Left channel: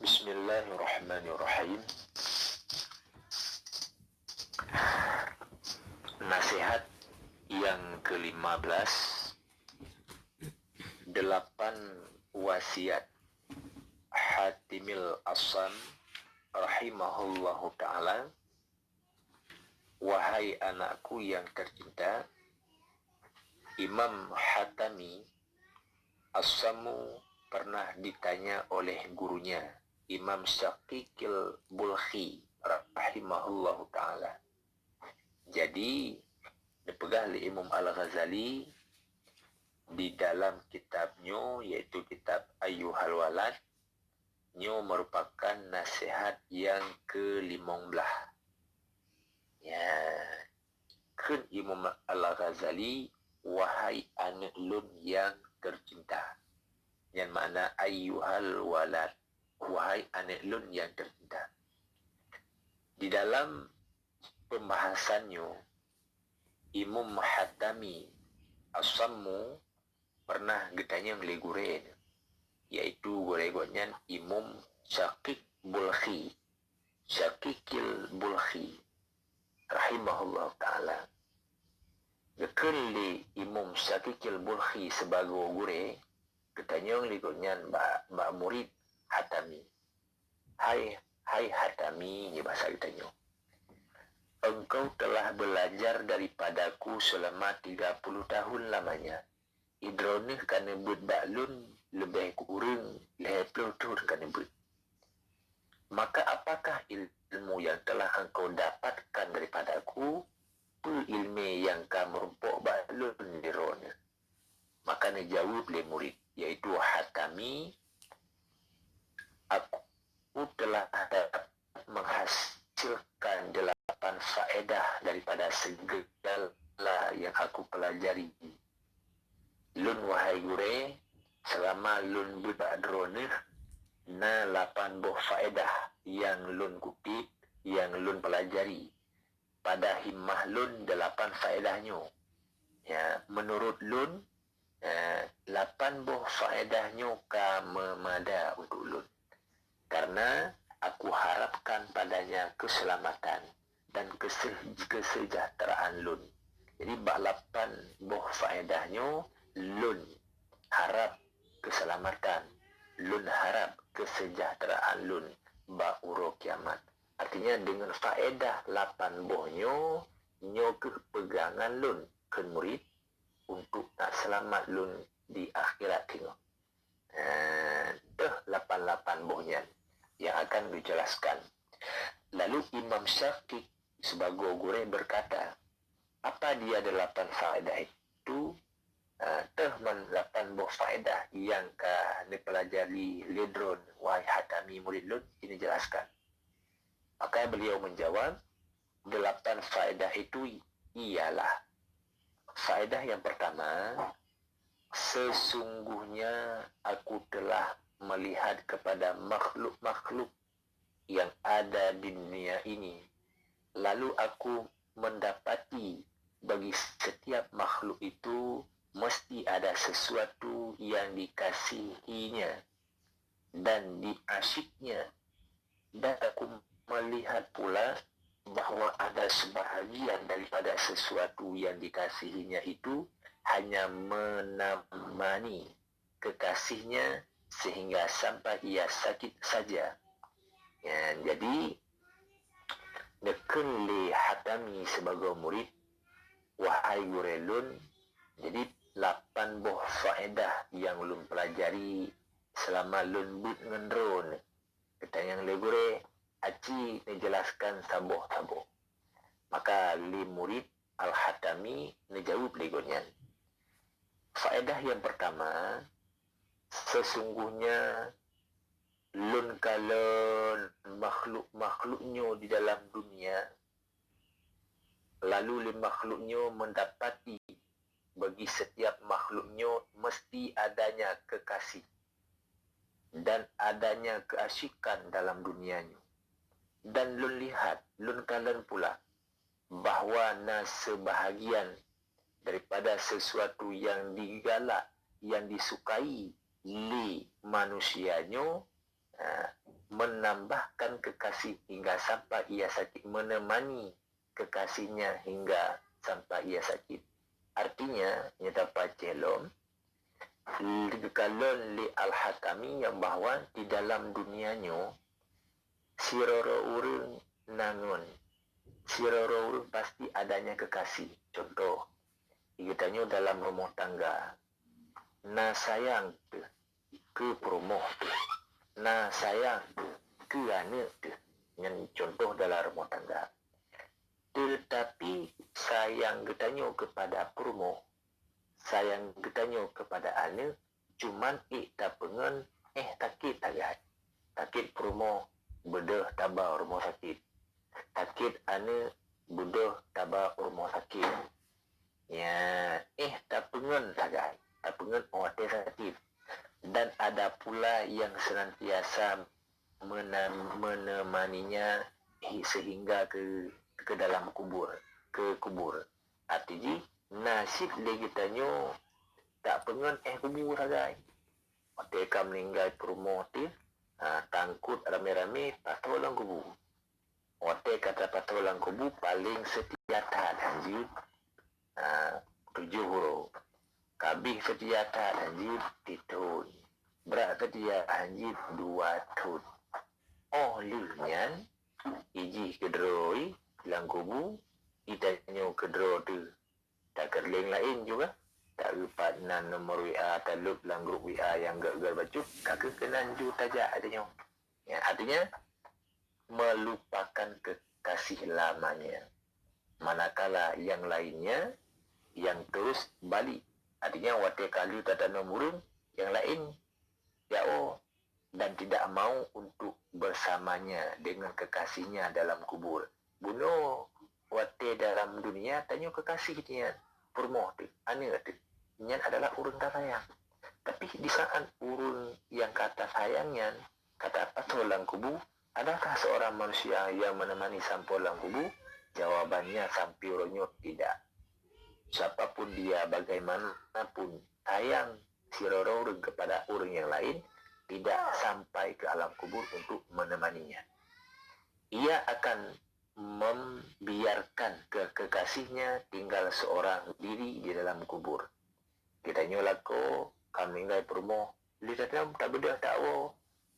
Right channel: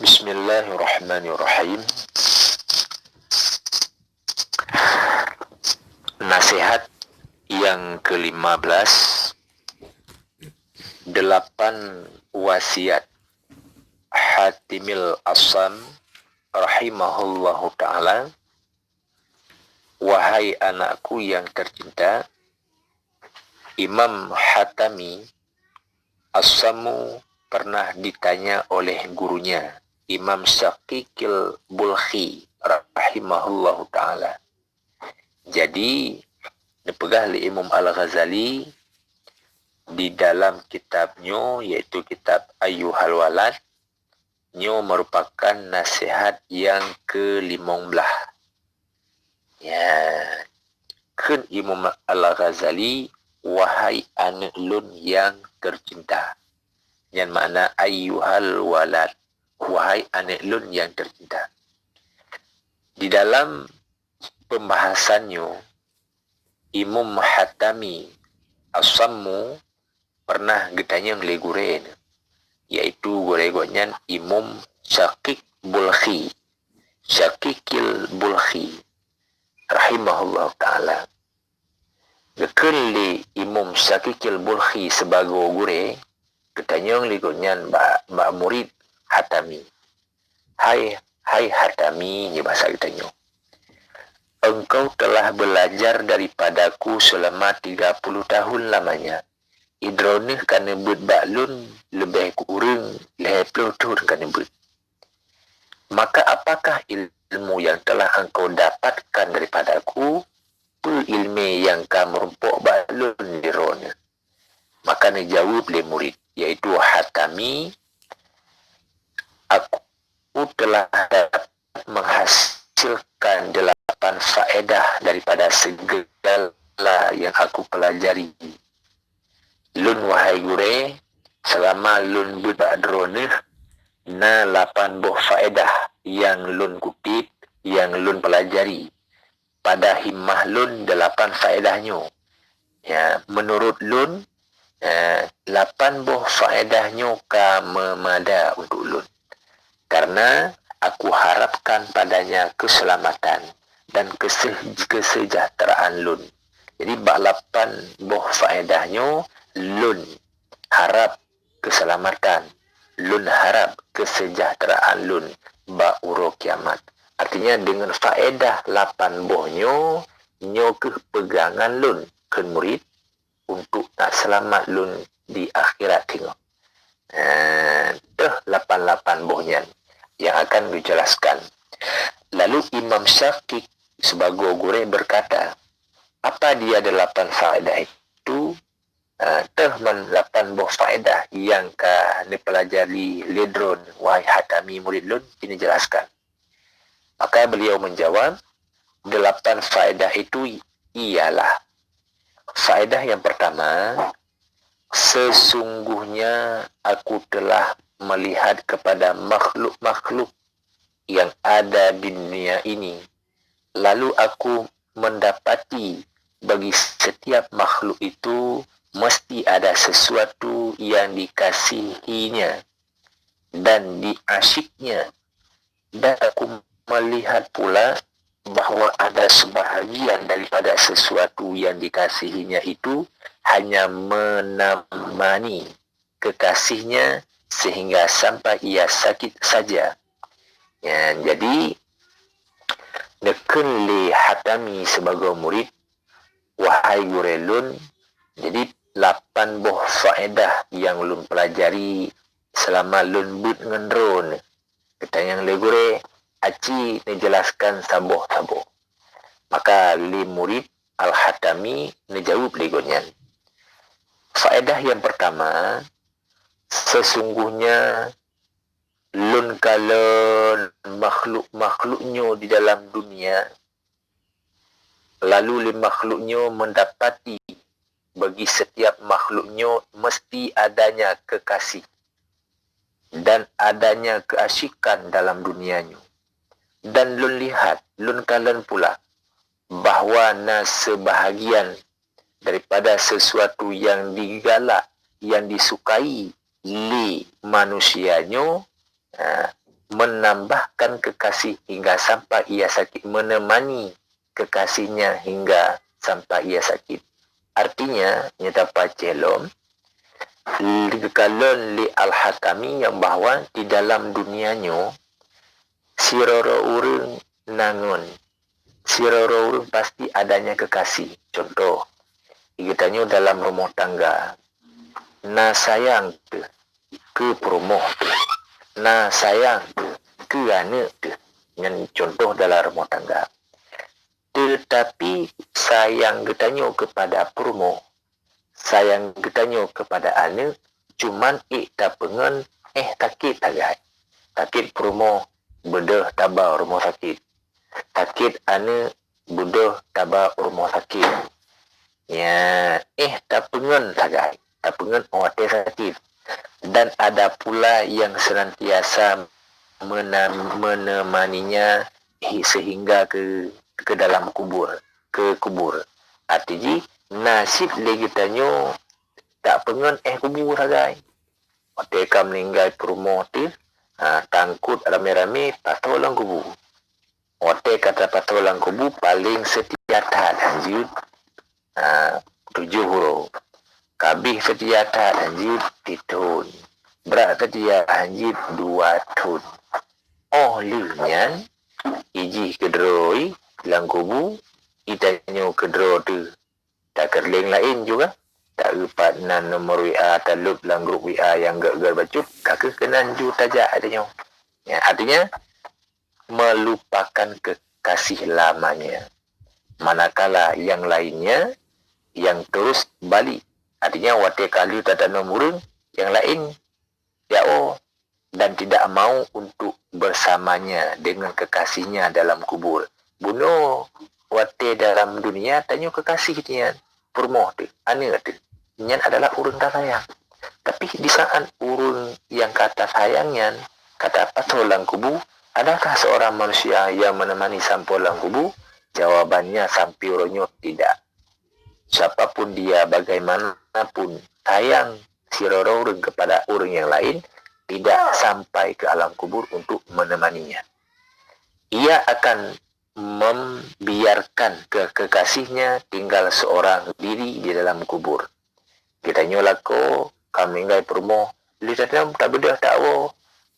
Bismillahirrahmanirrahim. Nasihat yang ke-15, 8 wasiat Hatimil Assam rahimahullahu ta'ala. Wahai anakku yang tercinta, Imam Hatami As-Sammu pernah ditanya oleh gurunya Imam Syaqiqil Bulkhi rahimahullahu ta'ala. Jadi dipegah oleh Imam Al-Ghazali di dalam kitabnya, yaitu kitab Ayyuhal Walad, nyo merupakan nasihat yang ke-15. Ya, kan Imam Al-Ghazali, wahai anak lun yang tercinta. Yang makna ayyuhal walad, wahai anak lun yang tercinta. Di dalam pembahasannya, Imam Hatami As-Sammu pernah ditanya oleh guren, yaitu goregonyan Imam Syaqiq Bulkhi, Syaqiqil Bulkhi rahimahullah ta'ala. Gekeli Imam Syaqiqil Bulkhi sebagai gure, ketanya oleh gorenyan mbak murid Hatami. Hai Hatami, ni bahasa kitanya. Engkau telah belajar daripadaku selama 30 tahun lamanya. Idroneh kana bet baklun lebih kurang 50 tahun kana bet. Maka apakah ilmu yang telah engkau dapatkan daripadaku? Ilmu yang kamu rumpuk baklun dirona. Maka dia jawab oleh murid, yaitu Hatami, aku telah dapat menghasilkan 8 faedah daripada segala yang aku pelajari. Lun wahai gure, selama lun budadroneh, na 8 buah faedah yang lun kutip, yang lun pelajari. Pada himmah lun 8 faedahnya. Ya, menurut lun, 8 buah faedahnya memada untuk lun. Karena aku harapkan padanya keselamatan dan kesejahteraan lun. Jadi 8 buah faedahnya, lun harap keselamatan, lun harap kesejahteraan lun ba'uro kiamat. Artinya dengan faedah 8 buahnya, nyo kepegangan lun ke murid untuk nak selamat lun di akhirat tengok. 8 buahnya yang akan dijelaskan. Lalu Imam Syaqiq sebagai guru berkata, apa dia 8 faedah itu? 8 buah faedah yang dipelajari ledron wahai Hatami murid lun, ini jelaskan. Maka beliau menjawab, 8 faedah itu ialah, faedah yang pertama, sesungguhnya aku telah melihat kepada makhluk-makhluk yang ada di dunia ini. Lalu aku mendapati bagi setiap makhluk itu mesti ada sesuatu yang dikasihinya dan diasyiknya. Dan aku melihat pula bahawa ada sebahagian daripada sesuatu yang dikasihinya itu hanya menemani kekasihnya sehingga sampai ia sakit saja. Ya, jadi nekun li Hatami sebagai murid, wahai gurelun, jadi 8 buah faedah yang lun pelajari selama lun but ngendron. Ketanyang le gure, aci dijelaskan saboh-saboh. Maka li murid Al-Hatami menjawab legonyan. Faedah yang pertama, sesungguhnya lun kalon makhluk-makhluknya di dalam dunia, lalu makhluknya mendapati bagi setiap makhluknya mesti adanya kekasih dan adanya keasyikan dalam dunianya. Dan lun lihat, lun kalian pula bahawa sebahagian daripada sesuatu yang digalak, yang disukai li manusianya, menambahkan kekasih hingga sampai ia sakit, menemani kekasihnya hingga sampai ia sakit. Artinya, nyata pacelom, kalon li al-hakami yang bahawa di dalam dunianya, siroro urang nangun, siroro urang pasti adanya kekasih. Contoh, kitanya dalam rumah tangga, na sayang ke perumoh, na sayang ke anak, dengan contoh dalam rumah tangga. Tetapi sayang getanya kepada perumoh, sayang getanya kepada anak, cuman tak pengen takit tagay. Takit perumoh bedah tabah rumah sakit. Takit anak bedah tabah rumah sakit. Ya, tak pengen tagay. Tak pengen orang sakit. Dan ada pula yang senantiasa menemaninya sehingga ke dalam kubur, ke kubur. Artinya nasib lagi tanyo tak pengen kubur sagai. Mereka meninggal perumah tu, tangkut rame-rame patolang kubur. Mereka kata patolang kubur paling setiata anjir 7 huruf. Kabih setiata anjir titun. Berat setia anjir 2 tun. Oh liunyan, iji kedroi lang kubu, itanyo kedro tu tak kerling lain juga. Tak lupa nan nomor WA talup lang grup WA yang gak bacut, kakak kenan ju tajak adanya. Ya, artinya melupakan kekasih lamanya. Manakala yang lainnya yang terus balik. Artinya wate kali tata nomor yang lain ya dan tidak mau untuk bersamanya dengan kekasihnya dalam kubur. Bunuh wate dalam dunia tanya kekasih dia. Permoh tu, anak tu. Nyan adalah urang tak sayang. Tapi di saat urang yang kata sayangnya, kata patolang kubu, adakah seorang manusia yang menemani sampolang kubu? Jawabannya sampironyo tidak. Siapapun dia, bagaimanapun sayang si orang kepada orang yang lain, tidak sampai ke alam kubur untuk menemaninya. Ia akan membiarkan kekasihnya tinggal seorang diri di dalam kubur. Kita nyolako kami ngai permo lihatnya tak bedah tahu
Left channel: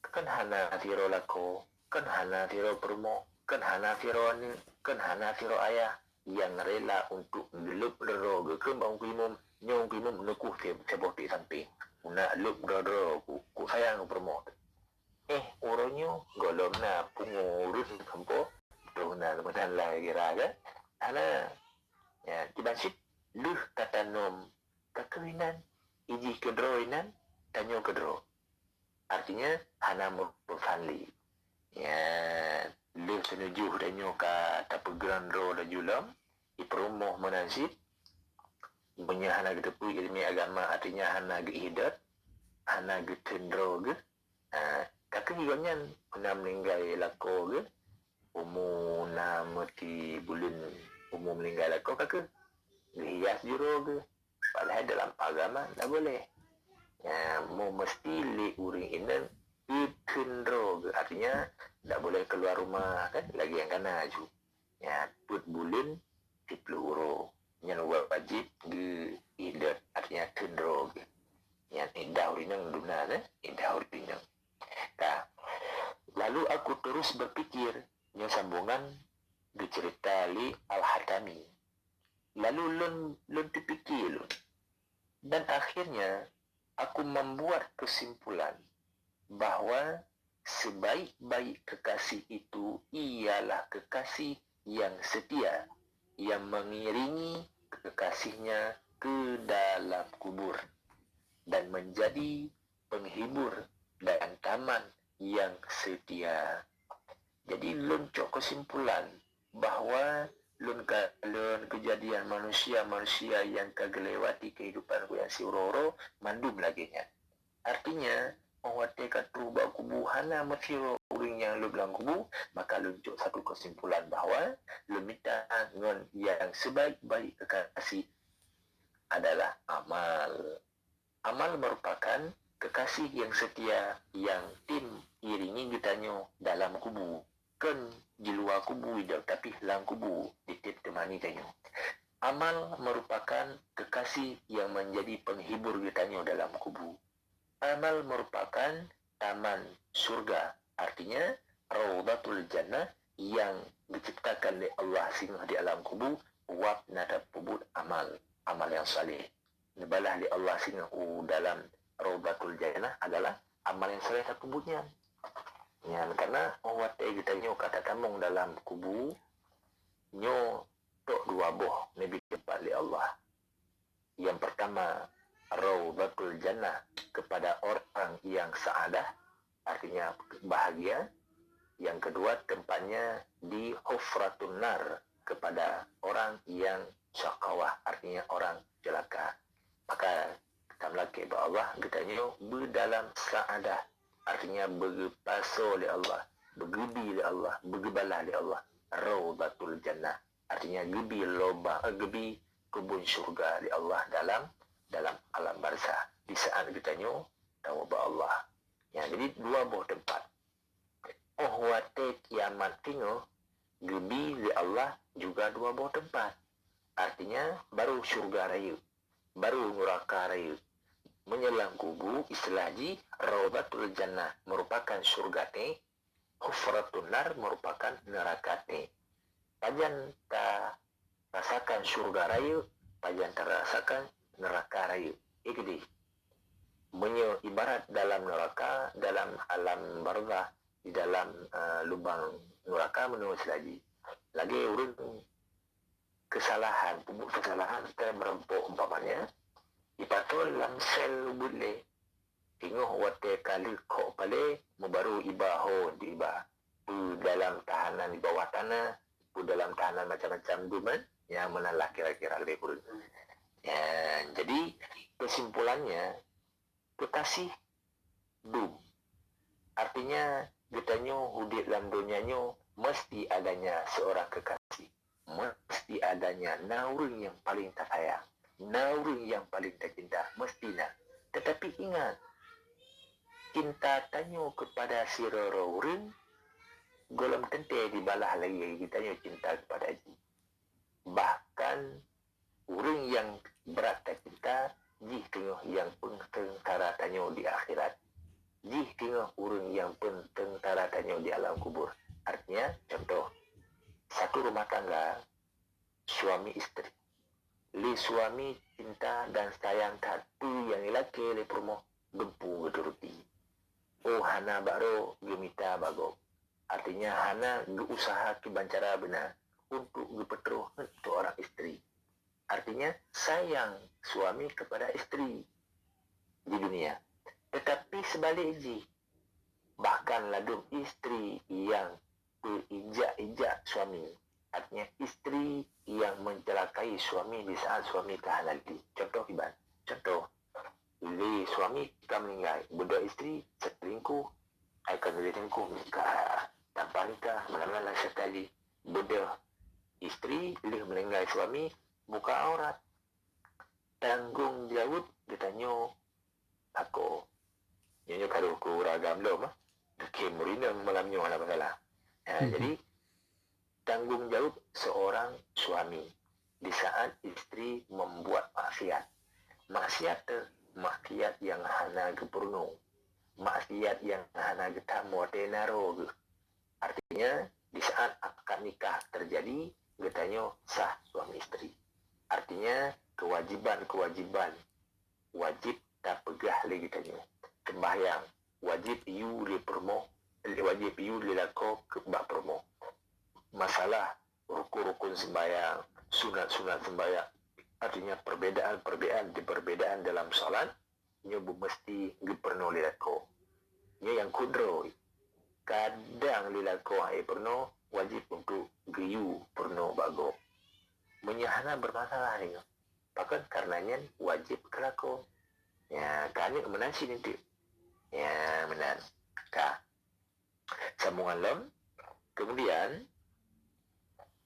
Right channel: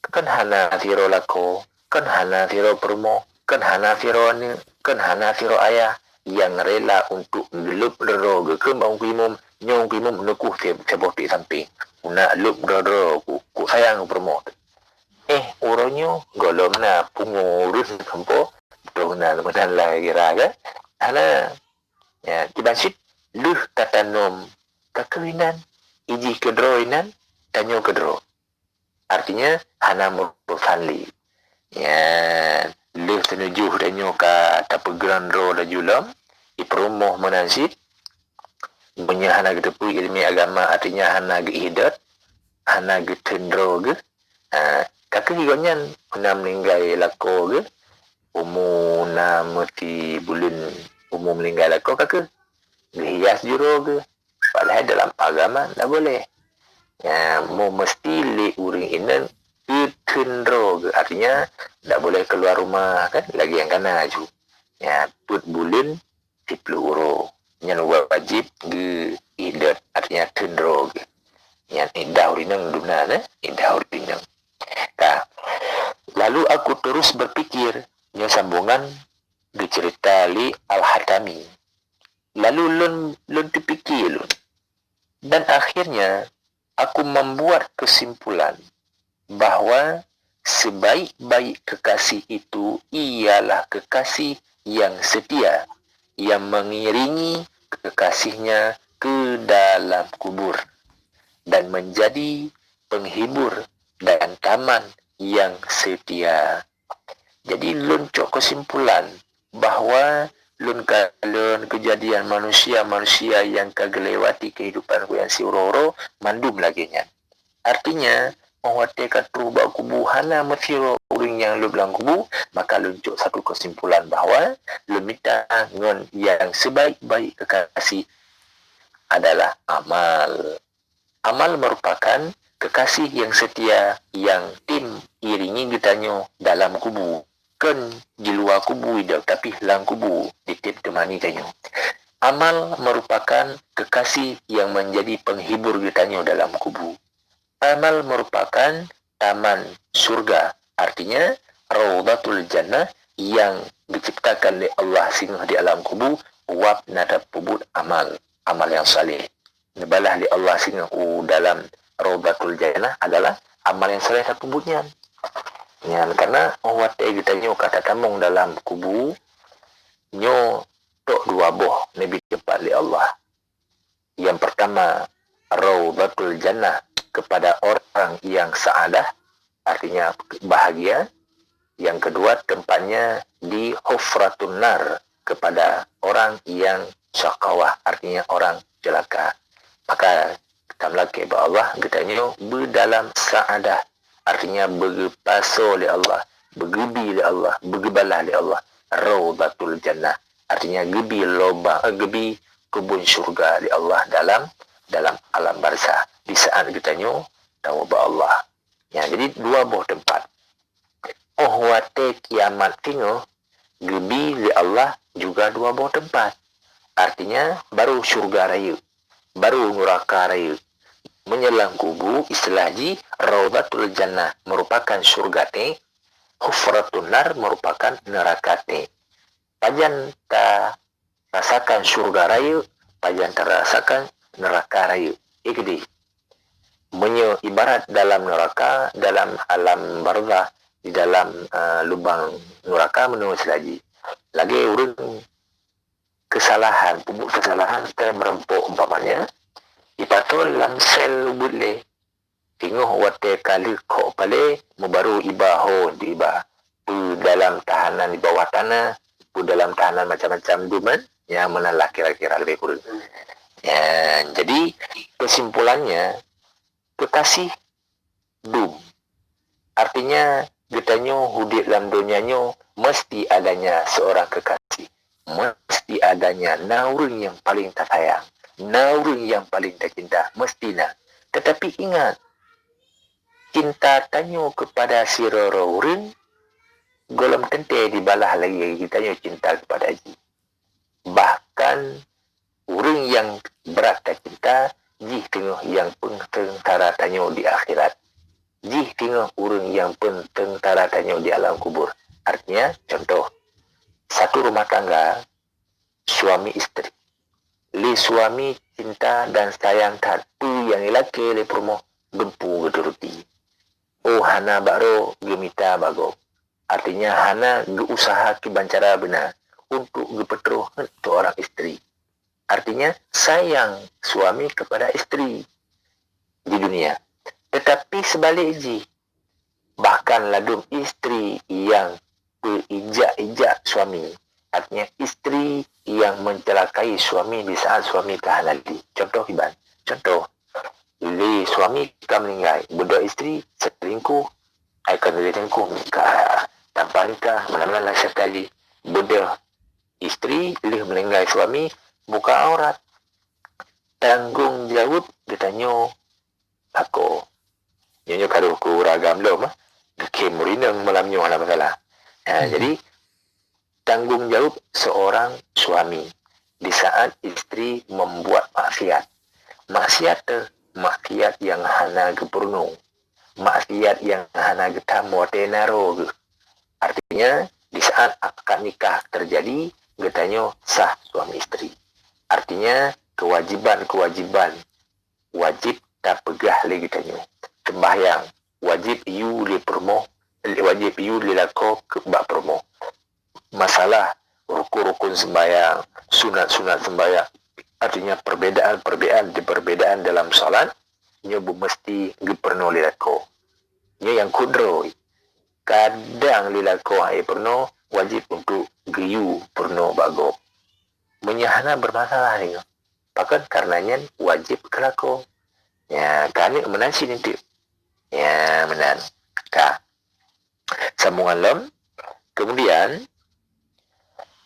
kan hana siro lako, kan hana siro permo, kan hana siro ane, kan hana siro ayah yang rela untuk gelup dero ke bang kimum nyong kimum nukuh seboti samping una lup dero ku sayang permo. Uronyo golom na pungurus kampo dona lemedan lagi raga hana ya kibansit luh tatanom kekawinan iji kedroinan tanyo kedro. Artinya hana berfanli. Ya luh tenujuh tanyo ka tapegran ro da julam ipromoh menansit punya hana gedepu ilmi agama artinya hana gehidat hana getendro ge kakek higonyan pernah meninggal lako ge umur na mesti bulan umur meninggal lako kakek hias juro ge. Padahal dalam agama tak boleh. Ya, mau mesti li uring inan itendro, artinya tak boleh keluar rumah kan, lagi yang kana aju. Ya, put bulan 10 euro. Yang wajib ge idat, artinya tendro ge. Yang indah urinang dunana, indah urinang. Nah, lalu aku terus berpikir, nya sambungan dicerita li Al-Hatami. Lalu lun terpikir lun. Dan akhirnya aku membuat kesimpulan bahawa sebaik-baik kekasih itu ialah kekasih yang setia, yang mengiringi kekasihnya ke dalam kubur dan menjadi penghibur dan taman yang setia. Jadi loncok kesimpulan bahawa lun kejadian manusia yang kagelewati kehidupan ku yang siuroro mandum lagi nya. Artinya mewate katru ba kubu hana mesiro uring yang lu belang kubu, maka loncok satu kesimpulan bahawa lemita ngon yang sebaik-baik kekasih adalah amal. Amal merupakan kekasih yang setia yang tim iringi getanyo dalam kubu. Kan di luar kubu tidak, tapi lang kubu ditip temani tanyo. Amal merupakan kekasih yang menjadi penghibur getanyo dalam kubu. Amal merupakan taman surga. Artinya Raudatul Jannah yang diciptakan oleh Allah singgah di alam kubu. Wab nada pubut amal. Amal yang saleh. Nebalah li Allah singgah dalam Raudatul Jannah adalah amal yang saleh tak pubutnya. Ya, karena wate kita nyo kata tamong dalam kubu nyo tok dua boh nabi cepat li Allah. Yang pertama Raudatul Jannah kepada orang yang saadah, artinya bahagia. Yang kedua tempatnya di Hufratun Nar kepada orang yang syakawah, artinya orang celaka. Maka kita melaki bahwa Allah kita nyo berdalam saadah, artinya berpaso oleh Allah, bergebi oleh Allah, bergebalah oleh Allah. Raudatul Jannah, artinya gebi kebun syurga oleh Allah dalam alam barzah. Di saat kita nyo tahu bahwa Allah. Ya, jadi dua buah tempat. Wate kiamat tingo gebi oleh Allah juga dua buah tempat. Artinya baru syurga raya, baru neraka raya. Menyelang kubu istilah ji Raudatul Jannah merupakan surga te, Hufratun Nar merupakan neraka te. Pajan ta rasakan surga raya, pajan ta rasakan neraka raya. Ikdi ibarat dalam neraka, dalam alam barzah, di dalam lubang neraka menurut lagi urang kesalahan, pupuk kesalahan kita merempuk umpamanya ipatul dalam sel ubule tingoh wate kali kok pale membaru ibaho di iba dalam tahanan di bawah tanah, dalam tahanan macam-macam duman yang menalah kira-kira lebih kurang. Ya, jadi kesimpulannya kekasih dum, artinya getanyo hudik dalam dunianyo mesti adanya seorang kekasih, mesti adanya naurun yang paling tak sayang, naurun yang paling tak cinta, mestinya. Tetapi ingat, cinta tanyo kepada si rororun golem tente dibalah lagi getanyo cinta kepada ji. Bahkan orang yang berat tak cinta jih tengah yang pengtara tanyo di akhirat, jih tengah orang yang pengtara tanyo di alam kubur. Artinya contoh satu rumah tangga suami istri, li suami cinta dan sayang satu yang lelaki li promo gempu geturuti. Oh hana baro gemita bago, artinya hana geusaha kibancara benar untuk gepetruh untuk orang istri. Artinya sayang suami kepada istri di dunia. Tetapi sebalik ji, bahkan ladum istri yang berijak-ijak suami, artinya istri yang mencelakai suami di saat suami kehalali. Contoh Iban, contoh li suami kita meninggal, budak istri selingkuh, akan selingkuh nikah tanpa nikah, mana-mana sekali budak istri li meninggal suami buka aurat, tanggung jawab ditanyo aku nyo karo ku ragam lo mah ke murinang malam nyo ala masalah. Jadi tanggung jawab seorang suami di saat istri membuat maksiat yang hana gepurno, maksiat yang hana getamu tenaro. Artinya di saat akad nikah terjadi getanyo sah suami istri. Artinya kewajiban wajib tak pegah lagi getanyo. Sembahyang wajib you li promo, wajib you li lako ke bak promo. Masalah rukun sembahyang, sunat sembahyang, artinya perbedaan dalam salat nyo mesti geperno li lako. Nyo yang kudro kadang lilako ai perno wajib untuk geyu perno bago menyahana bermasalah ni pakan karenanya wajib kelako ya kami menan sini tu ya menan ka sambungan lem kemudian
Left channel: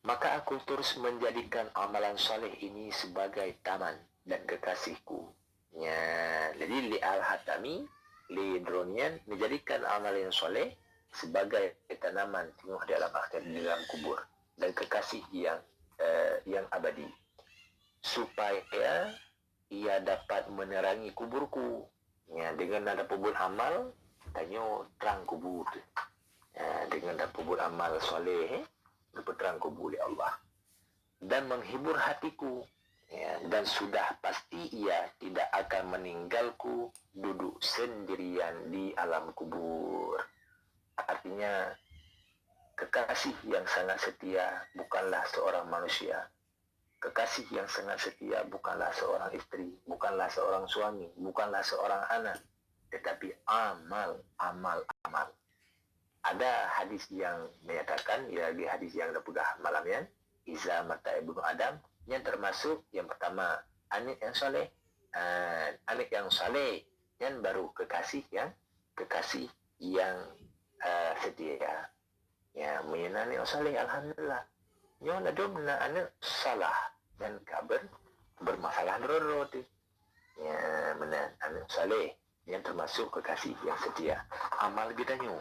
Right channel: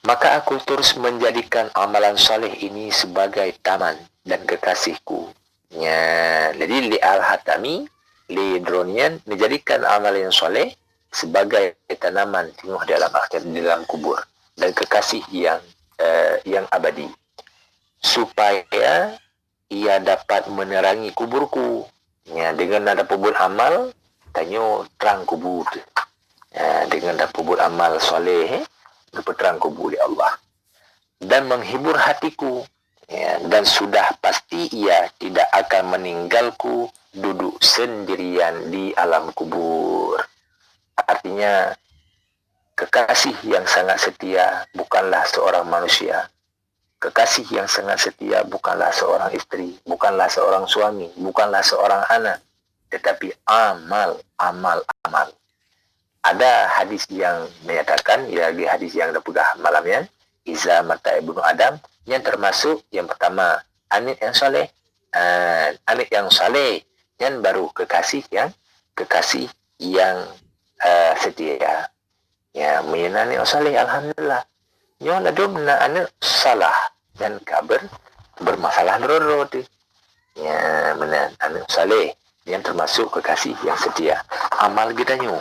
maka aku terus menjadikan amalan saleh ini sebagai taman dan kekasihku ya jadi li al-hatami li dronian menjadikan amalan saleh sebagai tanaman tinggal dalam akhir dalam kubur dan kekasih yang abadi supaya ia dapat menerangi kuburku ya dengan ada pebut amal tanyo terang kubur ya, dengan ada pebut amal soleh dapat terang kubur ya Allah dan menghibur hatiku ya, dan sudah pasti ia tidak akan meninggalku duduk sendirian di alam kubur. Artinya kekasih yang sangat setia bukanlah seorang manusia. Kekasih yang sangat setia bukanlah seorang istri, bukanlah seorang suami, bukanlah seorang anak, tetapi amal. Ada hadis yang menyatakan, ya hadis yang dapegah malamnya, Iza mata ibnu Adam, yang termasuk yang pertama anak yang soleh, yang baru kekasih yang setia. Ya, menyenani soleh, alhamdulillah. Nyo ladum na anak salah dan kabar bermasalah doro tu. Ya, menan anak soleh yang termasuk kekasih yang setia. Amal kita nyo.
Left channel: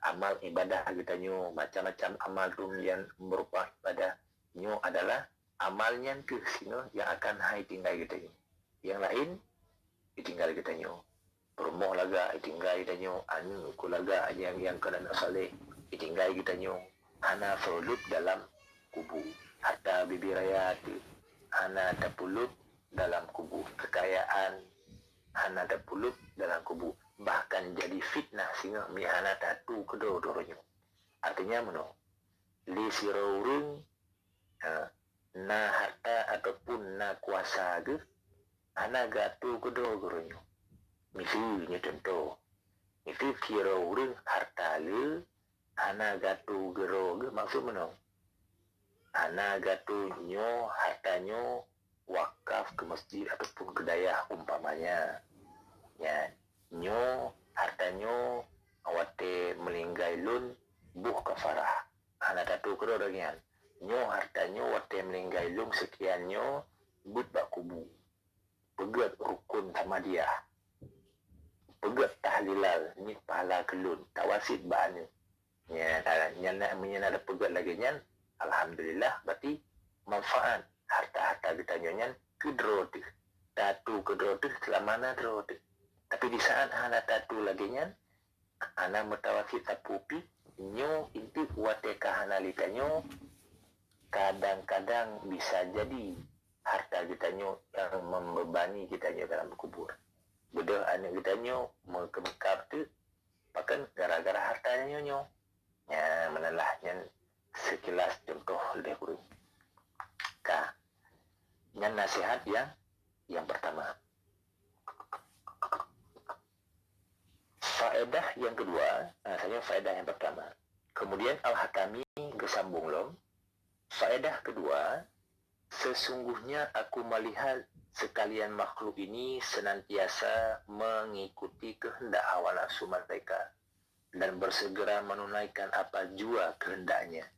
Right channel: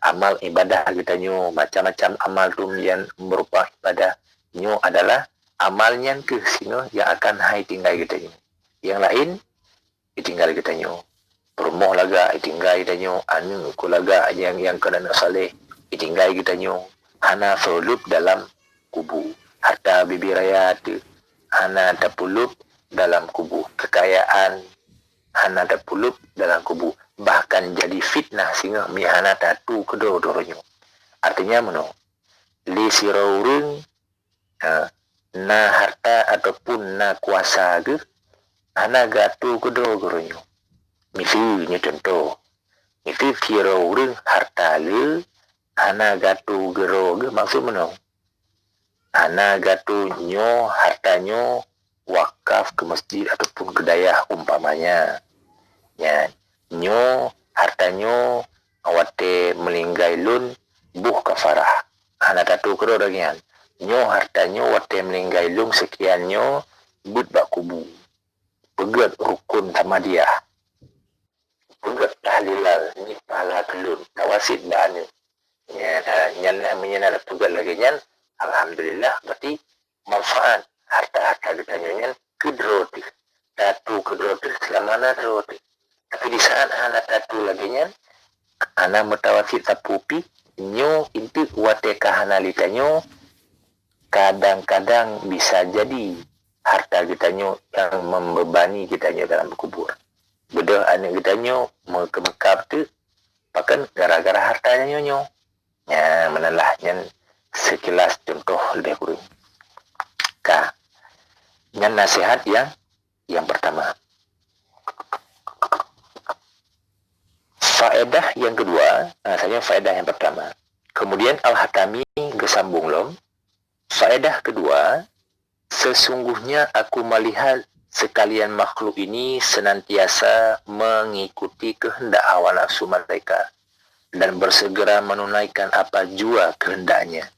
Amal ibadah kita nyo macam-macam amal tu yang berupa ibadah nyo adalah amalnya ke sino yang akan hai tinggal kita nyo. Yang lain ditinggal kita nyo. Perumoh laga ditinggal kita nyo, anu kulaga yang kena soleh ditinggal kita nyo. Hana solup dalam kubu. Harta bibi raya tu hana terpulup dalam kubu. Kekayaan hana terpulup dalam kubu. Bahkan jadi fitnah sehingga mihana tatu kedua-duanya. Artinya mano? Li siraurung na harta ataupun na kuasa ke hana gatu kedua-duanya. Misalnya contoh. Itu siraurung harta le hana gatu gero ge maksud mano? Hana gatu nyo hartanyo wakaf ke masjid ataupun ke dayah umpamanya. Ya, nyo hartanyo awate melinggai lun buh kafarah. Hana gatu gero dagian. Nyo hartanyo wate melinggai lun sekian nyo but bak kubu. Pegat rukun tamadiyah. Pegat tahlilal ni pahala kelun. Tawasid ba'anu. Ya, nyan menyenal pegat lagi nyan. Alhamdulillah berarti manfaat harta-harta kita nyan kedroti. Tatu kedroti selama nadroti. Tapi di saat anak tatu lagi nyan anak mutawasid tapupi nyo inti wate kahana litanyo kadang-kadang bisa jadi harta kita nyo yang membebani kita nyo dalam kubur. Bedah anak kita nyo mekemekap tu bahkan gara-gara hartanya nyo. Ya, menalah yang sekilas contoh lebih kurang. Yang nasihat yang pertama. Faedah yang kedua, saya faedah yang pertama. Kemudian Al-Hatami gesambung lom. Faedah kedua, sesungguhnya aku melihat sekalian makhluk ini senantiasa mengikuti kehendak hawa nafsu mereka dan bersegera menunaikan apa jua kehendaknya.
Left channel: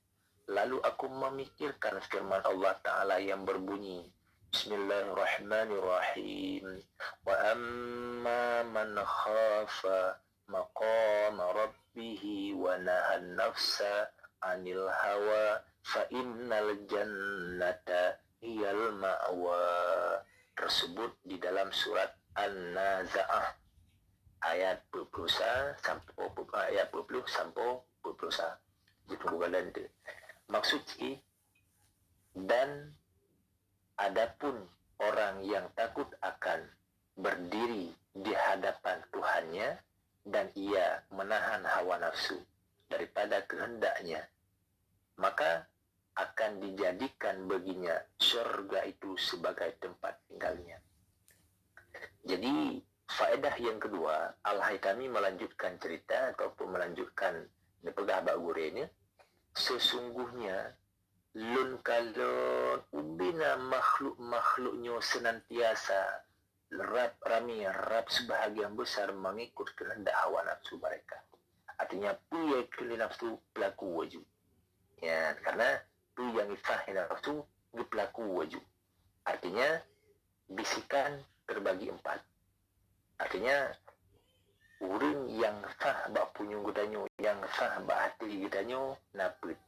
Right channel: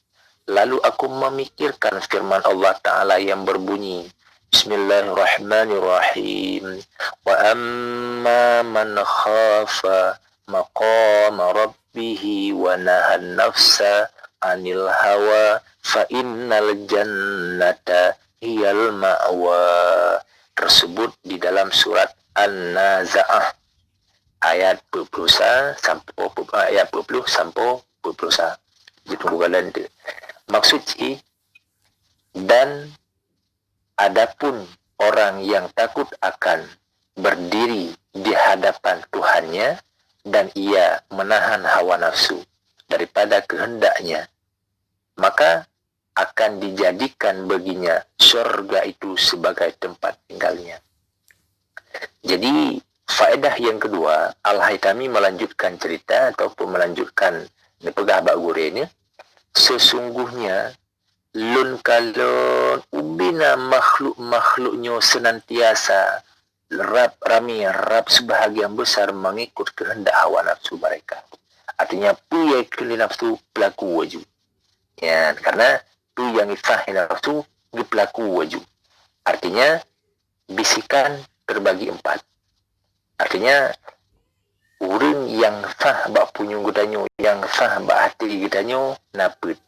Lalu aku memikirkan firman Allah Ta'ala yang berbunyi, Bismillahirrahmanirrahim. Wa amma man khafa maqama rabbihi wa nahan nafsa anil hawa fa innal jannata hiyal ma'wa. Tersebut di dalam surat An-Nazi'ah ayat 20 sampai ayat 20 sampai 21. Itu bukan tu. Maksud dan adapun orang yang takut akan berdiri di hadapan Tuhannya dan ia menahan hawa nafsu daripada kehendaknya, maka akan dijadikan baginya syurga itu sebagai tempat tinggalnya. Jadi Faedah yang kedua, Al-Haytami melanjutkan cerita ataupun melanjutkan pegah bak gurenya. Sesungguhnya lun kalon ubina makhluk-makhluknya senantiasa rap sebahagian besar mengikut kehendak hawa nafsu mereka. Artinya pu yang keli nafsu pelaku waju. Ya, karena tu yang ifah nafsu di pelaku waju. Artinya bisikan terbagi 4. Artinya orang yang fah bak punyung gudanyo, yang fah bak hati gudanyo naput.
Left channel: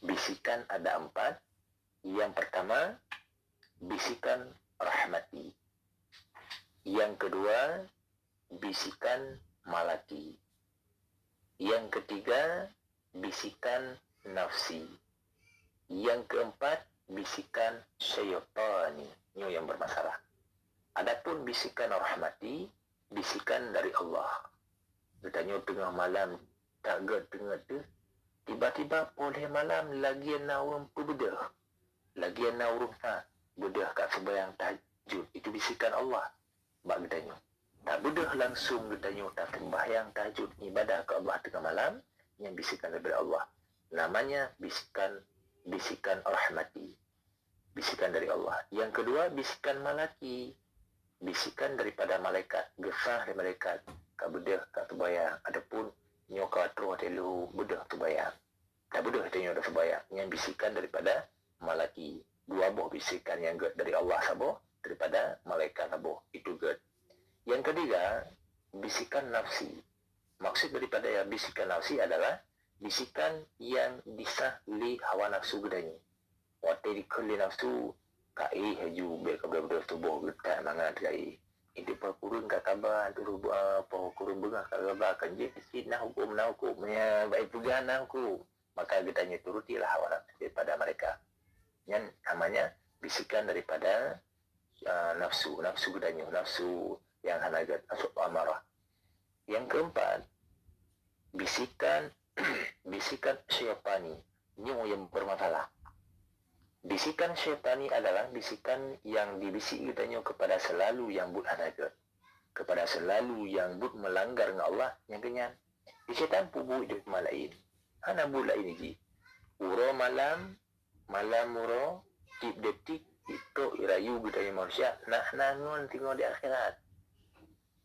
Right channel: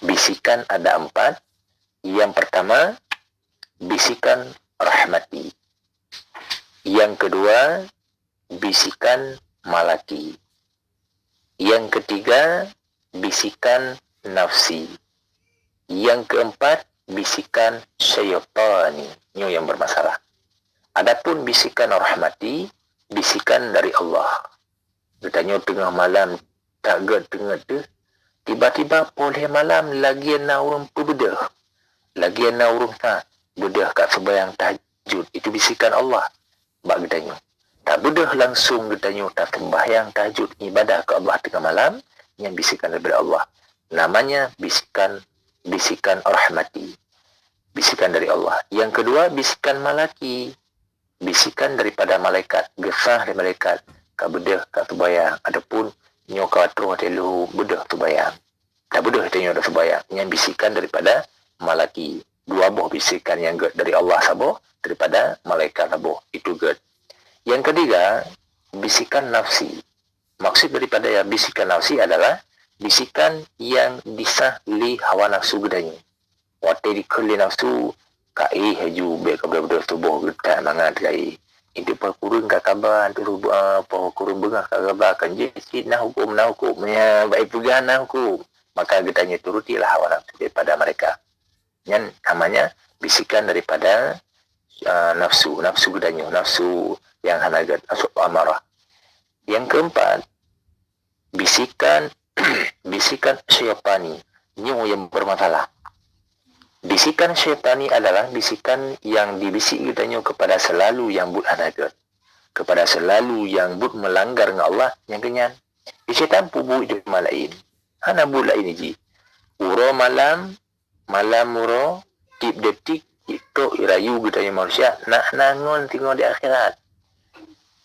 Bisikan ada 4. Yang pertama, bisikan rahmati. Yang kedua, bisikan malaki. Yang ketiga, bisikan nafsi. Yang keempat, bisikan syaitani. Ini yang bermasalah. Adapun bisikan rahmati, bisikan dari Allah. Bertanya tengah malam, tak tengah tu, tiba-tiba boleh malam lagi nak urung berbedah. Lagi nak urung tak bedah kat sembahyang tahajud. Itu bisikan Allah. Bak bertanya. Tak bedah langsung bertanya, tak sembahyang tahajud ibadah ke Allah tengah malam, yang bisikan daripada Allah. Namanya bisikan rahmati. Bisikan dari Allah. Yang kedua, bisikan malaki. Bisikan daripada malaikat. Gesah dari malaikat. Kak bedah, kak sembahyang. Adapun nyokau terus telu bedah sembahyang. Tak bedah tanya ada sembahyang. Yang bisikan daripada malaki. 2 buah bisikan yang dari Allah sabar, daripada malaikat sabar. Itu good. Yang ketiga, bisikan nafsi. Maksud daripada yang bisikan nafsi adalah bisikan yang disah li hawa nafsu gedanya. Waktu dikeli nafsu, kai haju baik kepada tubuh getak mangat kai. Itu perkurun ka kabar tu perkurun bengah ka kabar kan je sikit nah hukum ya baik pegang nah hukum. Maka getanya turutilah hawa nafsu daripada mereka. Yang namanya bisikan daripada nafsu gedanya, nafsu yang hanagat, nafsu amarah. Yang keempat, bisikan syaitani. Ini yang bermasalah. Bisikan syaitani adalah bisikan yang dibisik gedanya kepada selalu yang but hanagat, kepada selalu yang but melanggar dengan Allah yang kenyan. Syaitan pubu itu malain. Hana bu lain ji. Uro malam muro tip detik itu irayu gedanya manusia nak nangon tinggal di akhirat.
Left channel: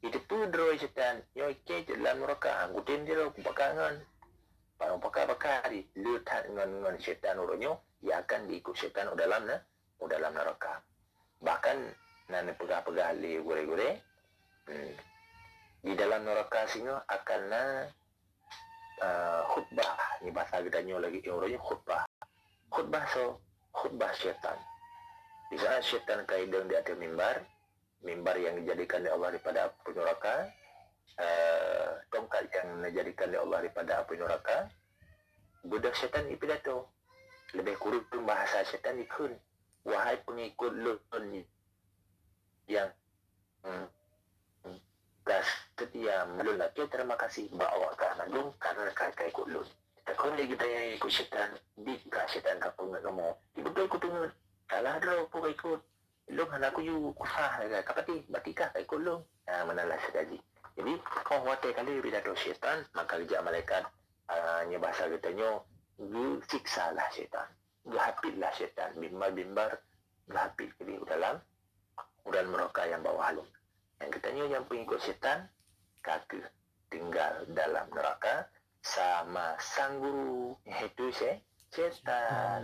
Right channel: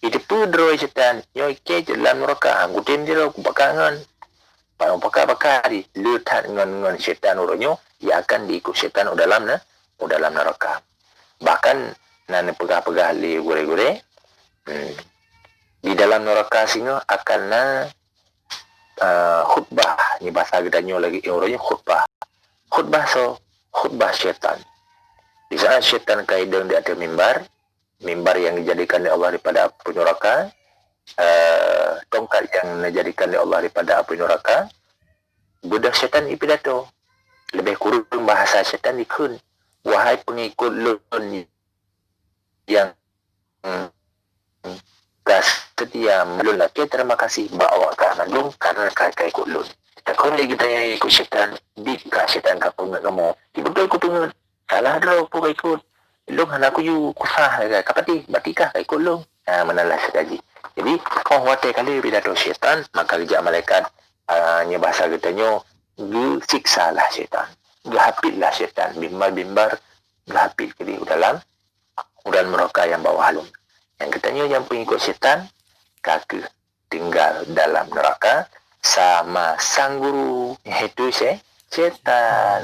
Itu pudro syaitan. Yo ke dalam neraka anggutin dia ku bakangan. Pakar di letak dengan syaitan uronyo, ia akan diikut syaitan dalam neraka. Bahkan nan pegah-pegah li gure-gure di dalam neraka singa akan khutbah. Ni bahasa gedanyo lagi uronyo khutbah. Khutbah syaitan. Di saat syaitan kaidang di atas mimbar yang dijadikan oleh Allah daripada api neraka, tongkat yang dijadikan oleh Allah daripada api neraka, budak syaitan ipidato. Lebih kurang bahasa syaitan dikun. Wahai pengikut lun yang setia melun laki, terima kasih bawa ke mandung karena kau ikut lun. Tak kau lagi tanya ikut syaitan, dikah syaitan kau pengat kamu. Betul kau pengat. Salah dah kau ikut. Long anak aku you kusah kapati batikah kai kolong menalah sekali. Jadi kau wate kali pidato syaitan maka kerja malaikat nya bahasa katanya gu siksalah syaitan. Gahapitlah syaitan bimbar gahapit kali dalam neraka yang bawah halum. Yang katanya yang pengikut syaitan kaki tinggal dalam neraka sama sang guru iaitu syaitan.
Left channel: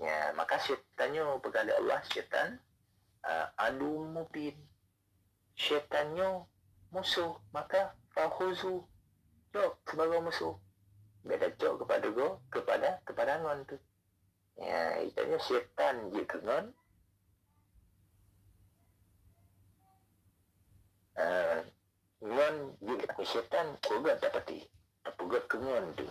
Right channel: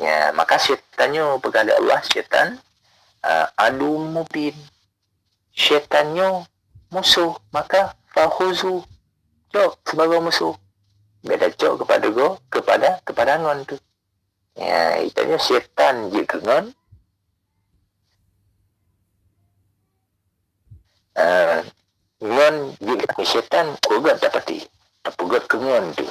Ya, maka syaitannya kepada Allah syaitan adu mubin. Syaitannya musuh, maka fahuzu cok sebagai musuh. Beda cok kepada ngon tu. Ya, itanya syaitan je ke ngon. Ngon je ke syaitan kugat dapati. Tapugat ke ngon tu.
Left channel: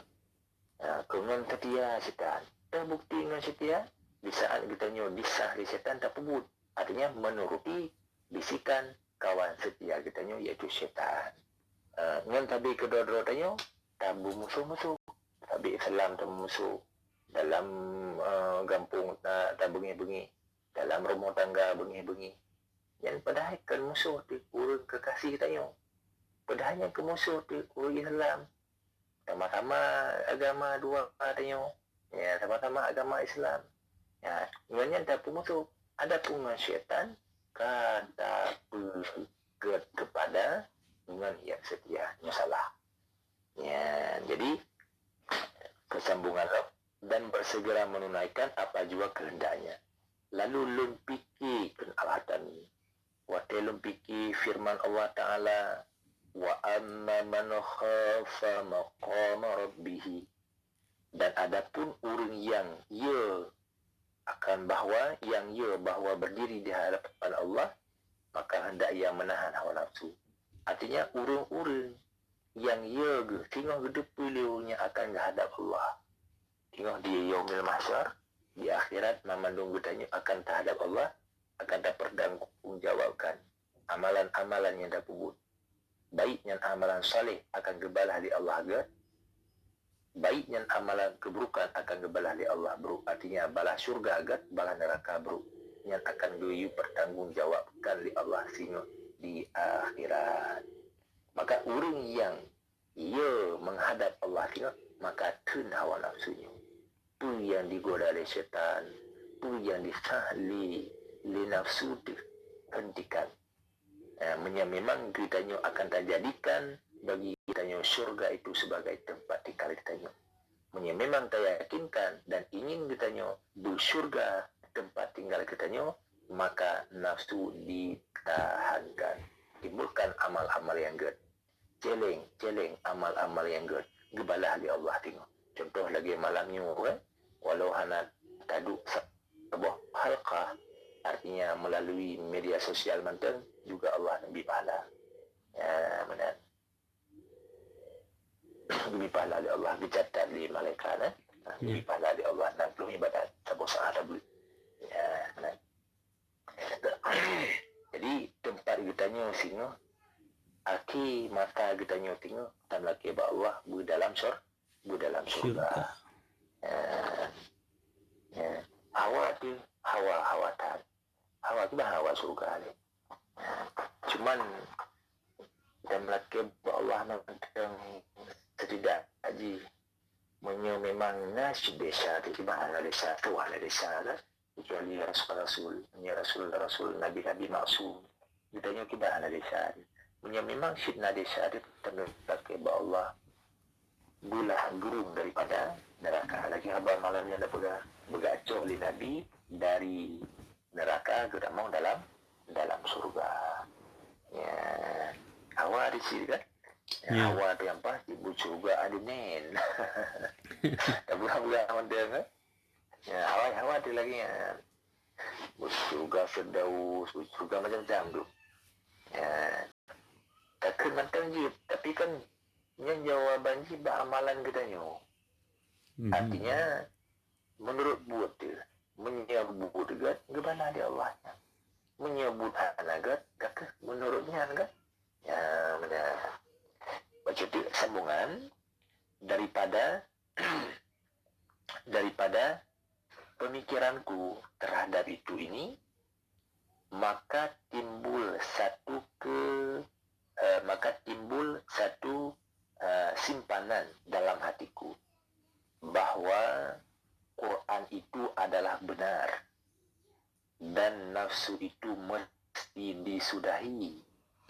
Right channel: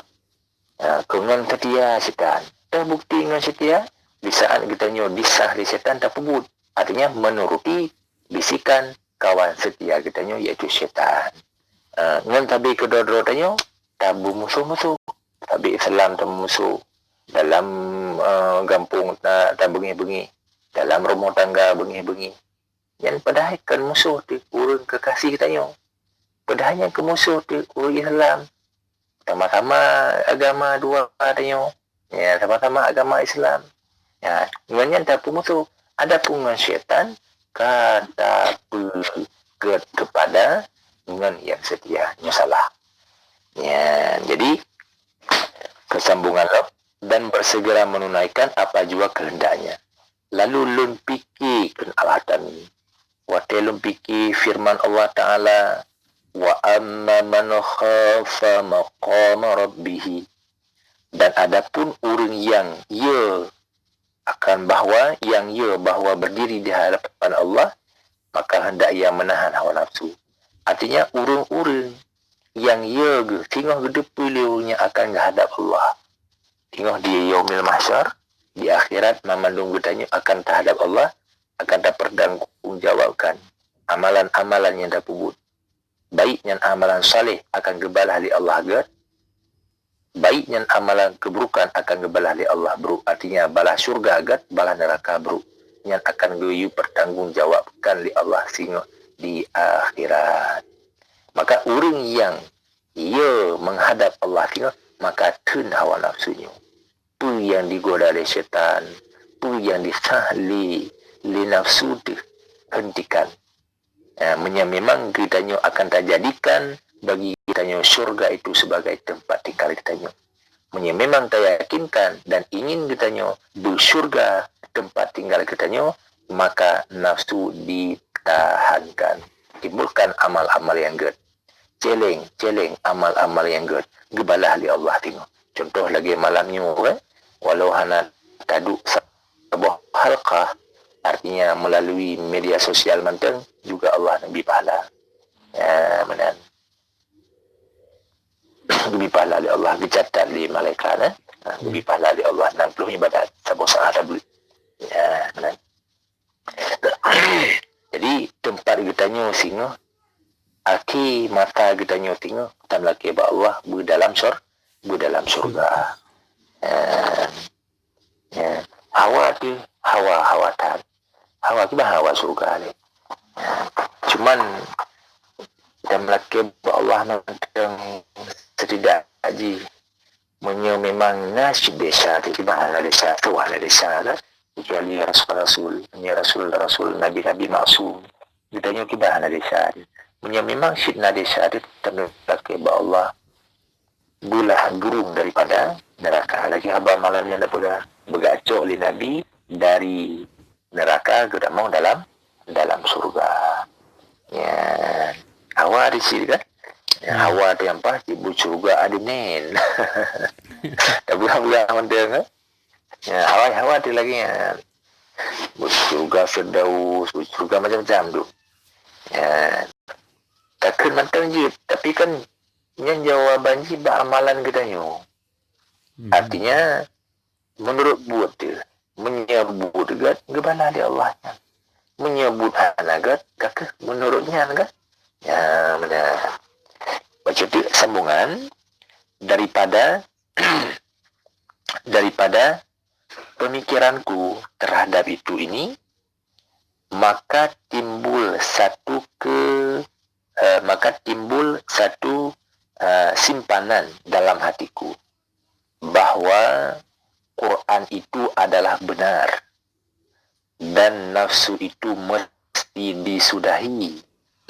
Ke ngon setia syaitan. Terbukti ngon setia di saat kitanya disah di syaitan tak pebut. Artinya menuruti bisikan kawan setia kitanya iaitu syaitan. Ngan tabi kedua-dua tanya tabu musuh-musuh. Tabi Islam tabu musuh. Dalam gampung tak bengi-bengi. Dalam rumah tangga bengi-bengi. Yang padahal kan musuh tu urang kekasih katanya. Padahal yang ke musuh tu urang Islam. Sama-sama agama dua katanya. Ya, sama-sama agama Islam. Ya, dengan tak musuh. Ada pun syaitan kata kepada dengan yang setianya salah. Ya, jadi kesambungan lo dan bersegera menunaikan apa jua kehendaknya. Lalu lun fikirkan al-hatam ini. Watelum fikir firman Allah Ta'ala, wa amma man khafa maqama rabbih. Dan adapun orang yang bahwa berdiri di hadapan Allah, maka hendak ia menahan hawa nafsu. Artinya orang-orang yang tengah gedepulnya akan menghadap Allah. Tengah di yaumil mahsyar, di akhirat memandung bertanya akan terhadap Allah, akan dipertanggungjawabkan amalan-amalan yang dah pubut. Baiknya amalan saleh akan gebalah di Allah agak. Baiknya amalan keburukan akan gebalah di Allah buruk. Artinya balah syurga agak, balah neraka buruk. Yang akan dipertanggungjawabkan di Allah sehingga di akhirat. Maka orang yang menghadap Allah tengok, maka tun hawa nafsunya. Pu yang digoda oleh syaitan, pu yang disahli li nafsu hentikan. Memang kitanya akan terjadikan bagi kitanya syurga itu sebagai tempat tinggal kitanya. Memang teryakinkan dan ingin kitanya bersyurga tempat tinggal kitanya, maka nafsu ditahankan. Timbulkan amal-amal yang good. Celeng amal-amal yang good. Gebalah li Allah tengok. Contoh lagi malamnya, walau hana taduk sebuah halqah, artinya melalui media sosial manteng juga Allah nabi pahala. Ya, benar. Nabi pahala li Allah dicatat li malaikat, nabi pahala li Allah 60 ibadat sabu saat tabligh. Ya, benar. Jadi tempat kitanya singa aki mata kitanya tengok tam laki ba Allah dalam surga. Ya, hawa tu hawatan. Hawa kita hawa surga ni. Cuman tam laki ba Allah nang setidak haji memang nasib desa tu kita ala desa tu ala desa lah. Kecuali Rasul Nabi maksum. Ditanya kita ala desa. Memang syidna desa itu terletak kepada Allah bulah gerung daripada neraka. Lagi haba malam yang dapat bergacok oleh Nabi dari neraka ke mau dalam surga. Ya, hawa di sini kan? Ya, hawa tu yang pas ibu surga ada nen. Tak bulan mendeng kan? Ya, hawa tu lagi ya. Surga Firdaus, surga macam-macam tu. Ya, takkan mantang je, tapi kan yang jawaban je amalan kita nyo. Artinya menurut buat dia menyebut dekat gebana di Allah. Menyebut anak kakak menurutnya anak. Ya, benar. Baca tu sambungan daripada pemikiranku terhadap itu ini, maka timbul satu simpanan dalam hatiku bahwa Quran itu adalah benar dan nafsu itu mesti disudahi,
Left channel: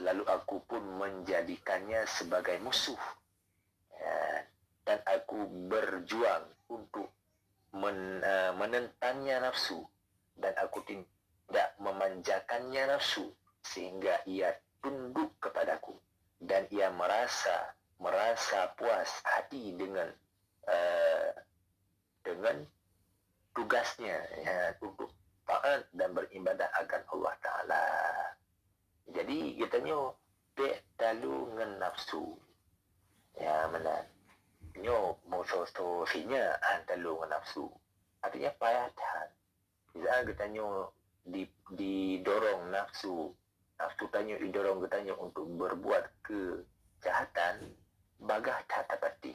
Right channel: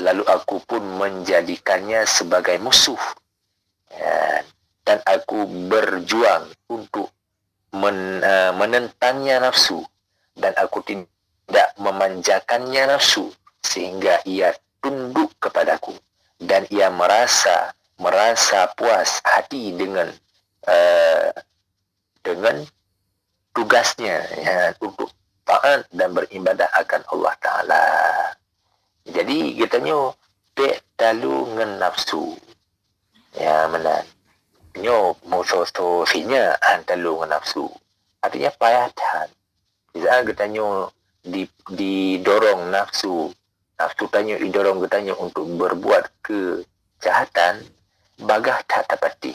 lalu aku pun menjadikannya sebagai musuh, dan aku berjuang untuk menentangnya nafsu, dan aku tidak memanjakannya nafsu sehingga ia tunduk kepadaku dan ia merasa puas hati dengan tugasnya untuk taat dan beribadah akan Allah Ta'ala. Jadi katanya talu ngen nafsu. Ya, benar. Nyo musuh sinya talu ngen nafsu. Artinya payatan. Bisa katanya didorong nafsu tanya didorong katanya untuk berbuat kejahatan, bagah tak dapati,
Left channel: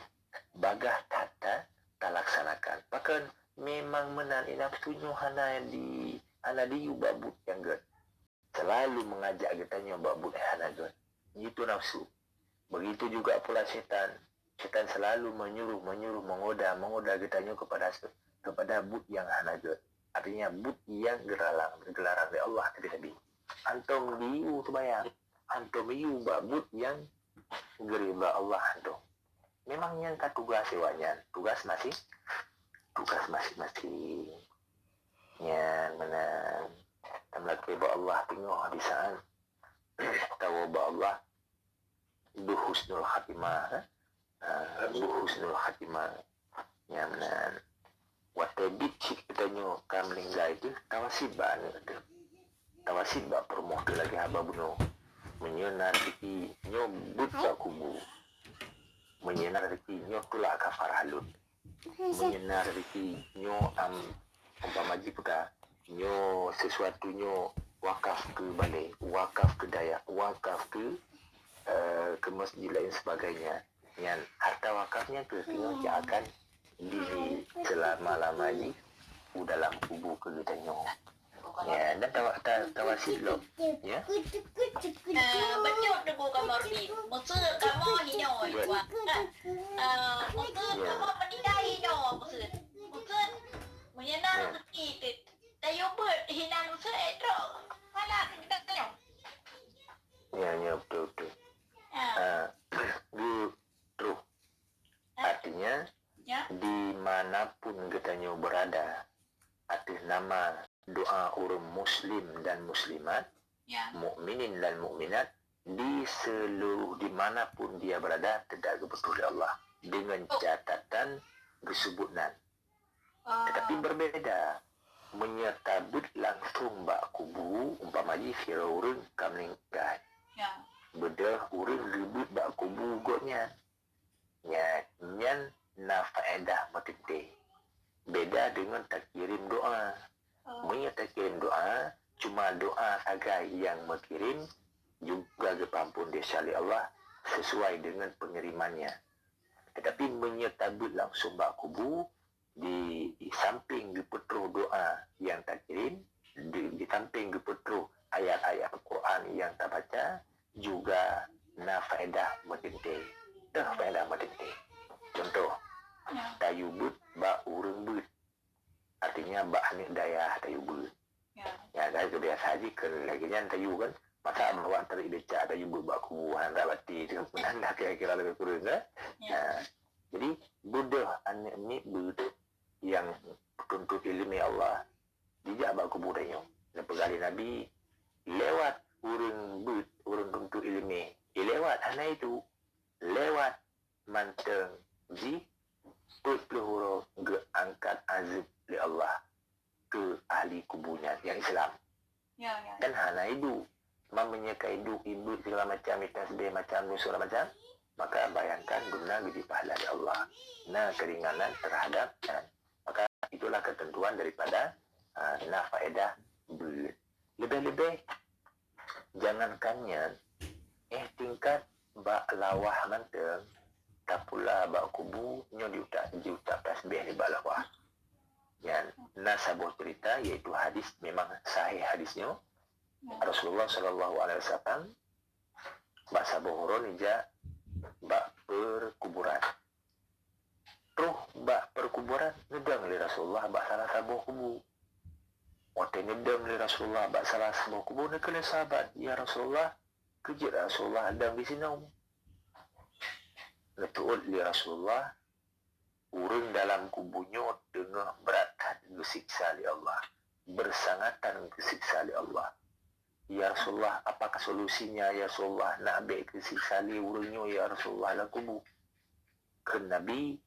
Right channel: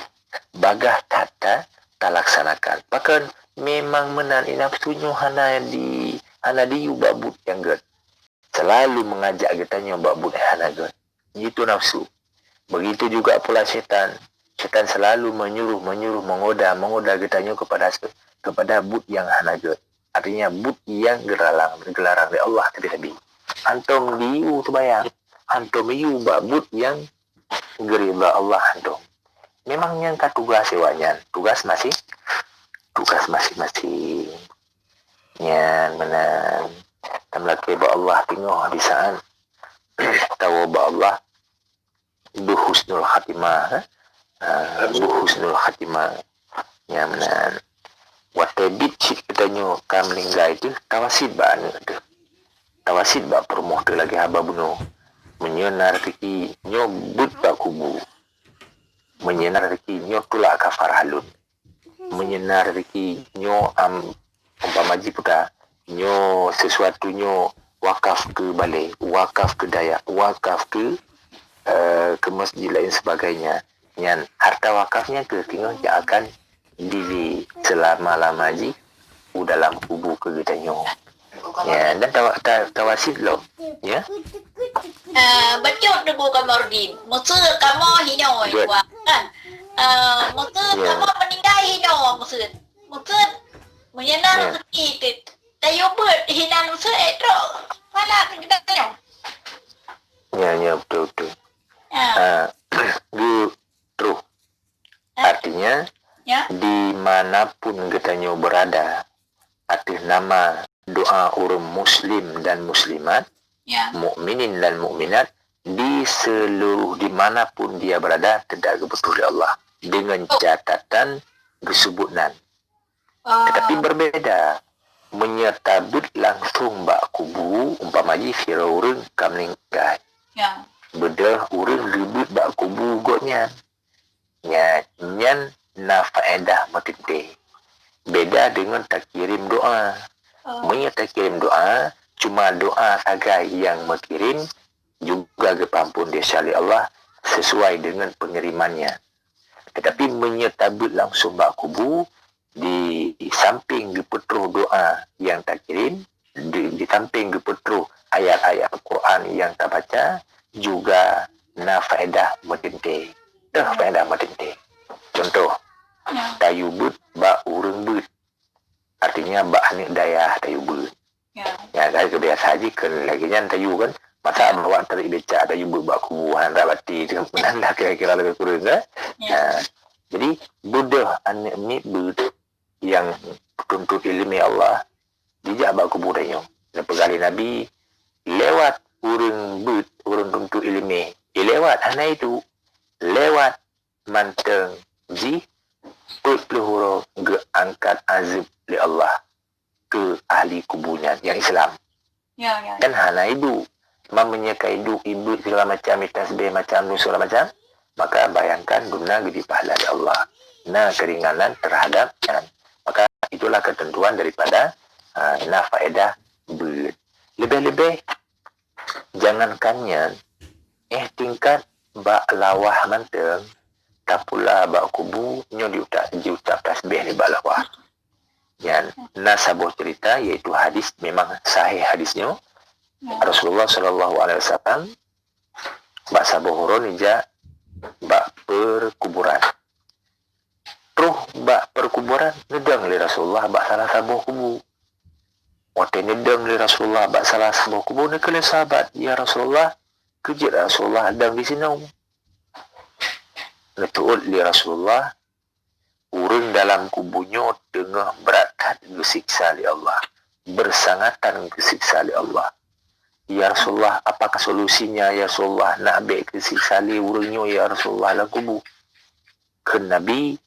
bagah tak laksanakan. Bahkan memang menan nafsunya hana di ubabut yang ged. selalu mengajak katanya buat bunuh hanaga. Itu nafsu. Begitu juga pula syaitan. Syaitan selalu menyuruh, mengoda katanya kepada but yang hanaga. Artinya but yang gelarang dari Allah tadi. Antum diu tu bayang. Antum diu but yang gerila Allah antum. Memang yang tugas sewanyan. Tugas masing-masing. Yang menang. Tamlaki ba Allah tengok di saat tahu ba Allah buhusnul khatimah. Buhusnul khatimah. Yang menang. Watabit cik katanya kam meninggal itu tawasid ba anu tu. Tawasid ba permoh tu lagi haba bunuh. Menyenar rezeki nyo but ba kubu. Menyenar rezeki nyo tulak kafar halun. Menyenar rezeki nyo umpamaji puta nyo sesuatu nyo wakaf ke balai, wakaf ke dayak, wakaf ke masjid lain sebagainya. Yang harta wakafnya ke tengok dia akan diri selama-lama ji dalam kubu ke katanya. Ya, dan tawasid lo. Ya. Betul tu bukan Mordin. Musuh kamu hino kan. Musuh kamu meninggal hino musuh. Musuh menyenar rezeki. Tayo bird hinan musuh itu. Mana kita tahu. Ya betul. Terus artinya dimanapun katanya berada atas nama doa orang muslim dan muslimat, mukminin dan mukminat, di seluruh dimanapun dia berada tidak betul Allah dengan catatan kesubutan. Tetapi berbeda menyetabut langsung bak kubu umpamaji fira urang kam meninggal. Bedah urang ribut bak kubu gotnya. Nyan na faedah matinte. Beda dengan tak kirim doa. Tak kirim doa, cuma doa saja yang mengirim juga kepampun dia Allah sesuai dengan pengirimannya. Tetapi menyetabut langsung bak kubu di samping dipetruh doa yang tak kirim, di samping dipetruh ayat-ayat Al-Quran yang tak baca, juga na faedah matinte. Faedah matinte. Contoh, tayu but bak urang but. Artinya bak anik dayah tayu but. Ya, dari kebiasa haji ke lagi nyan tayu kan. Masa bawa tarik becak tayu but bak kubuhan rabati dengan penanda kira-kira lebih kurang kan. Jadi budah anik ni but yang tuntut ilmi Allah dijak bak kuburannya. Dan pegali Nabi lewat urang but, urang tuntut ilmi. Lewat hana itu lewat manteng ji pelihara ke angkat azab li Allah ke ahli kubunya yang Islam. Dan hana ibu menyeka ibu segala macam tasbih macam nu segala macam, maka bayangkan guna gede pahala dari Allah. Nah, keringanan terhadap maka itulah ketentuan daripada faedah lebih-lebih jangankannya tingkat bak lawah manteng tak pula bak kubu nyo diucap tasbih ni bak lawah. Yang nasabuh cerita iaitu hadis memang sahih hadisnya. Rasulullah sallallahu alaihi wasallam bak sabuh huron ija bak perkuburan. Terus bak perkuburan nedang li Rasulullah bak salah sabuh kubu. Waktu nedang li Rasulullah bak salah sabuh kubu ni kele sahabat, ya Rasulullah, kejut Rasulullah dan di sini. Netu'ud li Rasulullah urang dalam kubunya tengah berat kesiksa li Allah, bersangatan kesiksa li Allah. Ya Rasulullah, apakah solusinya ya Rasulullah nak ambil kesiksa li urangnya ya Rasulullah dalam kubu? Ke Nabi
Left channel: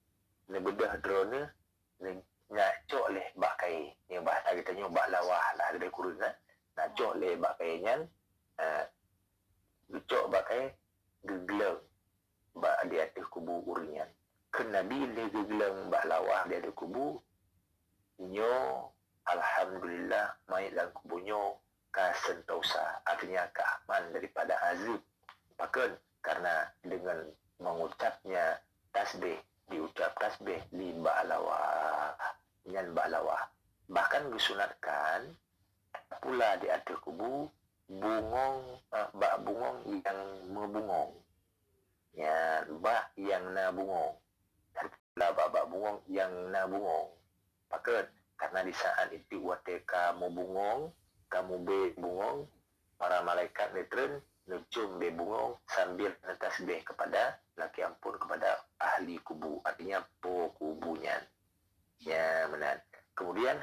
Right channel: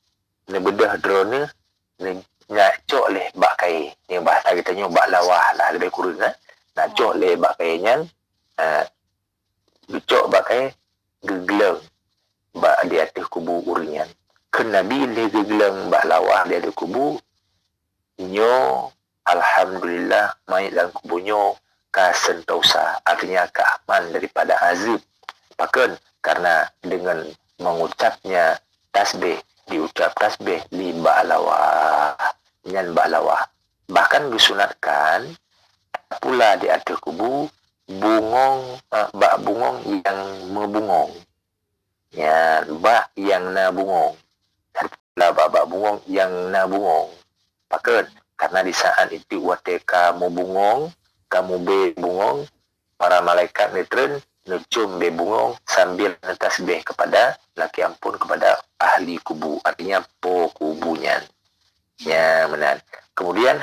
ne bedah drone ne ngacok leh bak kai. Yang bahasa kitanya bak lawah lah lebih kurang kan. Ngacok leh bak kainya dicok bak kai gegelang bak di atas kubu urangnya. Ke Nabi le gegelang bak lawah di atas kubu nyo alhamdulillah mayat dalam kubunya kasentosa, artinya keaman daripada azab. Bahkan karena dengan mengucapnya tasbih, diucap tasbih li ba'lawah, nyan ba'lawah. Bahkan disunatkan pula di atas kubu bungong, bak bungong yang membungong. Ya, bak yang na bungong. Lah bak bungong yang na bungong. Pakat, karena di saat itu waktu kamu bungong, kamu be bungong, para malaikat netren nucum be bungong sambil tasbih kepada laki ampun kepada ahli kubu, artinya po kubunya. Ya, benar. Kemudian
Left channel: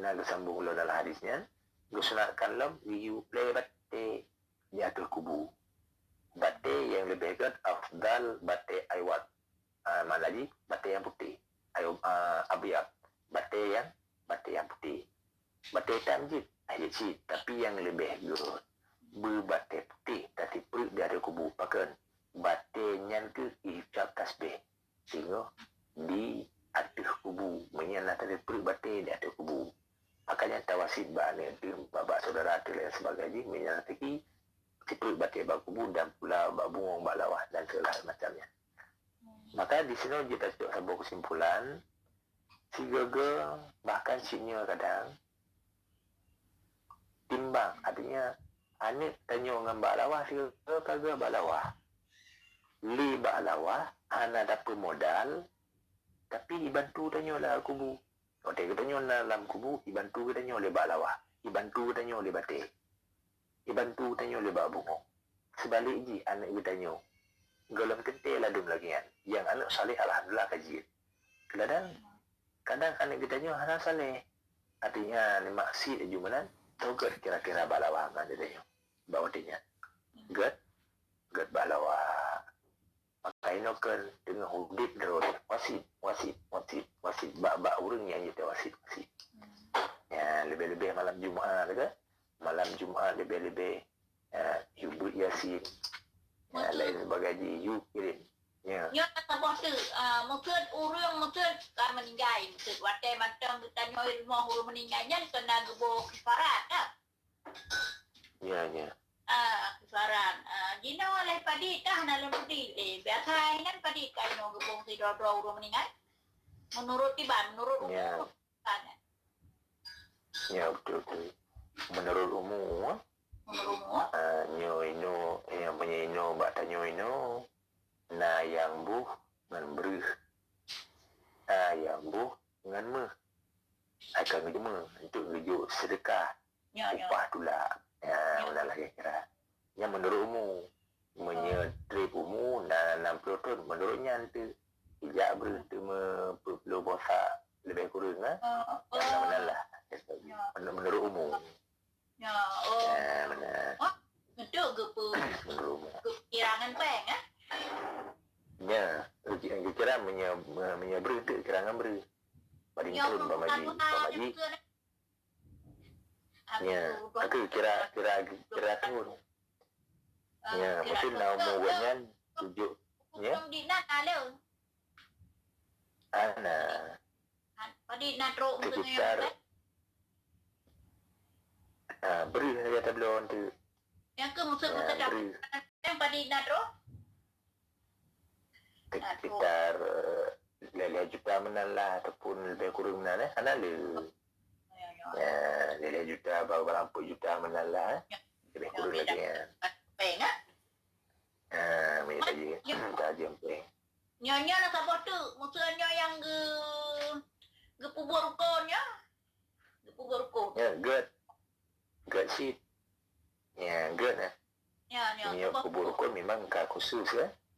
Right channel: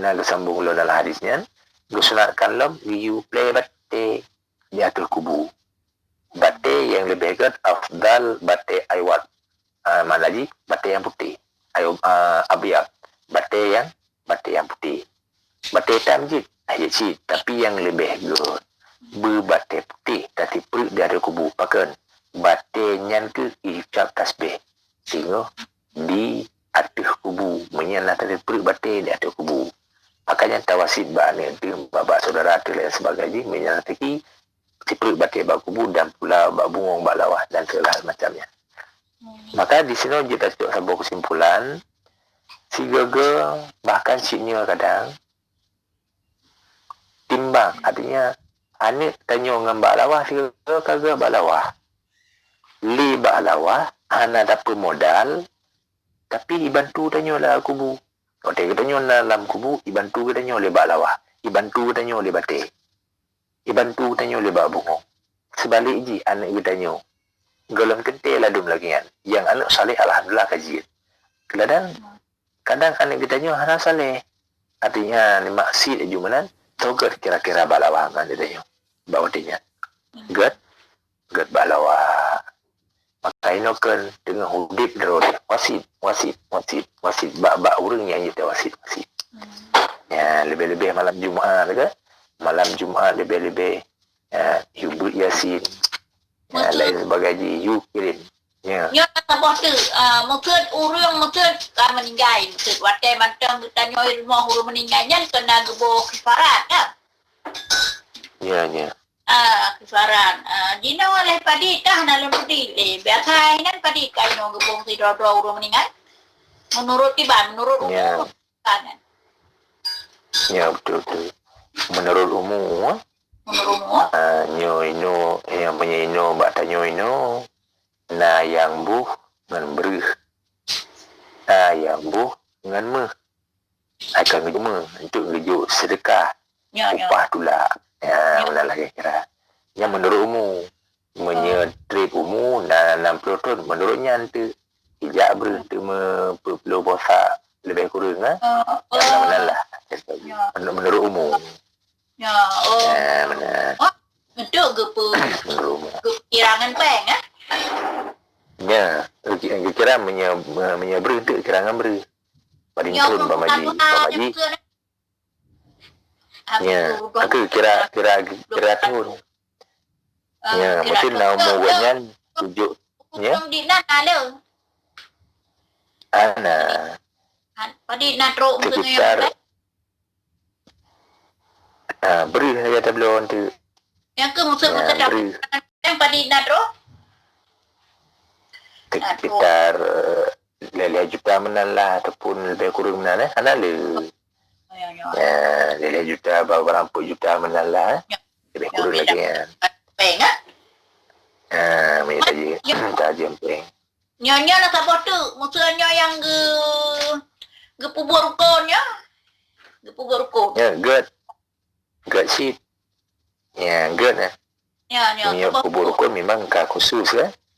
nak sambung dalam hadisnya, gusunatkan lom you play bate di atas kubu. Bate yang lebih hebat afdal bate aywat. Mana lagi bate yang putih. Abiyat. Bate yang putih. Bate hitam je. Ayat tapi yang lebih hebat berbate putih tapi perut di atas kubu. Pakan bate nyan ke icap tasbih. Sehingga di atas kubu menyala tadi perut bate di atas kubu. Makanya tawasid bani itu babak saudara tu dan sebagainya menyala tadi si perut bate bak kubu dan pula bak bungong bak lawah dan segala macamnya. Maka di sini kita cakap sebuah kesimpulan si gagal bahkan sinya kadang timbang, artinya anik tanya dengan bak lawah si gagal kagak bak lawah li bak lawah ana dapat modal tapi dibantu tanya lah kubu. Kalau dia tanya dalam kubu dibantu tanya oleh bak lawah, dibantu tanya oleh bate, dibantu tanya oleh bak bungong. Sebalik je anak dia tanya golong kentil ladum lagi kan. Yang anak saleh alhamdulillah kaji. Kadang anak kita tanya hana saleh. Artinya ni maksud jumanan togat kira-kira balawah kan dia tanya. Bawa dia. Gad balawah. Maka ini kan dengan hudib derodi. Wasit. Bak urang yang kita wasit. Ya, lebih-lebih malam Jumaat ke? Malam Jumaat lebih-lebih hibut Yasin. Ya, lain sebagainya you kirim. Ya. Nhớ ta bỏ từ một thước u rương một thước cả mình gai từ vật cây mặt trăng ta nhoi mò huru mình gai nhân kena gebo kifarat ya. Ya. Kifarat. Dina oleh padi dah dalam padi biasa nan padi kai no gebo si do uru mình gai. Menurut tiban menurut umum kan. Ya betul. Menurut umum nyo yang punya ino bak tanyo ino na yang buh ngan berih na yang buh ngan meh akan ngejuma untuk ngejuk sedekah upah tula ya benalah kira yang menurut umum menyetrip umum na 60 ton menurutnya nanti ijak berih tu perlu bosak lebih kurang benalah menurut umum. Ya, benar. Untuk kirangan peng Ya, kira menyabri untuk kirangan beri. Paling turun pamaji. Ya, aku kira turun. Ya, mungkin nama wanyan tujuh. Ya. Ana. Padi natro sekitar beri saja tabloan tu. Yang ke musuh yang padi natro? Sekitar 5 juta menan lah ataupun lebih kurang menan ana le. Ya, 5 juta berapa juta menan lah. Lebih kurang lagi ya. Peng minta je. Tajam peng. Nyonya nak apa tu? Musuhnya yang ke pubur rukonnya. Ke pubur rukun. Ya, good sheet. Ya, good Ya. Pubur rukun memang khusus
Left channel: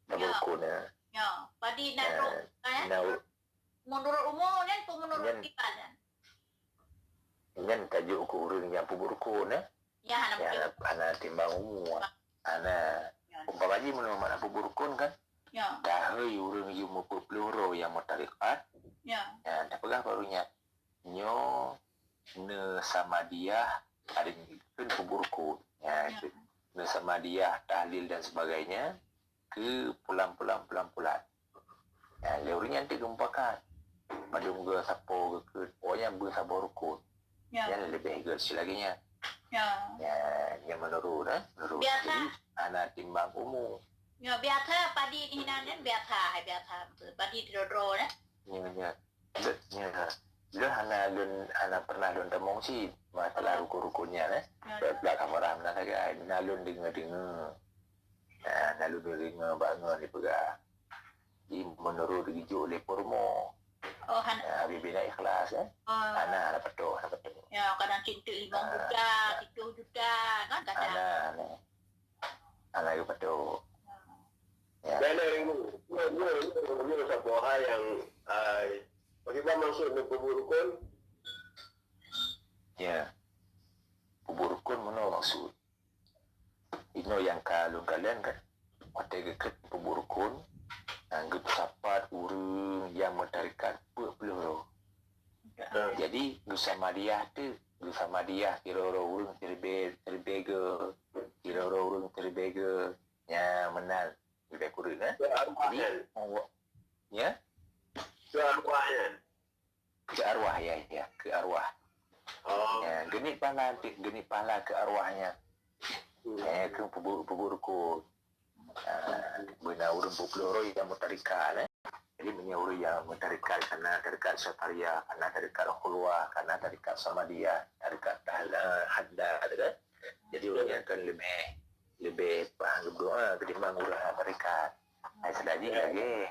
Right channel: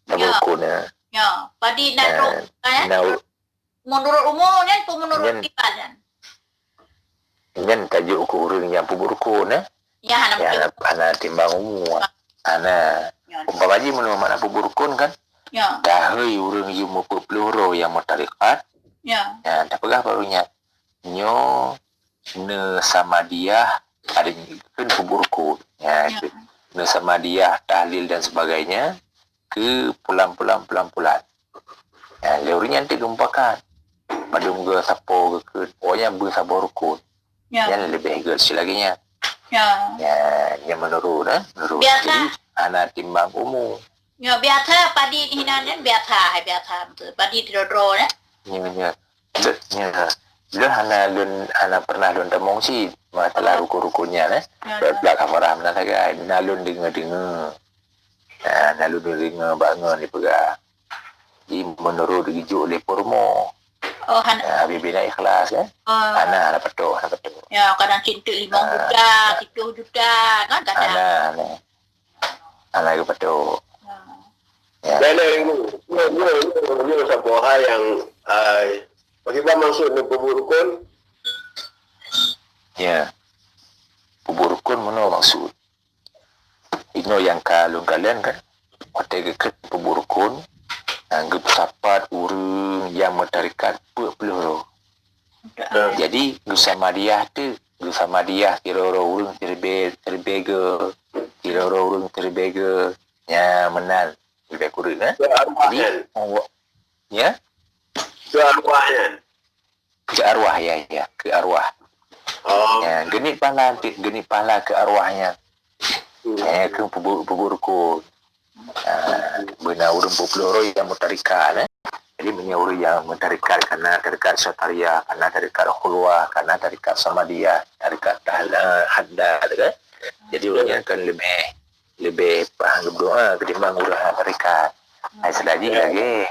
pubur rukun Ya, padi natro kan? Menurut umumnya pun menurut kita Nyan tajuk ku urang yang pubur rukun Ya, ana timbang umum. Ana umpama ji mun mana pubur rukun kan? Ya. Dahai urang yu mau peluru yang mutarikat. Ya. Ya, tak pegah barunya. Nyo ne sama dia ada kan pubur rukun. Ya. Ne sama dia tahlil dan sebagainya ke pulang-pulang. Ya, leurinya nanti gempakan. Pada muka sapo ke pokoknya bersabur rukun. Ya. Yang lebih hebat laginya. Ya. Yang menurut menurut biasa. Jadi anak timbang umum. Ya, biasa padi hinan biasa betul. Padi drodro Ya. Lu hana pernah lun temong si masalah ruko-rukonya belak kafaram na taga nalun dengar nalun dengar bangun ni pega di menurut gijuk le pormo bibina ikhlas ana peto ya kadang cinta 5 juta 7 juta kan kadang ana peto dan ini sebuah hal yang bagaimana maksud pemurukun ya pemurukun mana maksud ino yang kalung kalian kan hotel ke pemurukun anggap sapat urang yang mentarikat peluru jadi bersama dia kira orang terbega ya menal lebih kurang jadi ya ke arwahnya ke arwah ya ke arwah ya genit pahala ke arwahnya ke pemurukun benar urang peluru yang mentarikat jadi menyuruh yang mentarikat karena tarikat syataria, karena tarikat khulwah, karena tarikat samadiyah, tarikat hadda kan. Jadi orangnya akan lebih paham berdoa ketimbang urang tarikat. Selagi lagi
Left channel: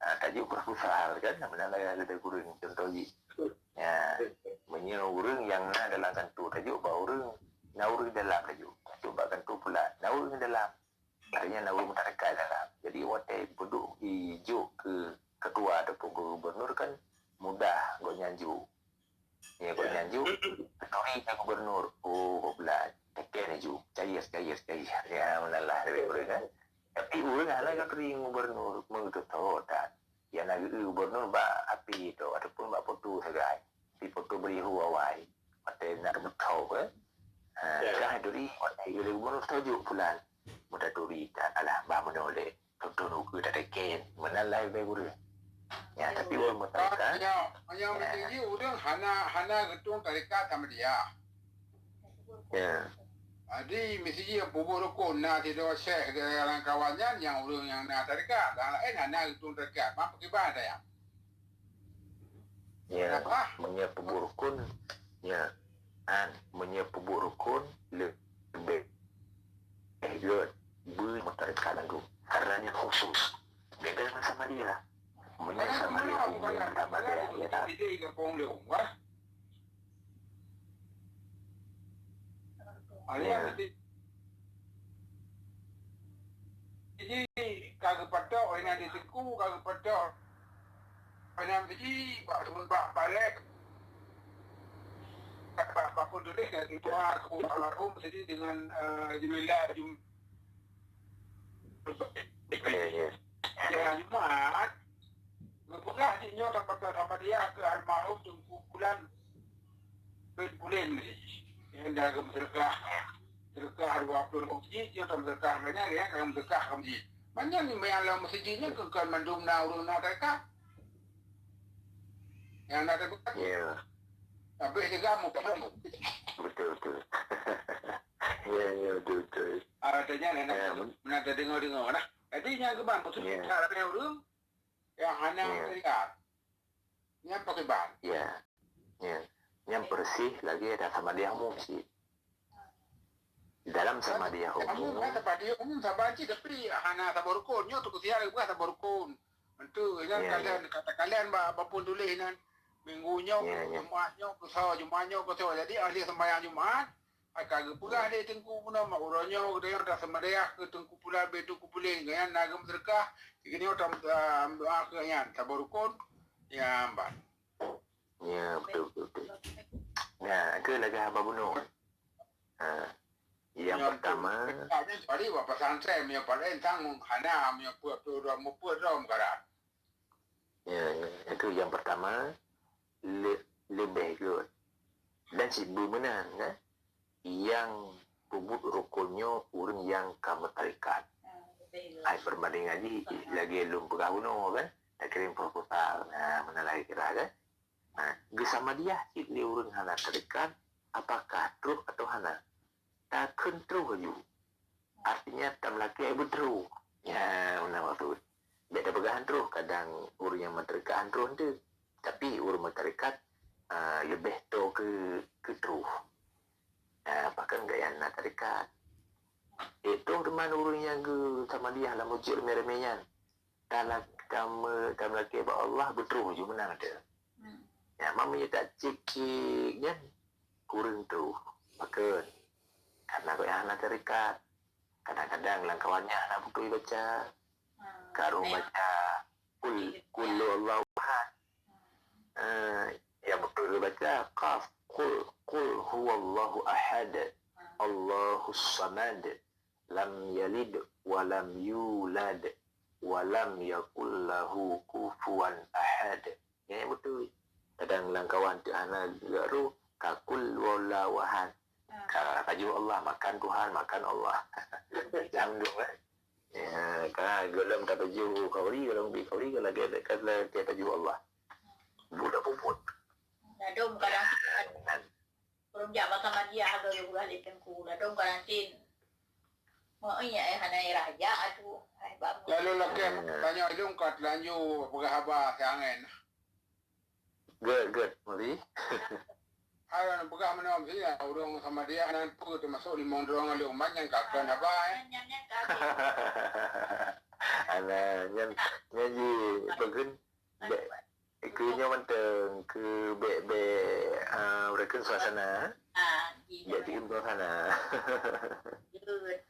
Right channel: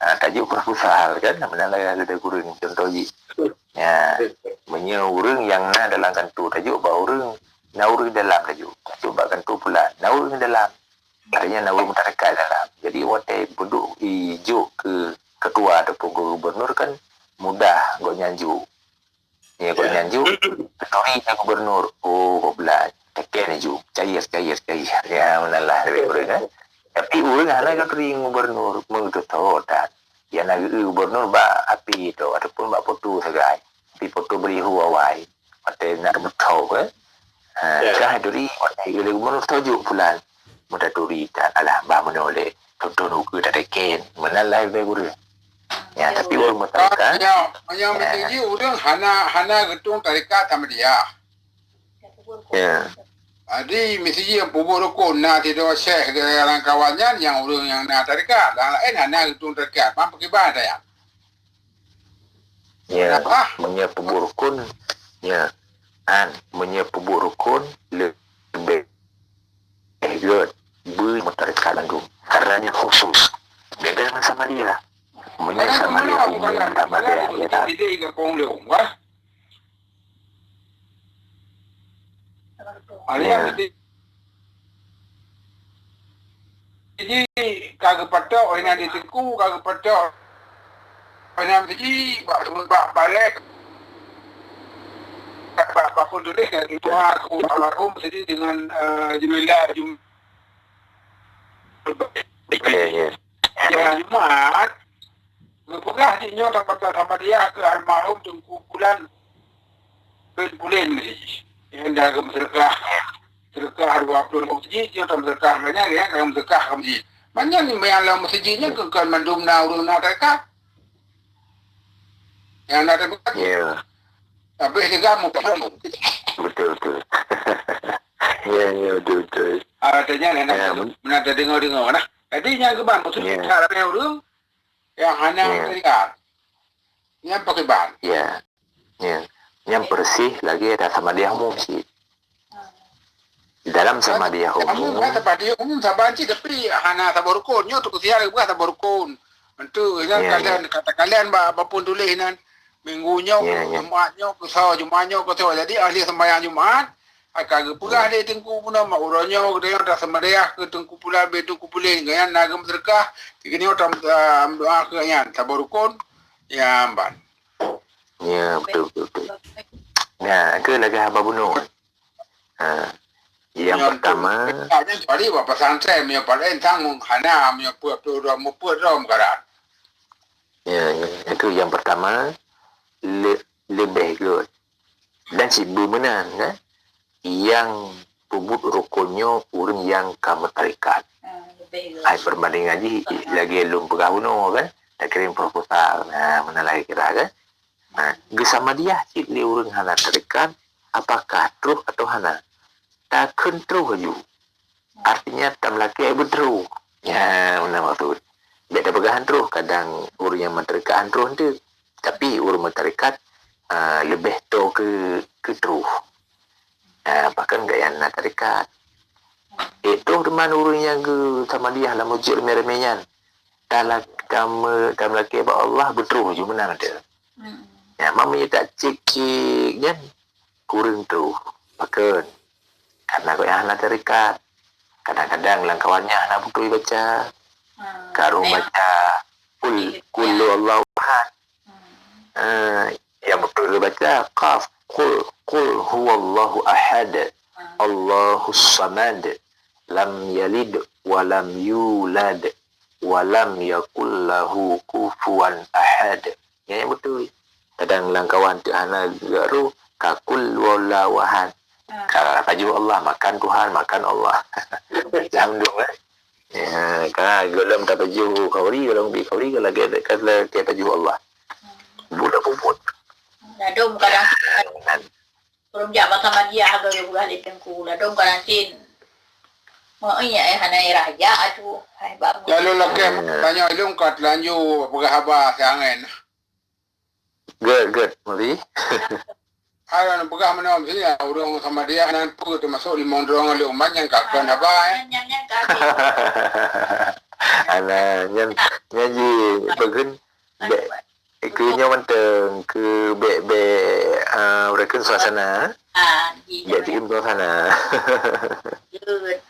tajuk proposal kan namanya ada kurang contoh ji. Ya, menyuruh yang dalam kantu tajuk ba urang naurung dalam tajuk. Coba kantu pula naurung dalam. Artinya naurung mentarikat dalam. Jadi watai duduk hijau ke ketua ataupun gubernur kan mudah gak nyanju. Ya gak nyanju, ketua gubernur. Oh, belah. Tekan nyanju. Cair. Ya, menalah lebih kurang kan. Tapi orang hanya kan ring gubernur. Mengutuk tahu tak. Yang nak gubernur ba api itu ataupun ba foto segai. Tapi foto beri huawai. Watai nak betul kan. Kah duri watai gubernur tajuk pulan. Mudah duri tak alah bah menoleh tonton uku tak teken menalai beguru ya tapi orang mentarikat yang mentinggi orang hana getung tarikat sama dia ya jadi mesti yang pubur rukun nak tidak syekh dengan kawannya yang orang yang nak tarikat dan lain hana getung tarikat mampu kibar ada ya menye pubur rukun ya menyepubu rukun lebih good mentarikat lagu karena dia khusus beda dengan sama dia sama dia sama dia ya tak jadi kagak pada orang yang diteku kagak pada orang yang jadi balik Pak Kudus itu aku almarhum jadi dengan Jumilah Jumat berpegah dinyo dapat sama dia ke almarhum Tengku Bulan bulan yang jaga sedekah 20 masjid yang sedekah banyak ya kalau sedekah masjid banyak ni yang masjidnya ke kan mandum na urun na dekat yang ada dekat ya tapi juga betul ya betul artinya nak dengar nah jadi yang keban maksudnya cara orang yang hanya dekat yang pakai ban ya yang bersih lagi ada sama dia umum sih dalam sama dia umum kata pada umum sabanci tapi hana tabarukun tu kesiar bukan tabarukun itu kalian kata kalian apapun tulisan minggunya Jumatnya Jumatnya jadi ahli sembahyang Jumat kagak pula dia tengku puna mak urangnya dia dah sembahyang ke tengku pula betu kupulin kan nagam sedekah ini orang doa ke yan tabarukun ya ban ya betul nah ke lagi apa bunuh yang pertama tadi bapak santri punya paling tanggung hana punya puak tu ram karat ya itu yang pertama lebih good dan si bumenan kan yang pubut rukunnya urang yang kamu tarikat ai perbandingan lagi belum pegawuno kan tak kirim proposal mana lagi kira kan bersama dia si urang hana tarikat apakah terus atau hana tak kontrol ju artinya tam laki betul ya mana maksud beda pegahan terus kadang urang yang mentarikat terus tu tapi urang mentarikat lebih to ke terus. Bahkan gaya nak tarikat. Itu teman urusnya ke sama dia lah mujur meremehnya. Dalam kamu laki Allah betul je menang dia. Ya, mama tak cekik kan. Kurang tu. Bahkan karena gaya nak tarikat. Kadang-kadang lang kawannya nak betul baca. Karung baca kullu Allahu ahad. Yang betul baca qaf qul huwallahu ahad. Allahus samad. Lam yalid wa lam yulad wa lam yakul lahu kufuwan ahad. Yang betul. Kadang lang kawan tu ana garu kakul wallahu ahad. Kalau baju Allah makan Tuhan, makan Allah. Jangan dong ya, kalau dalam tak baju kauri, kalau di kauri kalau kita baju Allah. Budak puput. Ladom kadang belum jabat sama dia agak juga di tengku. Ladom kadang cin. Mau iya hanai raja aduh. Hai bang. Lalu laki tanya ilung kat lanju pegahaba sangen. Good, mari. Ada nak pegah mana mesti ya urang sama dia nan pu tu masuk di mondrong le umat yang kakak apa Yang kaki. Ana nyanyi bagun ke nyawanteng ke be urakan suasana. Be tim suasana.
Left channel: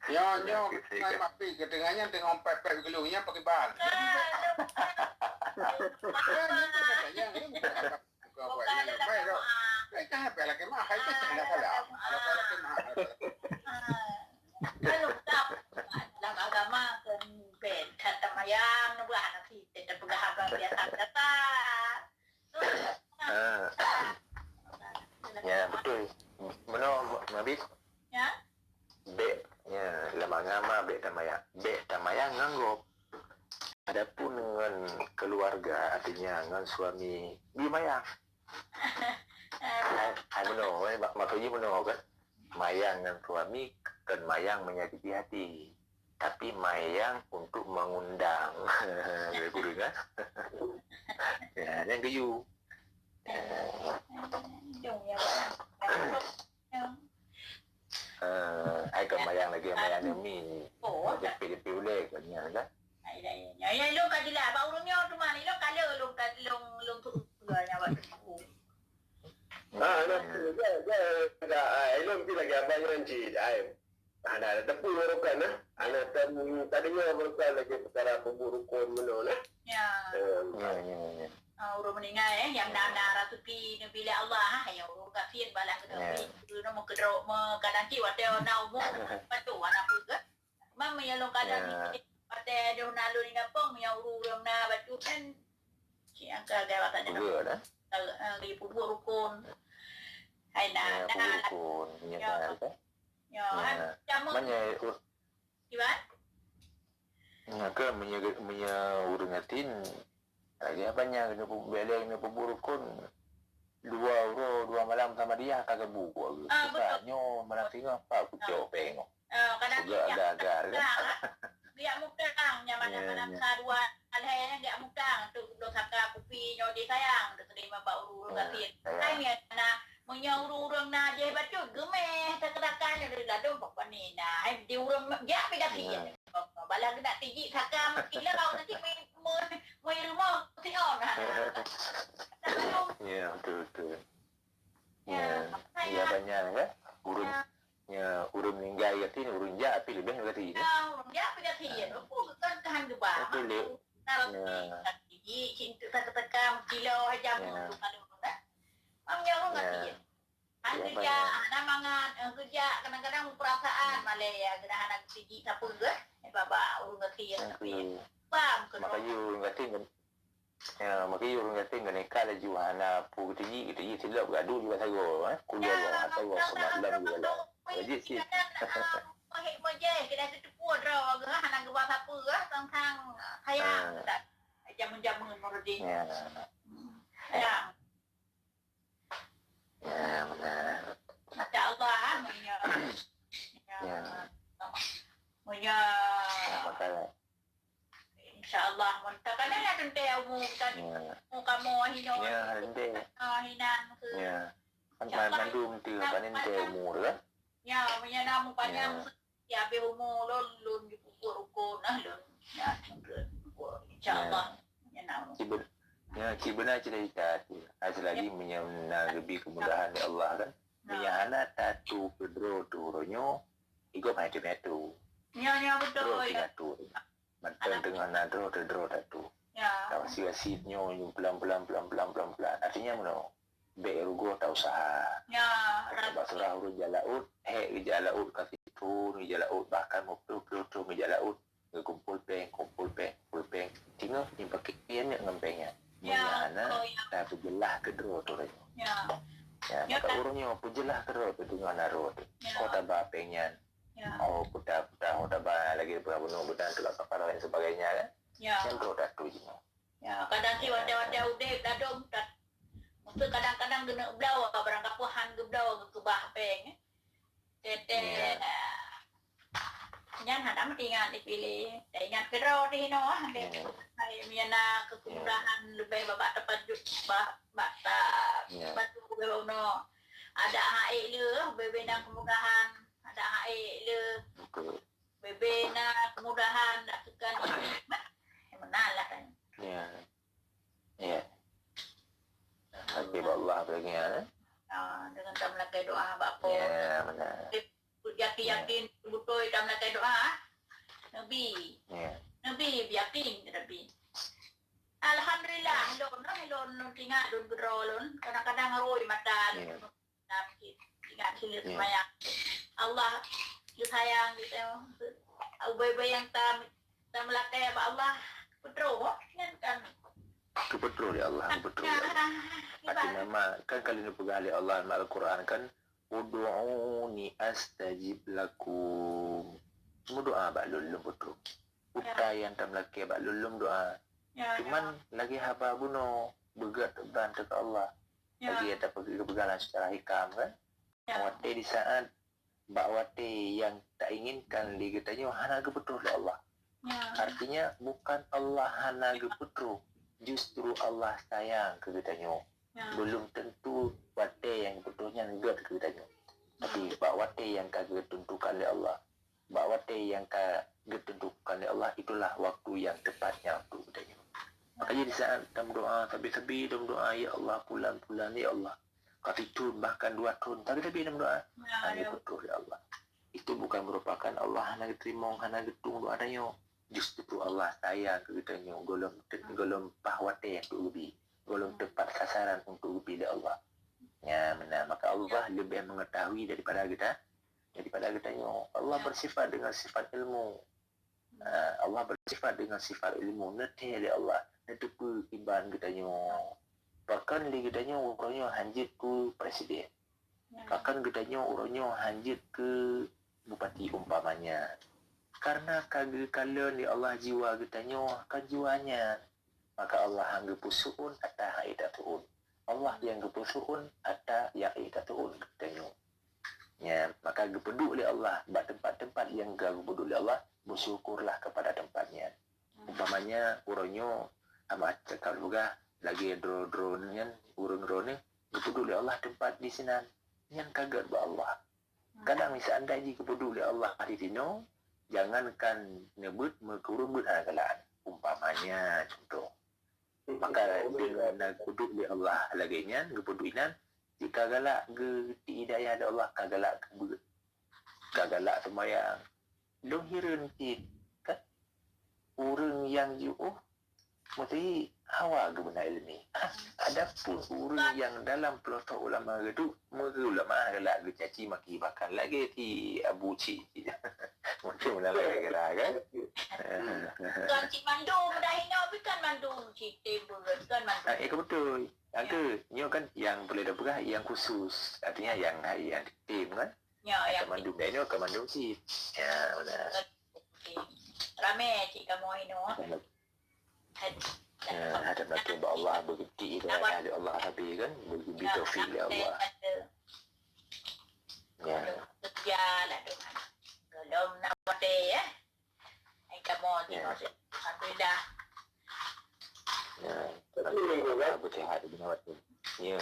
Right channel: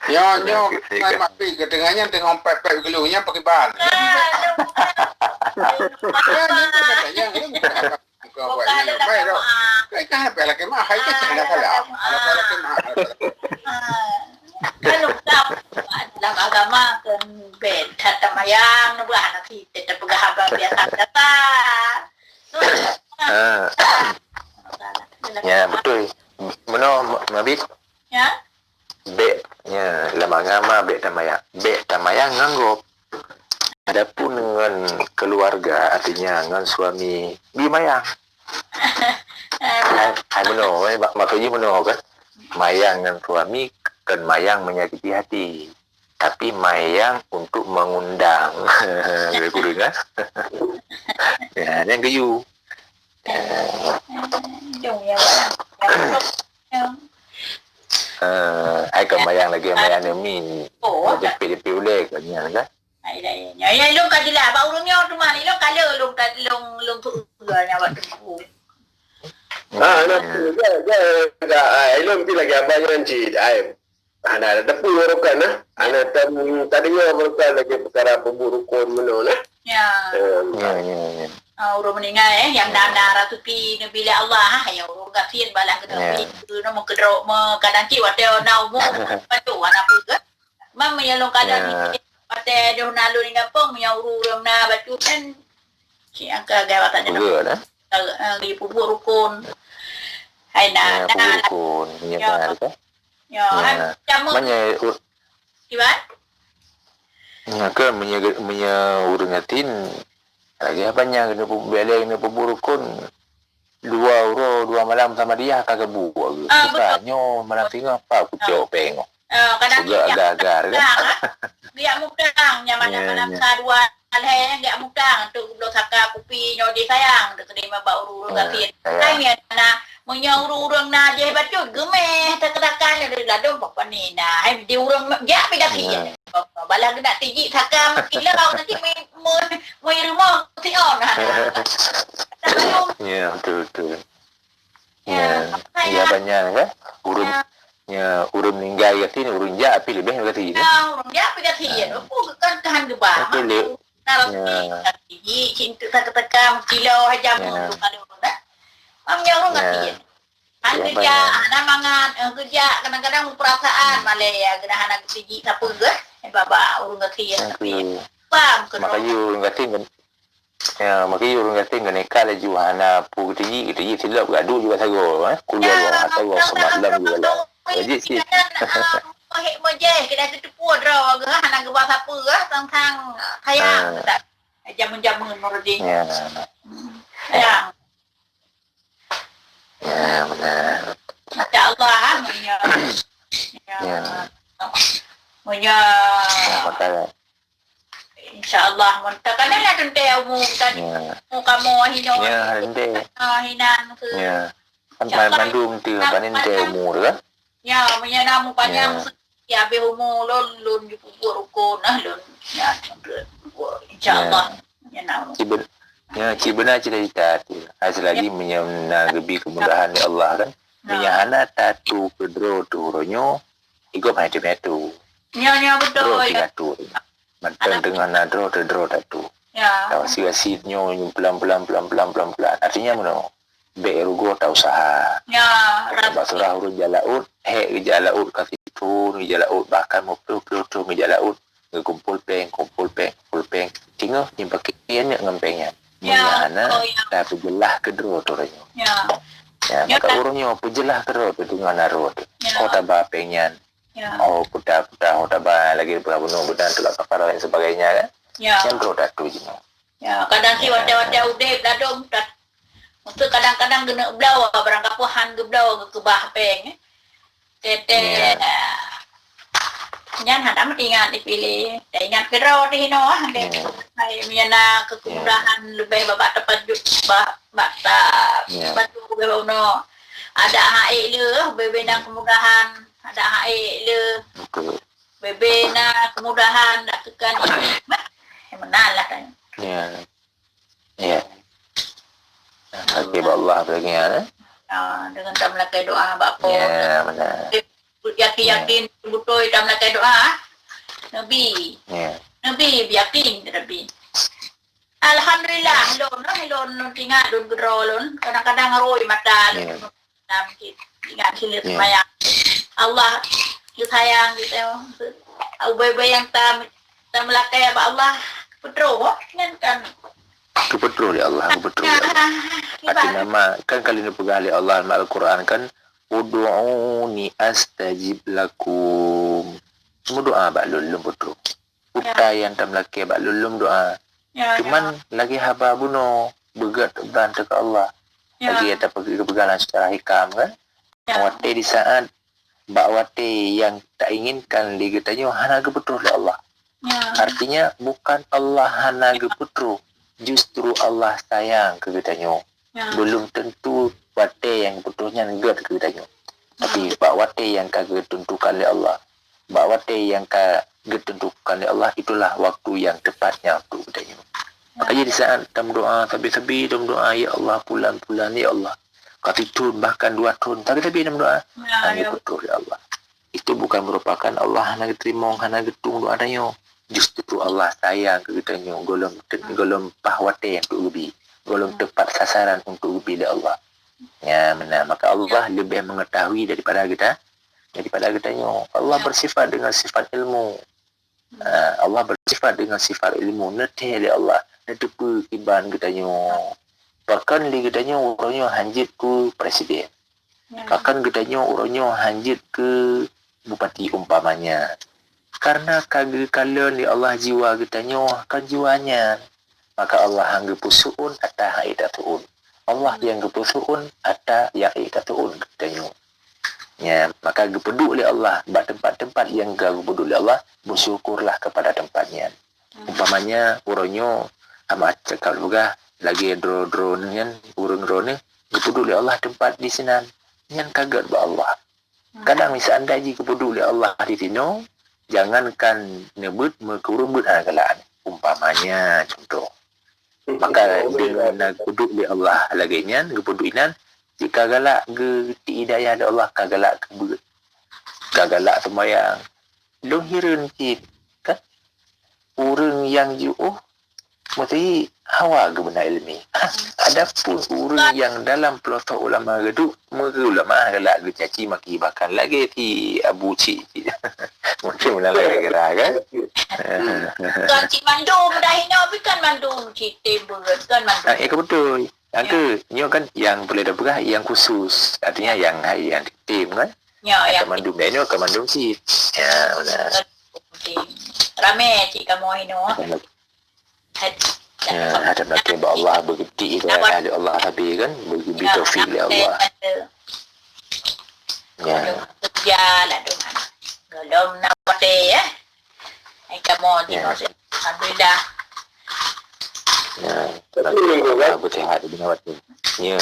Nyo mai mapi ketengahnya tengok pepek geluhnya pakai ban. Kan apa lagi mah hai kan ada salah. Ada lagi mah. Kan lukap dalam agama kan ben tata mayang nu anak kita pegahaba biasa data. Ya betul. Meno mabit. Ya. Be nya lama agama be tamayang nganggop. Adapun dengan keluarga artinya dengan suami bimayang. Hai meno, maksudnya meno kan. Mayang dengan suami kan mayang menyakiti hati. Tapi mayang untuk mengundang. Aku dengar. Ya, yang kayu. Jom ya. Ai kan mayang lagi mayang ni. Jepit ulek kan. Ya long ka dila ba urungnya tu mah long kala long tu nya wat tu. Ilum pi lagi abang nanti. Ana ada pun urukan ana tadinya urukan lagi perkara pemburukan meno Ya. Urung meninggal yang dana ratu pi bila Allah ya urung kafir balang ke tapi no mo kedro mo kadang ki wate na umu patu ana pu ke. Mam ya long kada ni wate do nalu ni ngapong ya urung na batu kan si angka gawatannya Betul di pemburukan. Hai na pemburukan nyebar ke. Ya, jamu. Gimana? Ya ke urungatin lagi apanya kena beleng kena pemburukun 2 malam sama dia kagak buat. Bukannya malam tengah apa aku cok pengok. Kadang dia agar-agar kan. Dia mudang nya malam kadua alhe dia mudang tu belum saka kupi nyodi sayang tu terima bau urung gatin. Ai na menyaurung na je bacu gemeh tak-takan ada ladong apa ni nah ai di urang ya pegati balang nak tiji sakam kilau nanti moi rumah ti on ya betul ya banyak kan urun meninggal gatin urun ja api lebih gatin urun ja pegati kan tahan gebah tiji cinta tak-takan kilau hajam tu kalau urung gatin kerja, anak mangan, kerja kadang-kadang perasaan malah ya kena anak siji siapa ke? Baba urung gatin tapi pam makanya urung gatin ya makanya urung gatin kena kala juhana pu tinggi silap gaduh juga sago kuliah atau semalam juga jadi sih hek moje kena ketupu draw ke anak ke bahasa apa tentang sayang tak jamun-jamun mordi ya ya benar. InsyaAllah ya. InsyaAllah insyaallah mun takana la tente mu kan mu kamu hino Ya, hande. hinan ke Ya. Kan mandum tu panin te umur kan? ya menyana mu panjang ya be umu lon di pupur ko nah lon ya insyaallah menyana mu Benar cerita tu. Selagi menyana gebi kemudahan di Allah kan. Menyana tatu kedro tu ronyo ikut macam-macam. Ya betul ya. Mantan dengan nadro tatu. Ya. Tahu si-sinya pelan-pelan. Artinya mana? Berugo tak usaha. Ya. Surah urut jalaud, jalaud kasih turun, jalaud bahkan mau peluk jalaud. Kumpul peng. Tinggal ni pakai yang ngempengnya. Mana? Dah pejelah kedua tu ronyo. Ya, maka urutnya pejelah kedua tu dengan naro tu. Kota bapengnya. Oh, putar, tabah lagi bunuh budan tu lah kapal dan sebagainya kan. Yang produk tu je. Ya, kadang si wadah udah dadom tak. Untuk kadang-kadang kena belau barang kapuhan ke belau ke bah peng. Tete. Nyan hada mesti ingat dipilih. Tak ingat kerau di hino ande. Hai miana kemudahan lebih babak tepat bah bata. Batu bebau no. Ada hae le bebenang kemudahan. Ada hae le bebe na kemudahan nak tekan ini menalah kan ya hati Allah bagian dengan tamlakai doa bapa ya benar yakin betul tamlakai doa nabi yakin nabi alhamdulillah lon tinggal lon gedrolon kadang-kadang roi mata dalam ingat sini semayang Allah sayang gitu. Bebe yang tam melakai apa Allah betul kan betul ya Allah betul. Arti nama kan kali ini pegang oleh Allah dalam Al-Quran kan ud'uni astajib lakum. Semua doa bak lulum betul. Yang tam melakai bak lulum doa. Cuman lagi haba bunuh begat bantu ke Allah. Lagi ada pegangan secara hikam kan. Wate di saat bakwate yang tak inginkan liga tanya hana ke betul oleh Allah. Artinya bukan Allah hana ke betul, justru Allah sayang ke tanya. Belum tentu wate yang betulnya enggak ke tanya. Tapi bakwate yang kagak tentukan oleh Allah. Bakwate yang kagak tentukan oleh Allah itulah waktu yang tepatnya untuk tanya. Makanya di saat dalam doa tapi dalam doa ya Allah pulan ya Allah. Kati tun bahkan 2 tahun tapi dalam doa hanya betul ya Allah. Itu bukan merupakan Allah hana terima hana getung doa danyo. Justru Allah sayang ke kita nyo golong pahwate yang untuk ubi. Golong tepat sasaran untuk ubi dari Allah. Ya benar. Maka Allah lebih mengetahui daripada kita nyo. Allah bersifat dengan sifat ilmu. Allah bersifat dengan sifat ilmu. Nete dari Allah. Netepu iban kita nyo. Bahkan di gedanya orangnya hanjit ke presiden. Bahkan gedanya orangnya hanjit ke bupati umpamanya. Karena kagak kalian di Allah jiwa gedanya kan jiwanya. Maka Allah yang gepusuun atau haidatuun. Allah yang gepusuun atau yang haidatuun gedanya. Ya, maka gepedu oleh Allah. Tempat-tempat yang gepedu oleh Allah, bersyukurlah kepada tempatnya. Umpamanya orangnya amat cakap juga. Lagi drone yang urung-urung ni kepedu oleh Allah tempat di sini yang kaget ba Allah. Kadang misal anda ji kepedu oleh Allah di sini jangankan nebut mekurubut hagalan umpamanya contoh. Maka dengan kepedu oleh Allah lagi nyan kepedu inan jika galak ge ti hidayah da Allah kagalak kebut. Kagalak sembahyang. Long hireun kit kan urang yang ju'uh mesti hawa ke benda ilmi. Adapun orang yang dalam pelosok ulama geduk, mereka ulama galak ke caci maki bahkan lagi ti Abu Cik. Mungkin mana lagi kira kan? Kan cik mandum dah hina bukan mandum cik berat kan mandum. Betul. Yang ke, nyo kan yang boleh dapat yang khusus. Artinya yang tim kan? Ya, yang mandum dia nyo ke mandum cik. Ya, benar. Ramai cik kamu hina. Ada belakang Allah begitu itu ahli Allah tapi kan begitu taufik Allah. Ya. Kerja lah tu. Belum nak pakai ya. Ai kamu tengok alhamdulillah. Ya, Tapi minggu kan. bersihat di awak tu. Ya.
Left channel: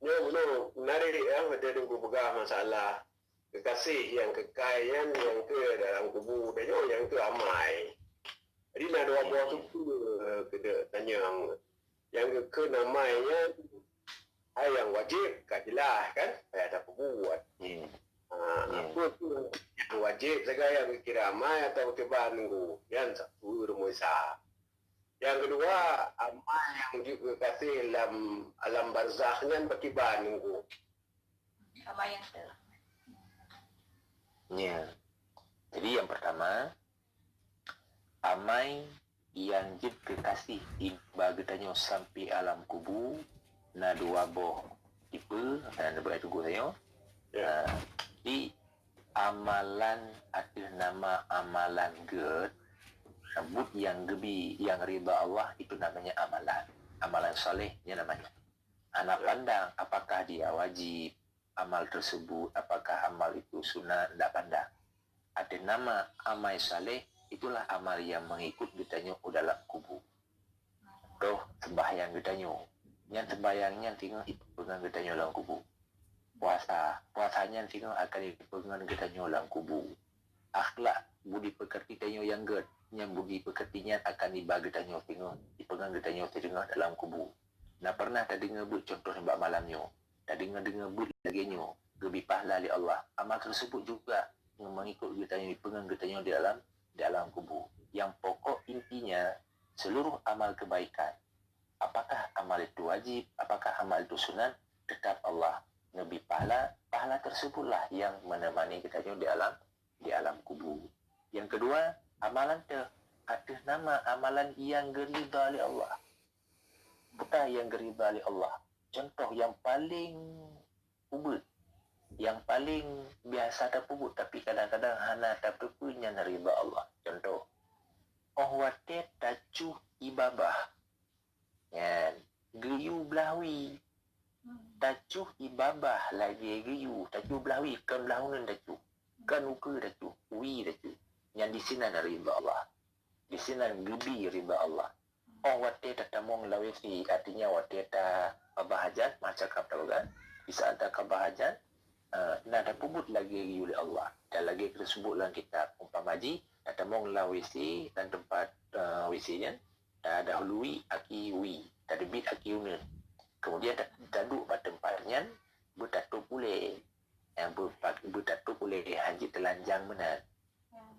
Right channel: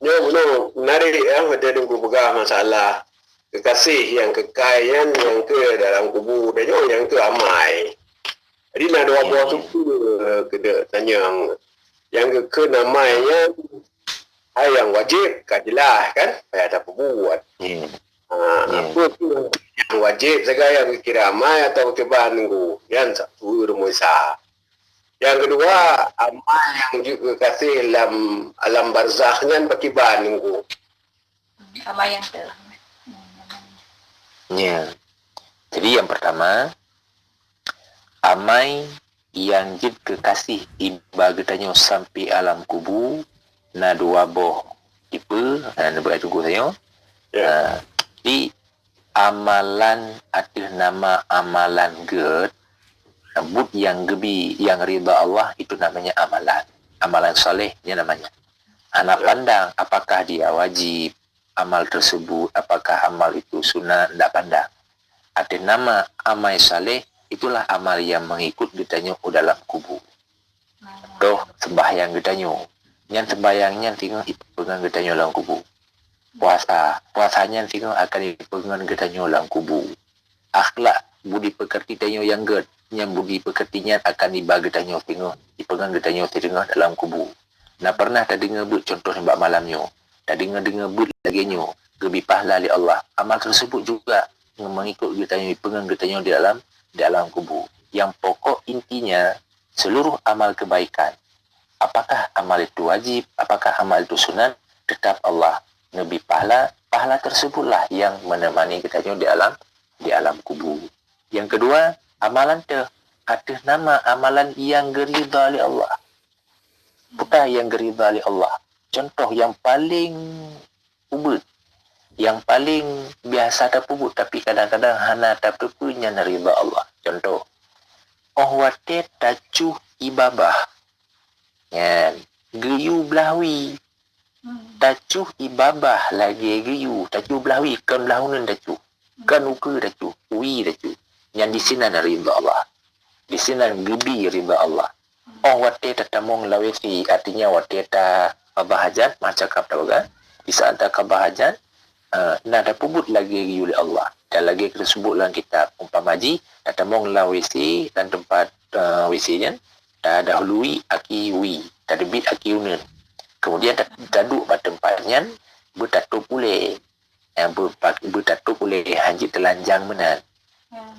Nyo menarik ya macam ku pegang masalah kekasih yang kekayaan yang ke dalam kubu dan yang ke amai. Jadi nak dua buah tu kena tanya yang ke namanya yang wajib kajilah kan payah tak buat. Ya. Apa tu yang wajib segala yang kira amai atau kebahan minggu yang satu rumusah. Yang kedua, amal yang juga kasih alam barzakhnya bagi minggu. Sama yang tu. Ya. Jadi yang pertama, amai yang jid kekasih iba getanyo sampai alam kubu na dua boh tipe na beratu saya. Ya. Di amalan ada nama amalan ged but yang gebi yang ridha Allah itu namanya amalan solehnya namanya. Anak pandang apakah dia wajib amal tersebut, apakah amal itu sunnah, tidak pandang. Ada nama amal saleh, itulah amal yang mengikut ditanya dalam kubu. Toh sembahyang ditanya, yang sembahyangnya tinggal dipegang ditanya dalam kubu. Puasanya tinggal akan dipegang ditanya dalam kubu. Akhlak budi pekerti tanya yang ged, yang budi pekertinya akan dibagi tanya tinggal dipegang ditanya tinggal dalam kubu. Nah pernah tak dengar but contoh sebab malamnya. Tak dengar but lagi nyo. Gebi pahala li Allah. Amal tersebut juga mengikut ditanya pegang ditanya di dalam kubu. Yang pokok intinya seluruh amal kebaikan. Apakah amal itu wajib, apakah amal itu sunat, tetap Allah lebih pahala. Pahala tersebutlah yang menemani ditanya di alam kubu. Yang kedua, amalan tu ada nama amalan yang geridha li Allah. Bukan yang geridha li Allah. Contoh yang paling ubud, yang paling biasa tak ubud tapi kadang-kadang hana tak punya ridha Allah. Contoh, wate tacuh ibabah. Yan, geyu belahwi. Tacuh ibabah lagi geyu, tacuh belahwi kan belahunan tacuh. Kan uka tacuh, wi tacuh. Yang di sini ada ridha Allah. Di sini gebi ridha Allah. Wate tatamong lawesi artinya wate ta kabahajan macam kata kan di saat tak kabahajan nak ada pubut lagi oleh Allah dan lagi kita sebut dalam kitab umpamaji tatamong lawesi dan tempat WC-nya tak dahului aki wi tadbit aki unen kemudian taduk pada tempatnya bertatup boleh yang bertatup boleh hanjit telanjang menan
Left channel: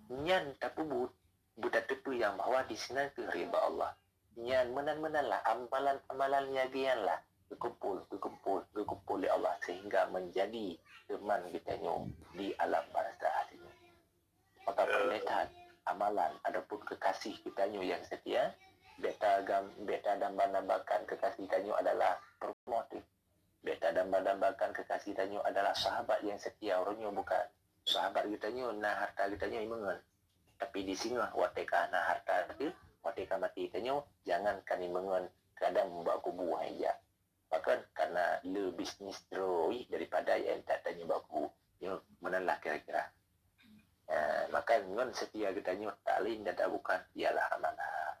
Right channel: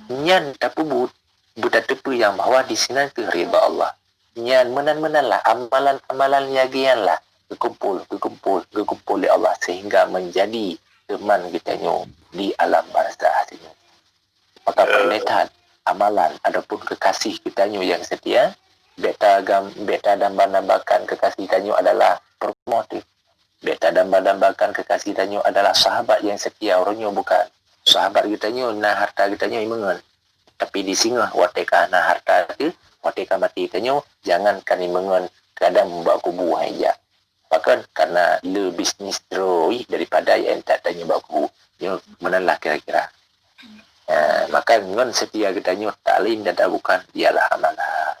nyan tak pubut bertatup yang bahawa di sini ke ridha Allah. Yang menan-menanlah amalan-amalan yagianlah berkumpul oleh Allah sehingga menjadi teman kitanya di alam barzah ini. Maka perlihat amalan adapun kekasih kitanya yang setia beta dambakan kekasih kitanya adalah promotif. Beta dambakan kekasih kitanya adalah sahabat yang setia orangnya bukan sahabat kitanya nah harta kitanya imengan. Tapi di singa wateka nah harta itu wateka mati tanyo jangan kani mengon kadang membawa kubu aja. Bahkan karena le bisnis teroi daripada yang tak tanya bawa kubu. Yo menalah kira-kira. Maka ngon setia kita nyo taklim dan bukan ialah amalan.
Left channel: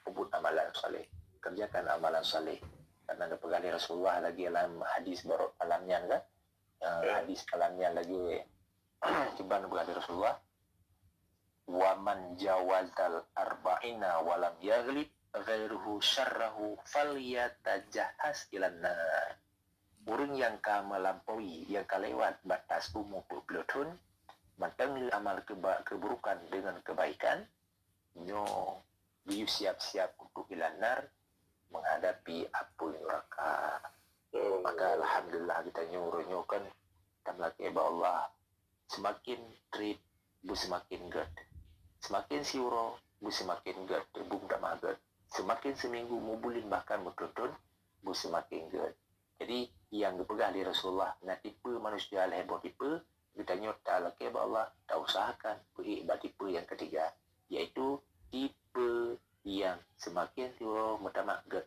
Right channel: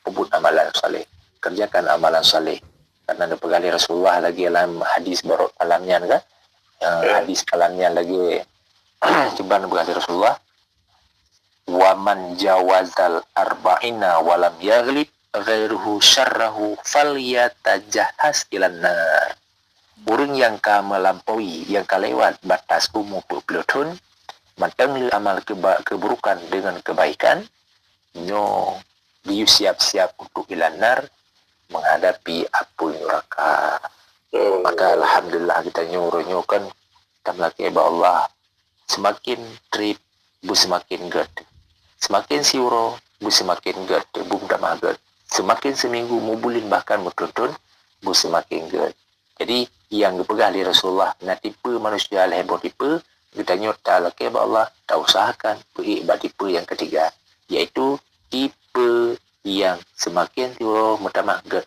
Pebut amalan saleh. Kerjakan amalan saleh. Karena ada pegali Rasulullah lagi dalam hadis borok kalamnya kan. Hadis kalamnya lagi coba pegali Rasulullah waman jawazal arba'ina walam yaghlib ghairuhu syarrahu falyatajahas ilan nar. Orang yang ka melampaui, yang ka lewat batas umur 20 tahun, matang amal keburukan dengan kebaikan, nyo dia siap-siap untuk ilan nar menghadapi api neraka. Maka alhamdulillah kita nyo kan tamlaki Allah semakin trip bu semakin ged. Semakin siuro, bu semakin ged, bu damah ged. Semakin seminggu mubulin bahkan bertonton, bu semakin ged. Jadi yang dipegang di Rasulullah, na tipe manusia lehebo tipe, kita nyota laki Allah, tak usahakan beribad tipe yang ketiga, yaitu tipe yang semakin siuro mutamah ged.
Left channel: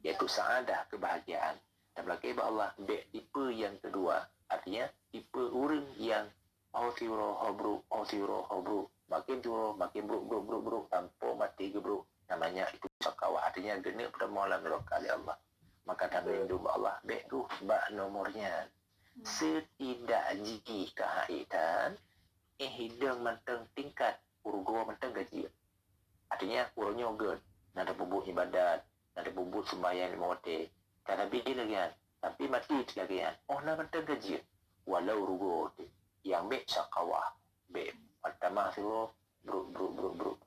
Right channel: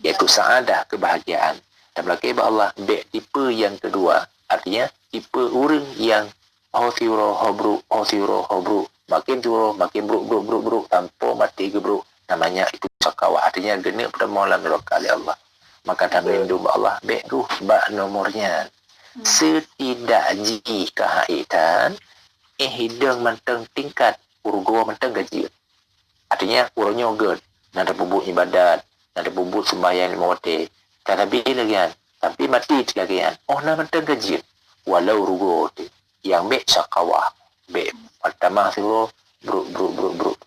Yaitu saadah kebahagiaan. Dan laki Allah, tipe yang kedua, artinya tipe orang yang Hotiro hobru makin turun, makin buruk tanpa mati ke buruk. Namanya itu syakawah. Artinya genap pada malam neraka oleh Allah. Maka dah melindung Allah. Baik ruh bak nomornya. Setidak jika haitan hidang manteng tingkat urgo manteng gaji. Artinya urunyo ged. Nada bubuk ibadat, nada bubuk sembahyang lima waktu. Tapi lagi kan. Tapi mati lagi kan. Oh nama manteng gaji. Walau urgo tu. Yang baik syakawah. Baik. Pertama tu buruk.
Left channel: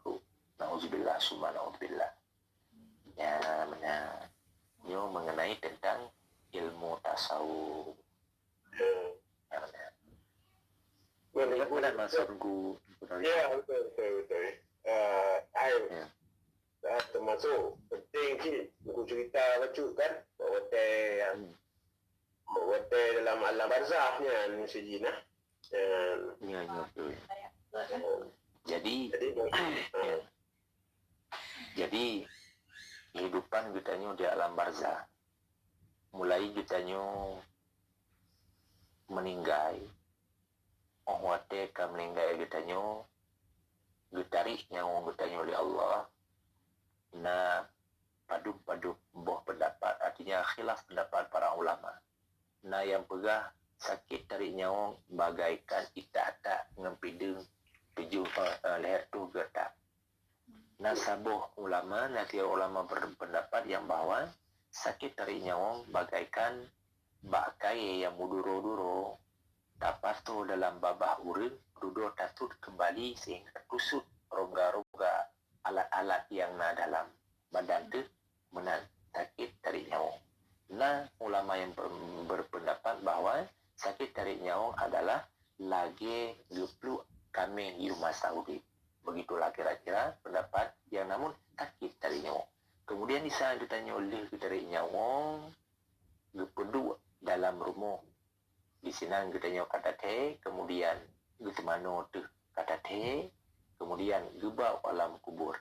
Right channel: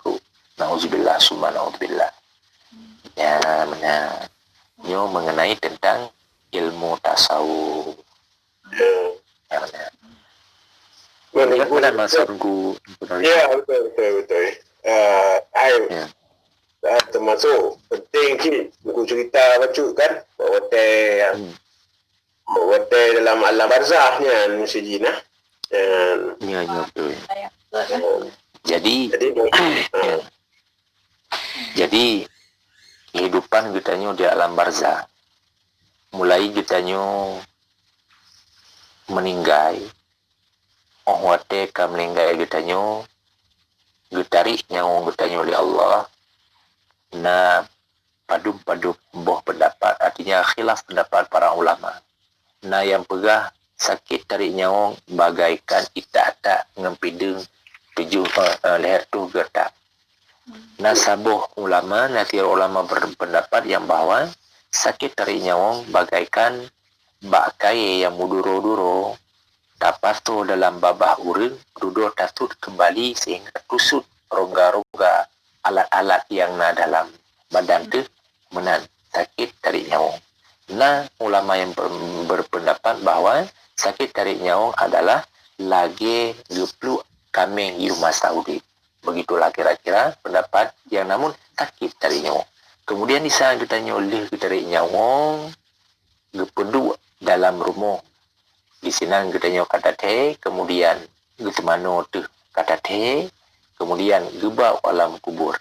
Nauzubillah summa nauzubillah. Ya benar. Nyo mengenai tentang ilmu tasawuf. Ya benar. Benar maksudku. Ya, betul. Ya. Termasuk penting ki buku cerita baca kan bahawa dalam alam barzahnya musijina. Ya betul. Betul. Jadi kehidupan kita di alam barzah mulai kita meninggal wate ka meninggal kita getari nyawa kita oleh Allah na padu boh pendapat artinya khilaf pendapat para ulama na yang pegah sakit tarik nyawa bagaikan ita-ata ngempidung tujuh leher tu getak. Nasabuh ulama, natir ulama berpendapat yang bahawa sakit tarik nyawang bagaikan bakai yang muduro-duro tapas tu dalam babah urang duduk tatut kembali sehingga tusut rongga-rongga alat-alat yang na dalam badan tu menan sakit tarik nyawang. Nah, ulama yang berpendapat bahawa sakit tarik nyawang adalah lagi gepluk kameng di rumah Saudi. Begitulah kira-kira pendapat yang namun sakit tarik nyawang. Kemudian di sana kita nyoleh kita tarik nyawang, gepedu dalam rumah. Di sini kita nyawang kata teh, kemudian kita mana tu kata teh, kemudian geba alam kubur.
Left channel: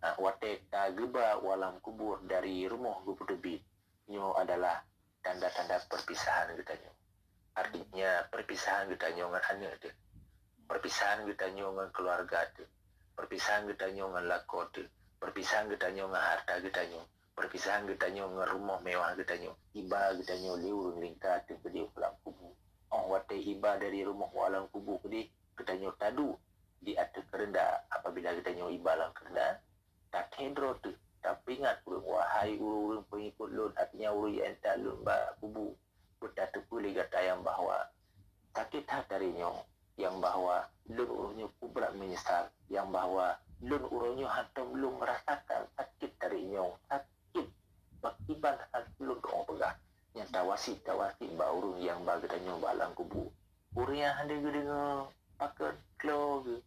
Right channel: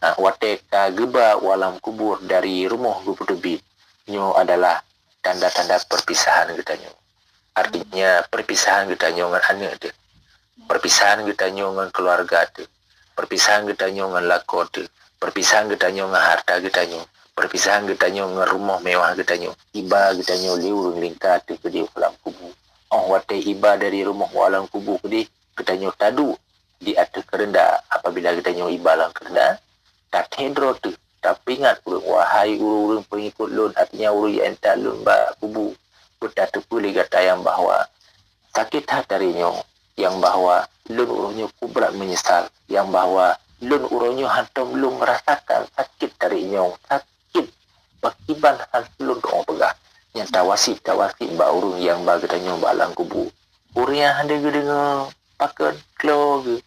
Wateka geba alam kubur dari rumah gepedu nyo adalah tanda-tanda perpisahan kita nyo. Artinya perpisahan kita nyo dengan anak tu. Perpisahan kita dengan keluarga tu. Perpisahan kita dengan lakon tu. Perpisahan kita dengan harta kita perpisahan kita dengan rumah mewah kita iba kita liurung lingkar tu ke di alam kubur. Wate iba dari rumah alam kubur ke di kita tadu di atas kerendah apabila kita iba alam kerendah tak hendro tu. Tapi ingat wahai urung pengikut lun artinya urung yang entak lun ba kubur. Kita tu boleh kata yang bahawa sakit hati yang bahawa lun urunyo kubrat menyesal, yang bahawa lun urunyo hantam lun merasakan sakit tarinyo, sakit bakiban lun orang pegah yang tawasi ba urung yang bagadanyo balang kubu urung yang hande dengan pakan klo ge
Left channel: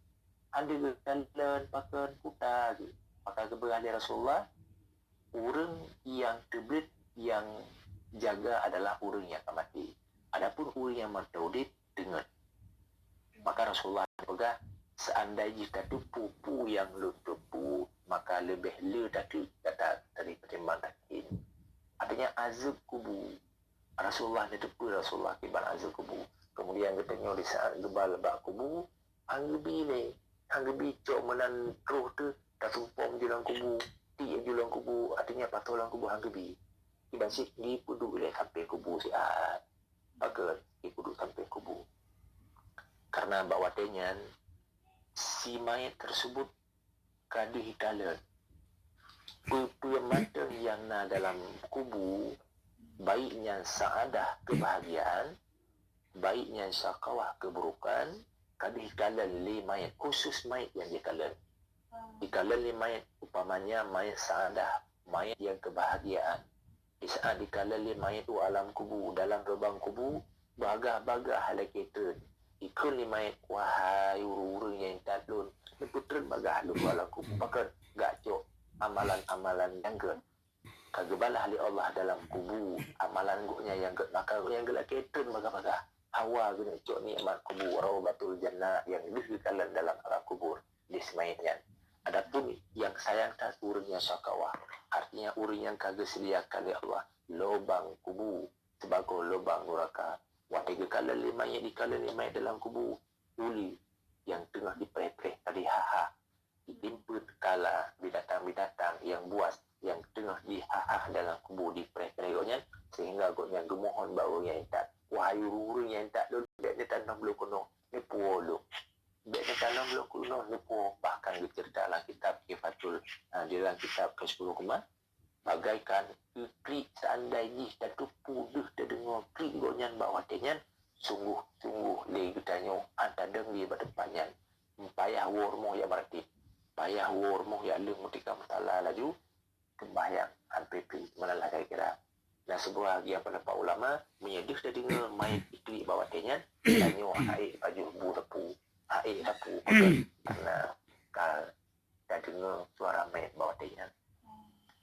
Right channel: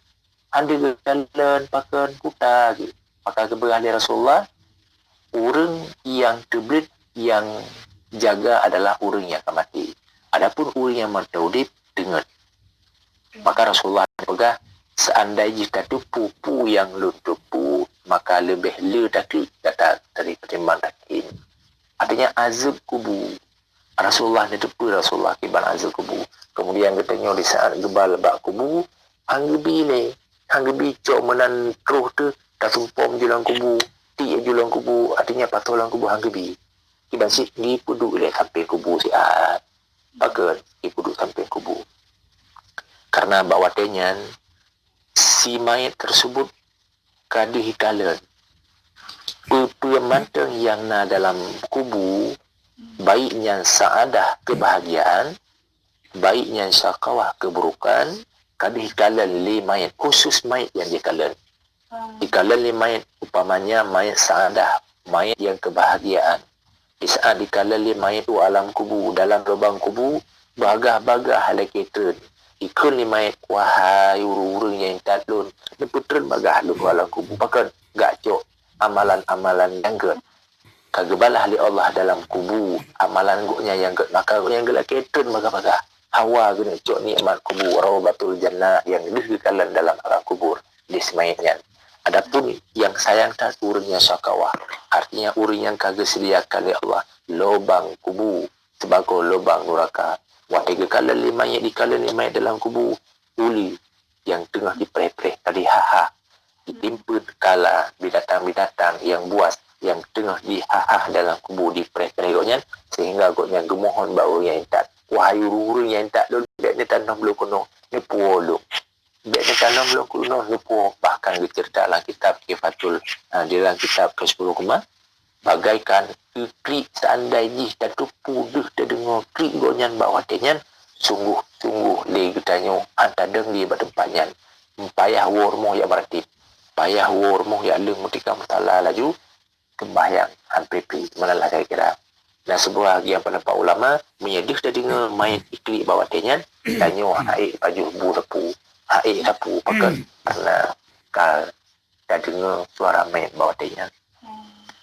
hande jalan pakan kuta ge maka keberali Rasulullah urung yang teblit yang jaga adalah urung yang akan mati. Adapun urung yang mataudip dengar. Maka Rasulullah pegang seandainya jika tu pupu yang lu tupu maka lebih le takut kata dari pertimbangan takin. Artinya azab kubu. Rasulullah ni tupu Rasulullah kiban azab kubu. Kemudian katanya di saat gebal bak kubu hanggebi cok menan keruh tu tak tumpom julang kubu ti julang kubu artinya patolang kubu hanggebi. Kiban si ni puduk le sampai kubu siat. Maka ni puduk sampai kubu. Karena bawatnya si mayat tersebut kadih kalan pemantang yang na dalam kubu baiknya saadah kebahagiaan baiknya syakawah keburukan kadih kalan li mayat khusus mayat yang dikalan dikalan li mayat upamanya mayat saadah mayat yang kebahagiaan di saat dikalan li mayat tu alam kubu dalam lubang kubu bagah-bagah halakitun ikun ni mayat wahai urung-urung yang tatlun neputren bagah lu alam kubu pakan gak cok amalan-amalan yang ke kagebalah li Allah dalam kubu amalan guknya yang ke maka yang gelak ketun bagah-bagah hawa guna cok nikmat kubu rawbatul jannah yang dihikalan dalam alam kubur di semayatnya. Adapun yang sayang tak urungnya syakawah artinya urung yang kagak sediakan oleh Allah lubang kubu sebagai lubang neraka. Watiga kala lima yang dikala lima dalam kubu uli yang tengah dipereh-pereh tadi ditimpa kala binatang-binatang yang buas yang tengah dihahah dalam kubur dipereh-pereh goknya sehingga goknya gemohon bau yang tak wahai urung yang tak dulu ni tanam belum kuno ni puolo dia tanam belum kuno ni puo bahkan dicerita dalam kitab Kifatul di dalam kitab ke-10 kemah bagaikan klik seandainya dan tu puduh terdengar klik gonyan bawah tenyan sungguh-sungguh le getanyo antadeng di badempanya payah wormo ya berarti payah wormo ya leng mutika mutala laju kembayang hanpepi manalah saya kira dan sebuah yang pendapat ulama menyedih terdengar main klik bawah tenyan tanyo air baju burapu air sapu pakai karena kal terdengar suara main bawah tenyan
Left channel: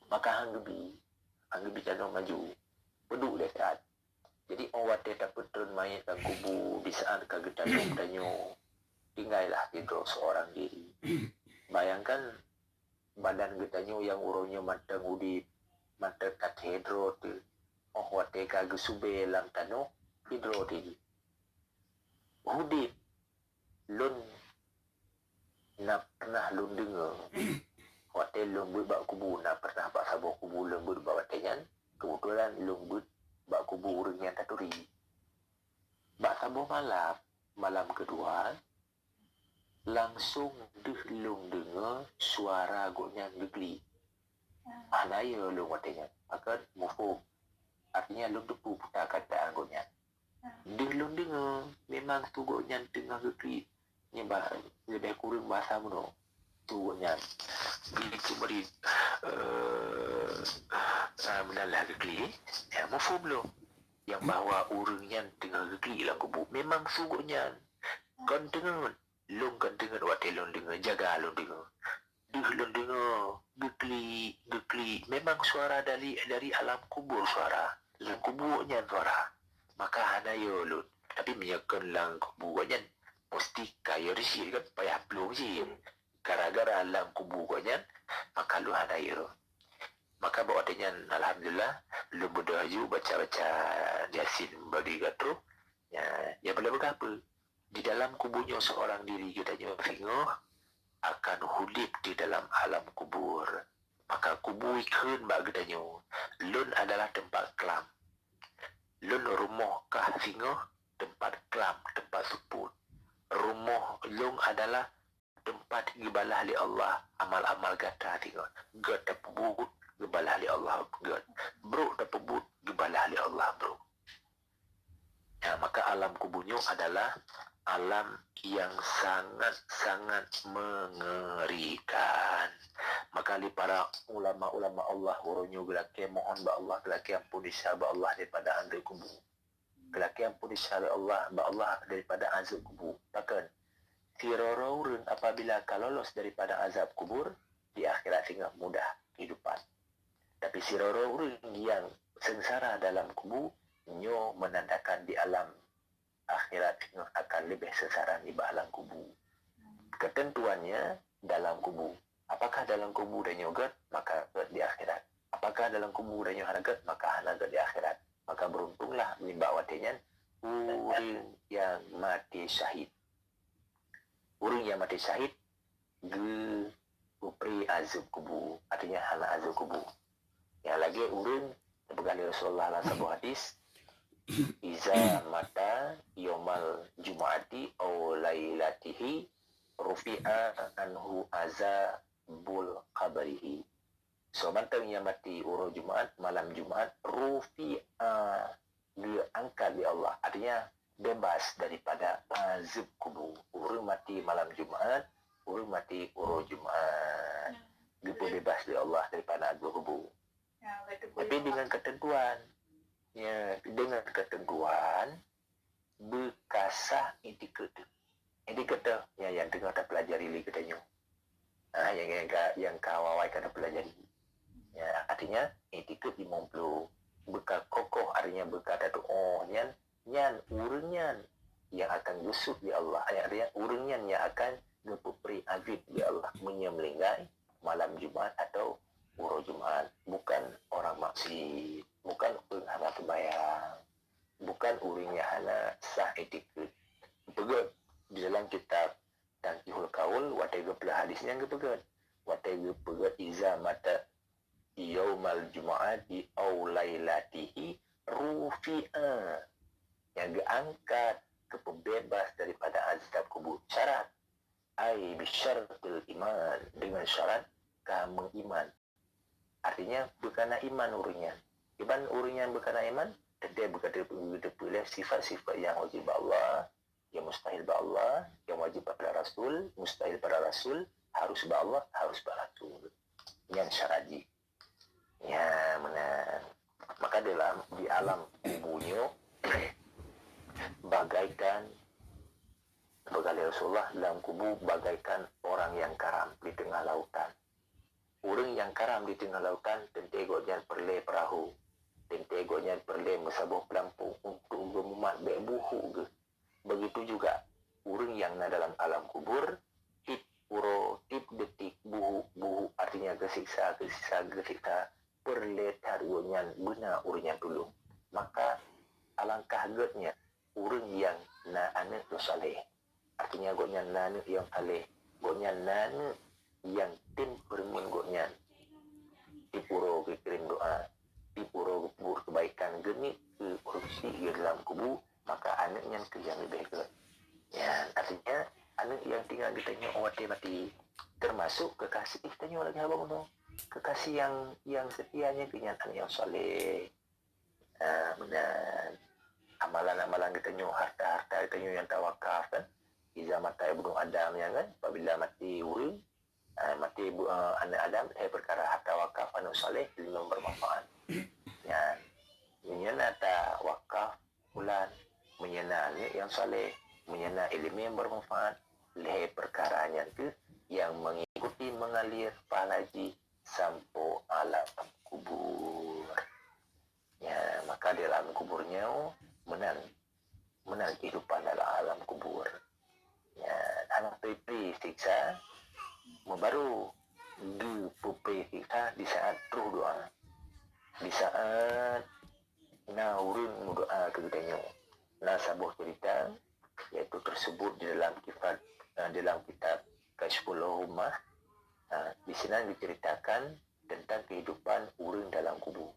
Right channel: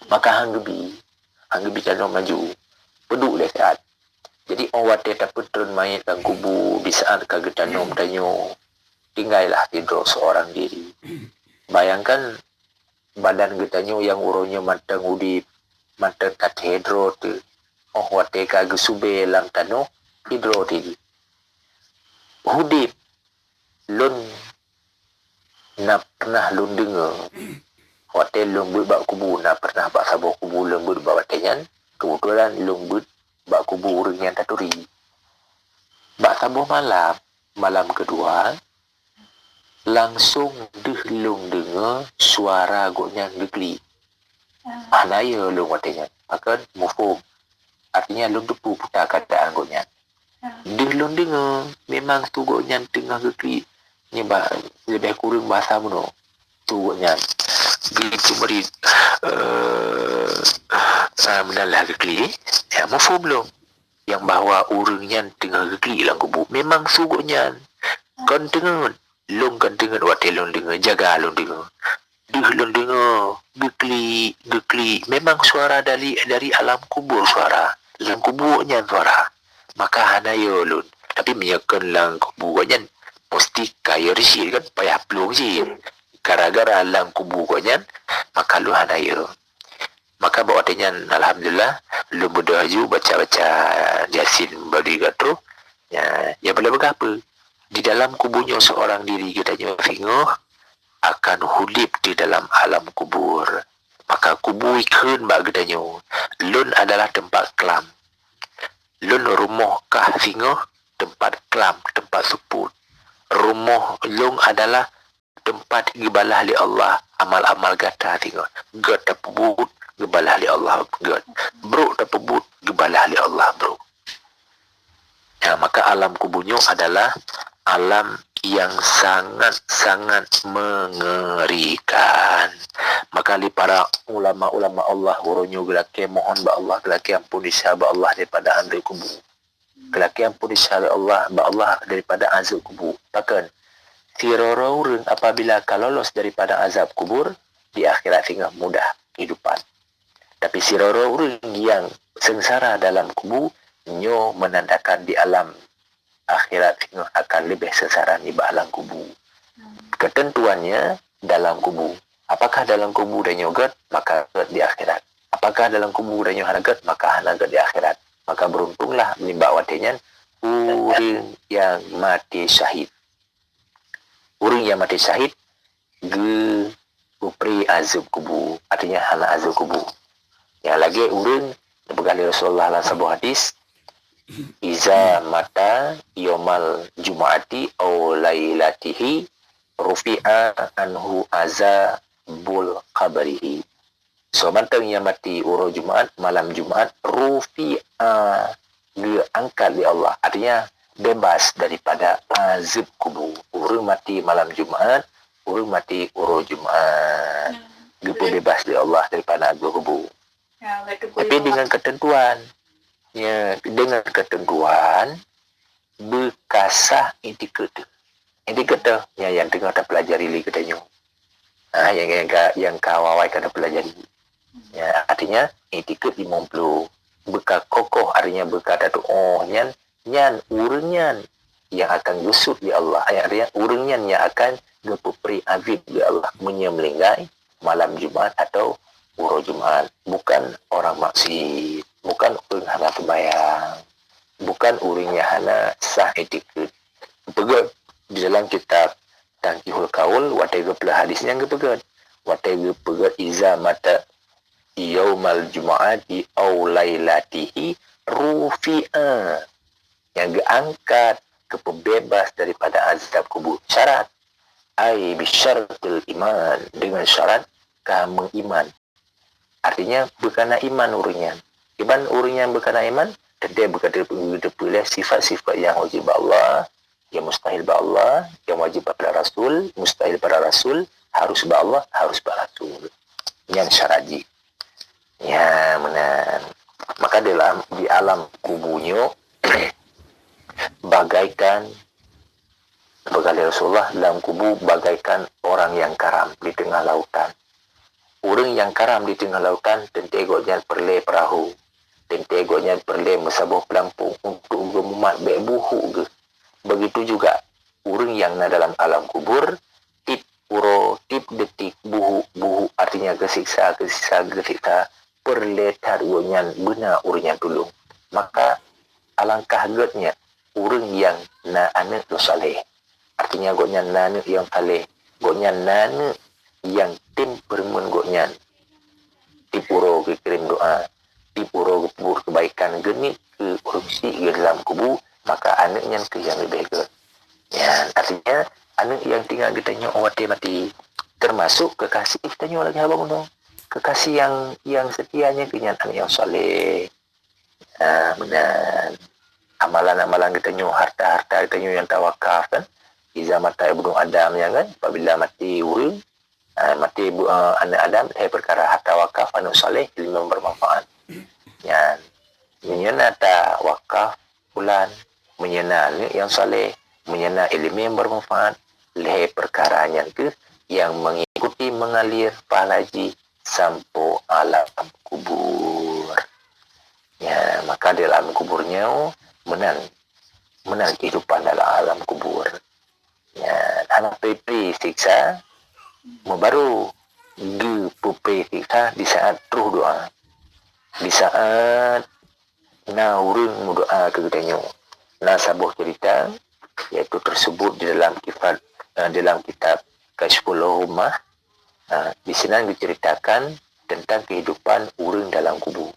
maka hanggebi kano maju peduk dekat jadi orang tak petun mayat dan kubu di saat kagetanom danyo tinggallah tidur seorang diri bayangkan badan getanyo yang uronya matang udip matang katedro tu wate kagesube lam tano hidro tidi udip lun na pernah lun dengar hotel lembut bak kubu nak pernah bak sabuh kubu lembut bak watenyan kebetulan lembut bak kubu orang yang taturi bak sabuh malam kedua langsung lung dengar suara goknya negeri anaya lung watenyan maka mufum artinya lung depu putar keadaan goknya lung dengar memang tu goknya tengah negeri ni lebih kurang bahasa mono tu goknya gitu beri menalah kekli ya mafhum belum yang bahawa urangnya tengah kekli lang kubu memang suguknya kon tengah long kan tengah watel long dengar jaga long dengar long dengar gekli memang suara dari alam kubur suara alam kuburnya suara maka hanayo lun tapi menyakan lang kuburnya mesti kaya risi kan payah pelung sih gara-gara alam kubu konya maka lu hanayo maka bawa tenyan alhamdulillah lu berdaju baca-baca Yasin bagi gatro ya boleh berapa di dalam kubunya seorang diri katanya fingoh akan hudip di dalam alam kubur maka kubu ikun bak katanya lun adalah tempat kelam lun rumah kah fingoh tempat kelam tempat suput rumah lung adalah tempat gibalah li Allah amal-amal gata tengok god tapubut gibalah li Allah god bro tapubut gibalah li Allah bro ya maka alam kubunya adalah alam yang sangat-sangat mengerikan maka li para ulama-ulama Allah uronyo gelake mohon ba Allah gelake ampun disaba Allah daripada andai kubu gelake ampun disaba Allah ba Allah daripada azab kubu takkan Tirororun apabila lolos daripada azab kubur di akhirat tinggal mudah kehidupan. Tapi sirororun yang sengsara dalam kubur nyo menandakan di alam akhirat tinggal akan lebih sengsara di alam kubur. Ketentuannya dalam kubur. Apakah dalam kubur dan nyogat maka di akhirat. Apakah dalam kubur dan nyogat maka hanagat di akhirat. Maka beruntunglah menimba watenyan orang yang mati syahid. Orang yang mati syahid upri azab kubur artinya hana azab kubur yang lagi orang berkali Rasulullah dalam sebuah hadis iza mata yomal jum'ati aw lailatihi rufi'a anhu azabul qabrihi so mantang yang mati uro Jumaat malam Jumaat rufi'a diangkat di Allah artinya bebas daripada azab kubur. Orang mati malam Jumaat, orang mati uro Jumaat. Dia bebas dari Allah daripada azab kubur. Tapi dengan ketentuan, dengan ketentuan berkasah indikator. Indikator yang tengah tak pelajari lagi katanya. Yang kawawai kena pelajari. Ya, artinya indikator 50. Bekal kokoh artinya bekal datu nyan urunyan yang akan gusut di Allah artinya urunyan yang akan gepupri azib di Allah menyembelihai malam Jumaat atau uro Jumaat bukan orang maksiat bukan orang hana sembahyang bukan urunnya hana sah etiket pegang di dalam kitab tangkihul kaul watai geplah hadisnya gepegat watai gepegat iza mata yaumal jumu'ati aw lailatihi rufi'a yang diangkat ke pembebas daripada azab kubur. Syarat ai bisyaratil iman, dengan syarat kamu iman. Artinya berkena iman urunyan. Iman urunyan berkena iman, dia berkata boleh sifat-sifat yang wajib Allah, yang mustahil ba Allah, yang wajib pada Rasul, mustahil pada Rasul, harus ba Allah, harus ba Rasul. Yang syaraji. Ya, benar. Maka di alam kuburnya bagaikan berkali Rasulullah dalam kubur bagaikan orang yang karam di tengah lautan. Orang yang karam di tengah lautan tentegoknya perle perahu, tentegoknya perle mesabuh pelampung untuk gemumat baik buhu ke. Begitu juga orang yang dalam alam kubur tip uro tip detik buhu artinya kesiksa perle targonyan benar urnya tulung. Maka alangkah getnya orang yang na anak tu saleh. Artinya goknya nana yang saleh. Goknya nana yang tim bermun goknya. Tipuro ke kirim doa. Tipuro ke kubur kebaikan genit ke urussi ke dalam kubur. Maka anaknya ke yang lebih baik. Ya, artinya anak yang tinggal ditanya mati. Termasuk kekasih ditanya lagi abang dong. Kekasih yang setianya ke anak yang saleh. Benar. Amalan-amalan kita nyu, harta-harta kita nyu yang tawakaf kan. Iza mata ibnu Adam yang kan. Apabila mati urang, mati anak Adam, perkara harta wakaf, anak saleh, ilmu bermanfaat. Yang menyena ta wakaf, bulan, menyena yang saleh, menyena ilmu yang bermanfaat, perkara yang ke, yang mengikuti mengalir palaji sampai alam kubur. Ya, maka dalam kuburnya menang kehidupan dalam alam kubur. Ya, anak pepe siksa baru di pepe siksa di saat ruh doa. Di saat urang doa ke katanya. Sabuh cerita yaitu tersebut di dalam kitab Kashful Ummah. Di sini diceritakan tentang kehidupan urang dalam kubur.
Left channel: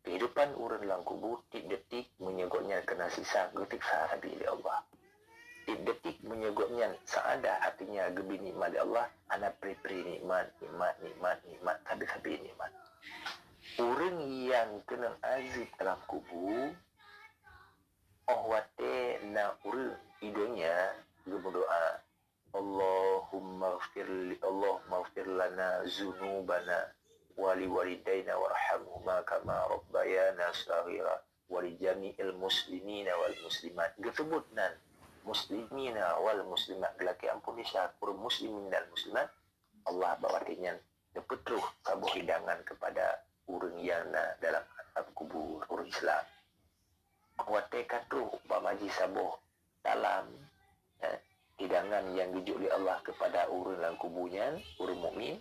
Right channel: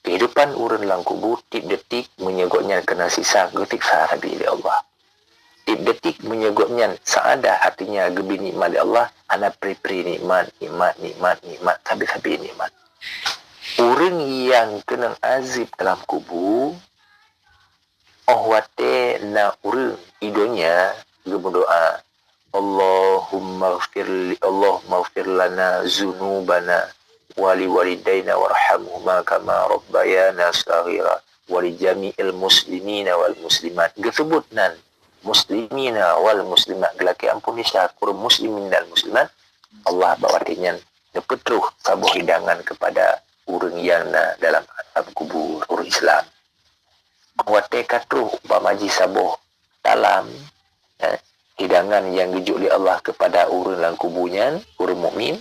Kehidupan urang dalam kubur tip detik menyegotnya kena sisa getik sahabi oleh Allah. Tip detik menyegotnya saadah artinya gebi nikmat Allah, ana pri-pri nikmat sabi-sabi nikmat. Urang yang kena azib dalam kubur wate na urang idonya berdoa Allahumma ighfir lana zunubana wali walidaina warhamhuma kama rabbayana shaghira wali jami'il muslimina wal muslimat. Gesebutnan muslimina wal muslimat gelaki ampun syakur muslimin dan muslimat. Allah bawatinya nepetruh sabuh hidangan kepada urang yang dalam alam kubur urang Islam. Wate katruh pamaji sabuh dalam hidangan yang dijuk oleh Allah kepada urang dalam kuburnya, urang mukmin.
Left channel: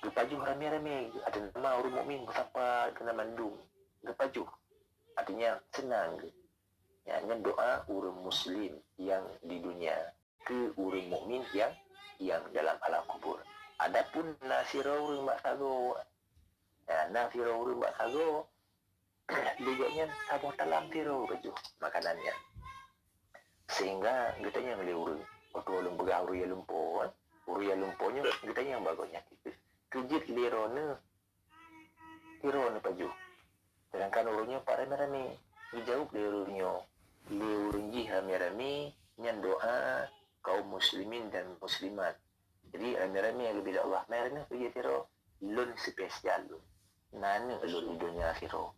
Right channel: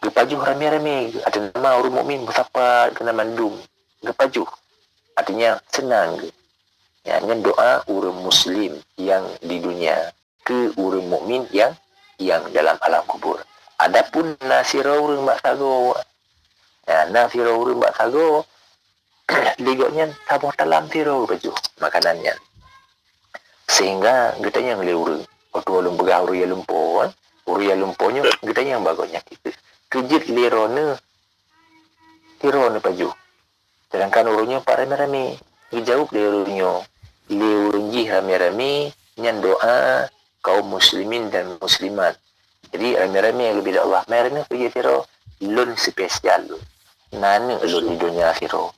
Gepajuh rame-rame. Ada nama orang mukmin bersapa kena mandum. Gepajuh. Artinya senang. Ya, dengan doa orang muslim yang di dunia ke orang mukmin yang dalam alam kubur. Adapun nasira orang bak sago. Ya, nasira orang bak sago ligotnya sabuh dalam tiro baju makanannya. Sehingga getanya ngeli urang. Waktu orang begah urang yang lumpur. Urang yang lumpurnya getanya yang bagusnya kita. Kejit lirone paju. Sedangkan urungnya pak rame-rame. Dijawab lirungnya. Lirungji rame-rame. Nyan doa kaum muslimin dan muslimat. Jadi rame-rame yang lebih Allah. Mereka kerja tiro. Lun spesial lun. Nani lun di dunia tiro.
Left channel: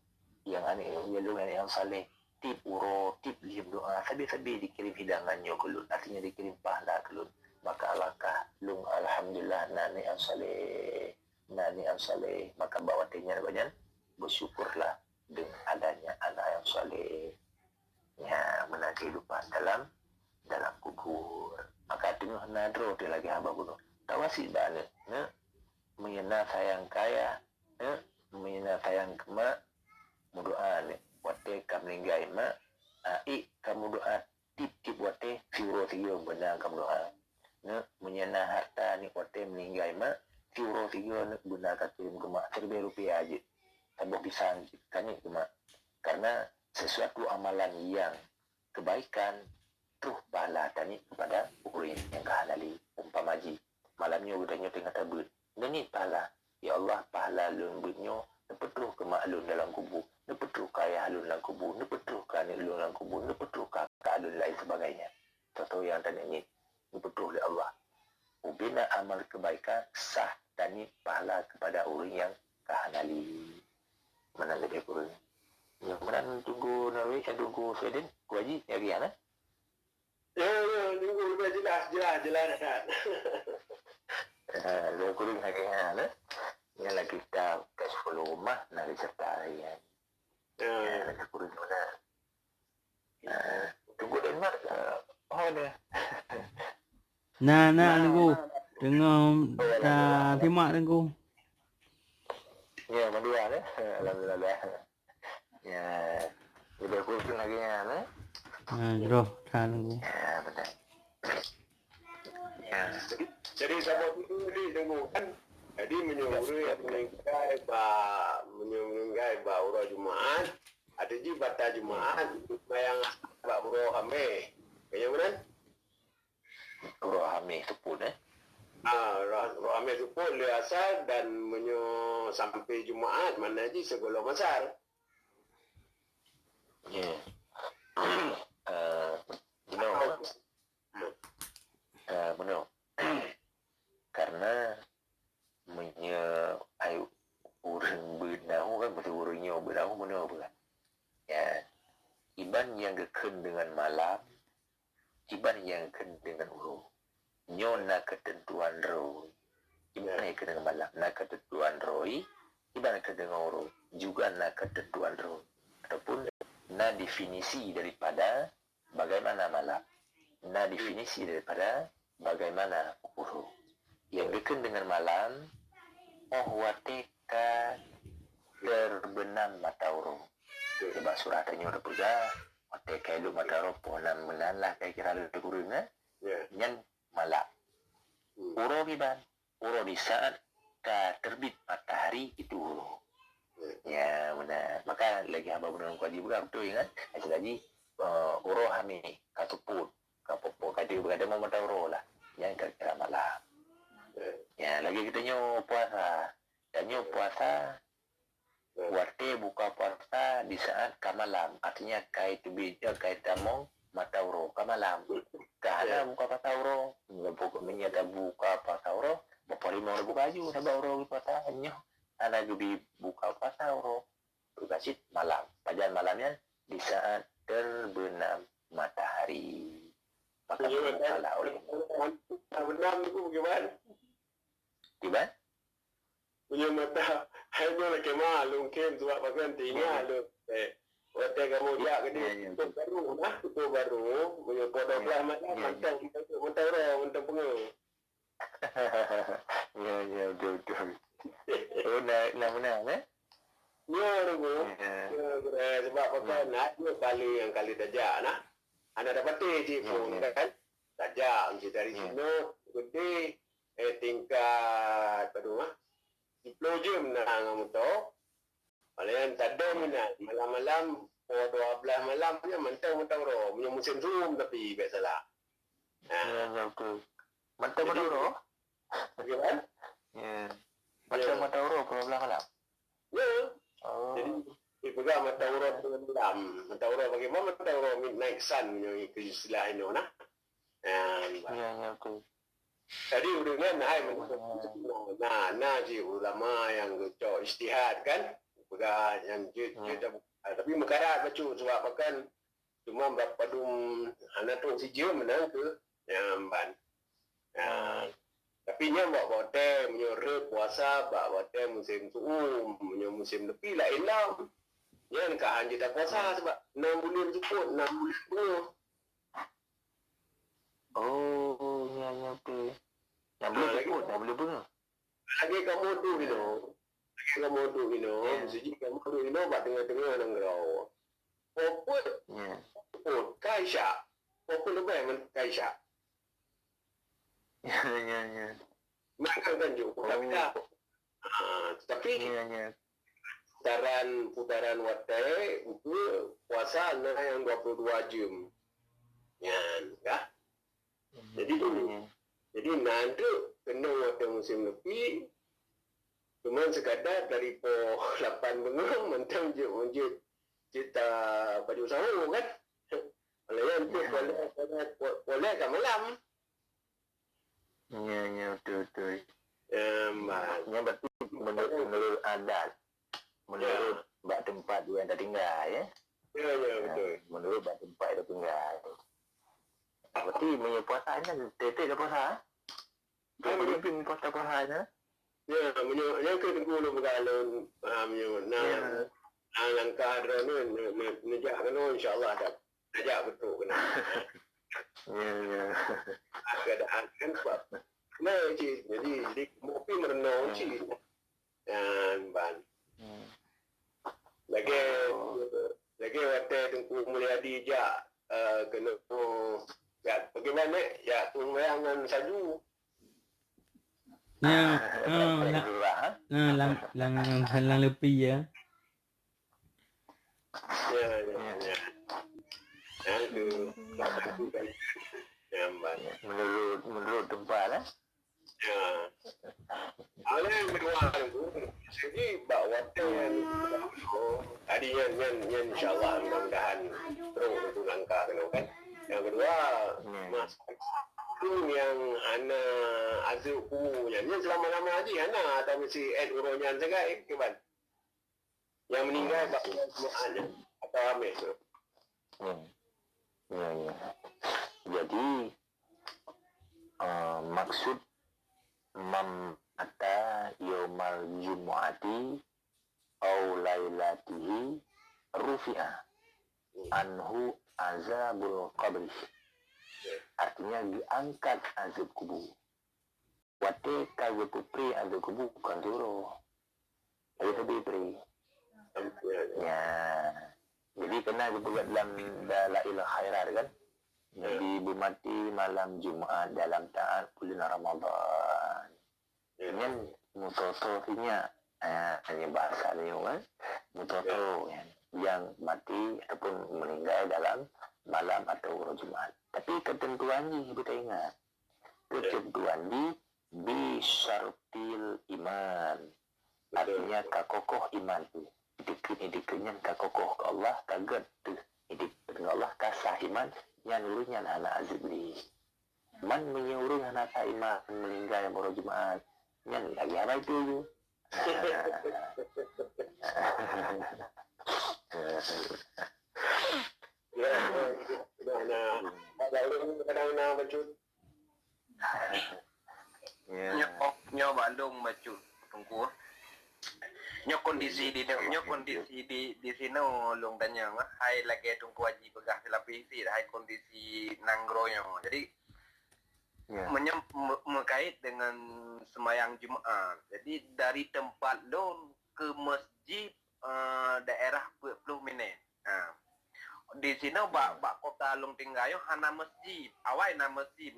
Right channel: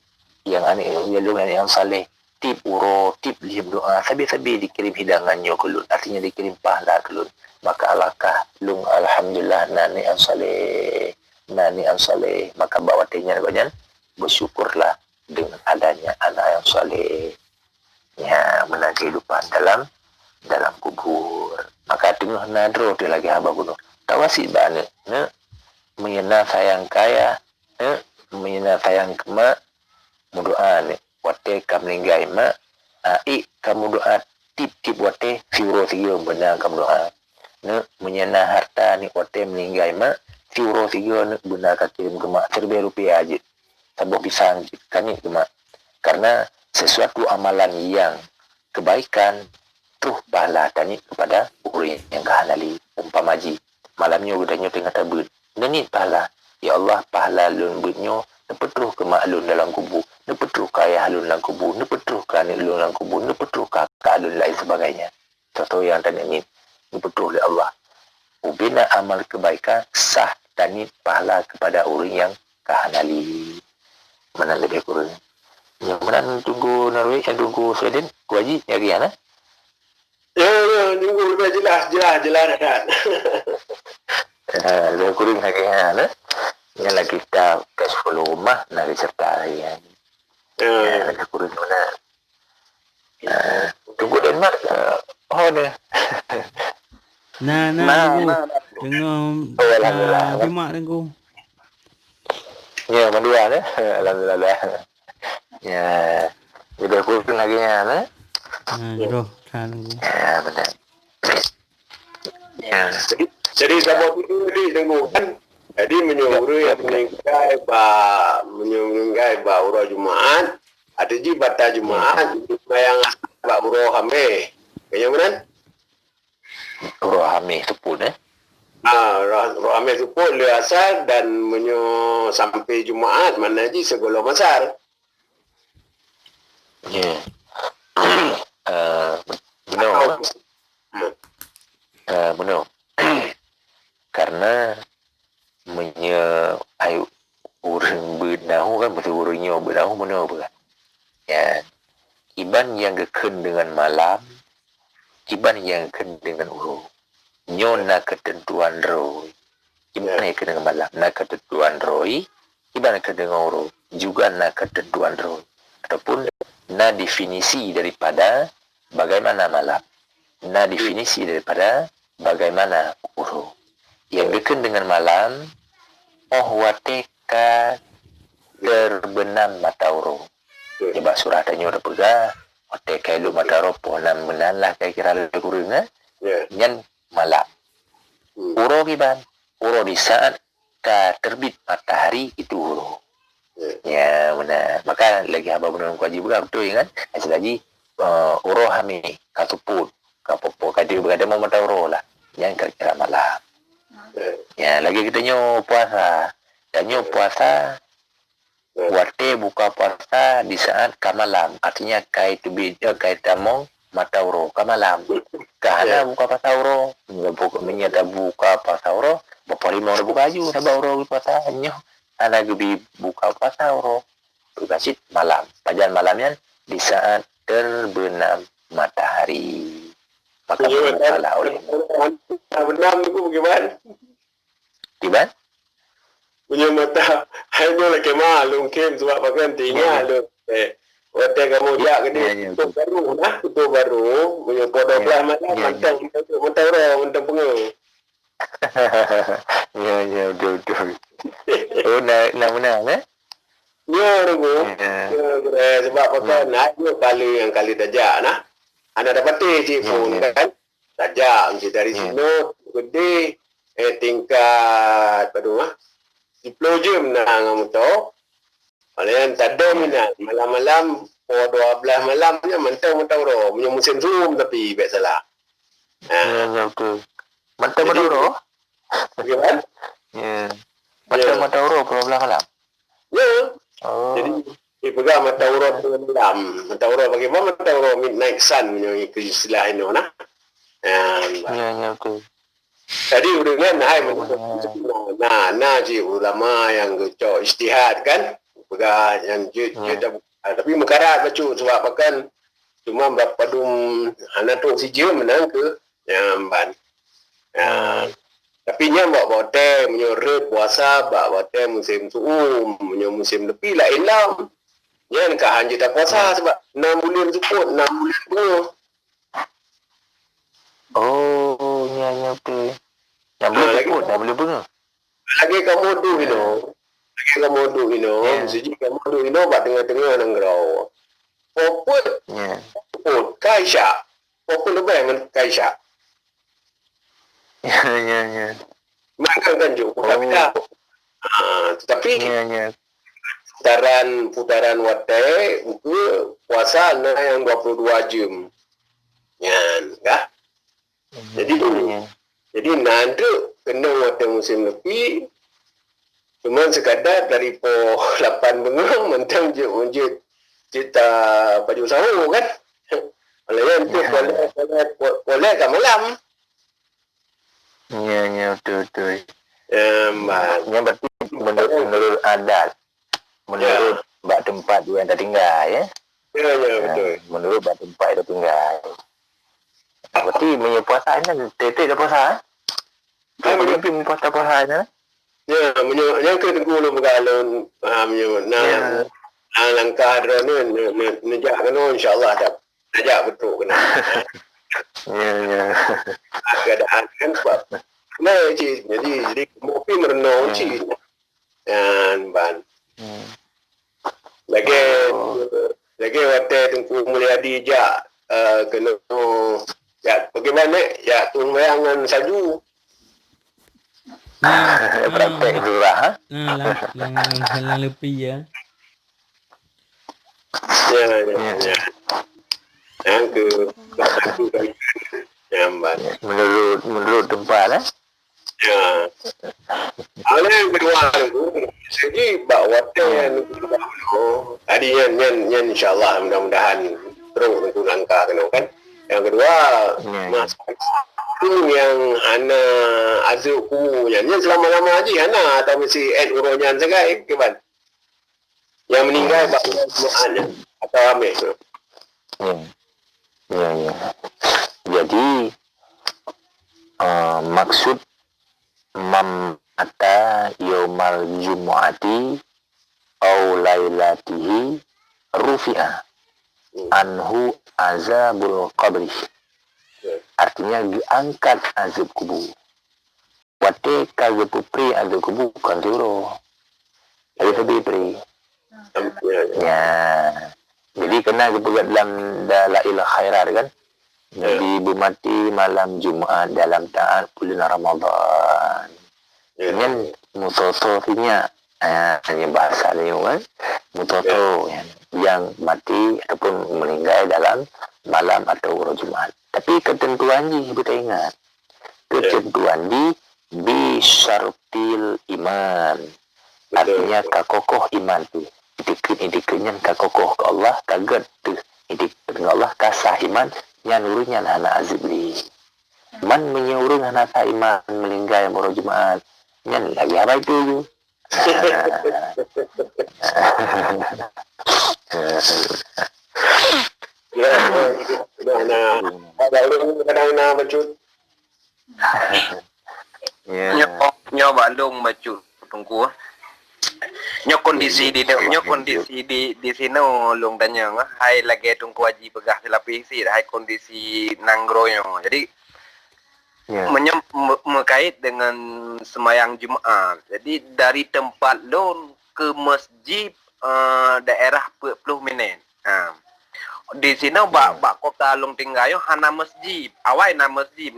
Yang aneh. Lun yang saleh. Tip uro. Tip lihim doa. Sabi-sabi dikirim hidangannya ke lun. Artinya dikirim pahala ke lun. Maka alakah lung alhamdulillah nani an saleh maka bawatinya banyak bersyukurlah dengan adanya anak yang saleh ya menang kehidupan dalam kubur. Maka tengah nadro dia lagi haba gunung tawasi bane menyena sayang kaya menyena sayang kema mudoa ne wate kamlinggai ma kamu doa tip wate fiuro tiyo benar kamu doa ne menyana harta ni ote meninggal mak tiuro tiga ne benar kirim ke mak Rp1,000 aja tambah pisang kan ni ke mak karena sesuatu amalan yang kebaikan terus pahala tani kepada orang yang kahanali umpamaji malamnya udahnya tengah tabut ni pahala ya Allah pahala lun bunyo nepetruh ke mak lun dalam kubur nepetruh ke ayah lun dalam kubur nepetruh ke anak lun dalam kubur nepetruh ke kakak lun lain sebagainya contoh yang tadi ni nepetruh oleh Allah ubina amal kebaikan sah tani pahala kepada orang yang kahanali mana lebih kurang yang mana tunggu Norway yang tunggu Sweden kuaji nyari ana Ya, tunggu lebih jelas dah. Lebih kurang lagi ana yang lagi kita cash flow rumah nak diserta harian lebih kurang mana tunggu Denmark ni tunggu dengar Pimak tunggu ya mandua alhamdulillah ya lebih kurang lagi ana jodoh tunggu benar ya Jadi sama tu di tengok kan. Jadi menyuruh yang meninggai ba urah Jumaat. Ada ji bata Jumaat yang ba urah hame. Kaya mana? urah hame sepun Urah hame tu pun le asal dan sampai Jumaat mana ji segala masar. ya benar benar karena ayu urang benahu kan betul urangnya benahu benar bukan ya iban yang geken dengan malam iban yang geken dengan uru nyona ketentuan roy iban yang geken dengan malam na ketentuan roy iban yang dengan uru juga na ketentuan roy ataupun na definisi daripada bagaimana malam na definisi daripada bagaimana uru yang dekat dengan malam wateka terbenam mata uru coba surah tanya udah pegah wateka lu mata uru ponam benan lah kira-kira lebih kurang yang malam uru kiban uru di saat terbit matahari itu uru ya benar maka lagi haba benar kuaji juga betul kan hasil lagi uru hami katuput kapopo kadi berada mau mata uru lah yang kira-kira malam ya lagi kita puasa dan puasa wate buka puasa di saat kamalam artinya kait tamong matauro kamalam karena buka pasauro menyata buka pasauro bapa lima buka aju na bauro puasa nyo ana gebi buka pasauro berbasit malam pajan malamnya di saat terbenam matahari maka bersalah oleh benam tu bagaimana? Tiban? Punya mata hanya lagi malum kem sebab pakai tinggal tu. Hotel kamu dia kena tutup baru punya pada belah malam mantang mantang orang mantang pengu. Ya betul. Oh nak menang Ya tunggu. Sebab pakai nak kali tajak nah. Anda dapat telefon kan? Tajak dari sini gede tingkat pada 10 jam nak ngamuto. Kalian tak ada minat malam-malam pukul 12 malamnya mentang-mentang roh punya musim zoom tapi baik salah. Ya betul. Mentang-mentang roh. Bagaimana? Ya. Mentang-mentang roh pukul 12 malam. Ya. Oh. Jadi pegang mata urut malam. Mata urut bagaimana mata urut midnight sun punya istilah ini nah. Ya betul. Tadi udah kan nah ji ulama yang cok istihad kan pegang yang tapi mekarat baca sebab kan cuma berpadum anak tu si je menang ke yang ban. Tapi nya bawa teh menyuruh puasa bawa teh musim suum punya musim lebih lain lam. Yang kah hanya tak puasa sebab 6 bulan cukup 6 bulan penuh. Oh, ya betul. Yang boleh pun, dah boleh bunga. Lagi kamu tu siji kamu tu buat tengah-tengah nang grau. Poput. Kaisha. Poput lebih dengan Kaisha. Ya. Makan kan juga beda. Tetapi putaran wate itu puasa yang 22 jam. Yan, kah? Jadi nanti kena wate musim lebih cuma sekadar dari po 8 bengang mentang je unjit kita baju sahur kan. Oleh itu boleh ke malam. Ya, betul. Ya, berarti menurut adat, menurut bak tempat yang tertinggal ya. Ya, betul. Menurut bak tempat yang tertinggal. Berarti punya puasa ni, tetek dah puasa. Lebih puasa ni. Ya, yang kedua lu bergalon, langkah ni, nejak kena insyaAllah dah. Nejak betul kena. Ya. Keadaan kan sebab nah cik jadi mopi merenung cik dan ban lagi waktu Tengku Mulyadi jak kena ya bagaimana ya tunggangan salju Praktek surah. Lang lebih ya. Ya. Yang ke Jamban. Menurut tempat lah. Ya. Ada yang kedua tu, segi bawa ten tadi yang insyaAllah mudah-mudahan terus untuk langkah kena kan. Yang kedua, mas yang hana azuk ku yang selama-lama haji hana atau mesti uronyan segai keban. Yang meninggal bawa semuanya atau ambil tu. Ya. Jadi maksud mamata yaumal jumu'ati au lailatihi rufi'a anhu azabul qabri. Artinya diangkat azab kubur. Wate kagak pupri azab kubur kan suruh. Lebih pri. Ya. Jadi kena kepegat dalam dalailah khairat kan. Nabi bermati malam Jumaat dalam taat bulan Ramadan. Dengan mutotofinya, hanya bahasa ni kan, mutoto yang mati ataupun meninggal dalam malam atau Jumaat. Tapi ketentuan ni kita ingat, ketentuan ni bisyartil iman. Artinya kakokoh iman tu. Idiknya kakokoh ke Allah, kaget tu. Idik dengan Allah kasah iman. Yang urunya anak azibli. Man menyuruh anak iman meninggal yang baru Jumaat. Yang lagi apa itu? Nyo Bandung bacu tunggu. Nyo kondisi di sini long tanya hai lagi tunggu haji pegah selapis sih hai kondisi nanggroyo. Jadi mengait dengan semayang Jumaat. Jadi dari tempat lo ke masjid daerah 40 minit. Di sini bak kota long tinggayo hana masjid. Awai na masjid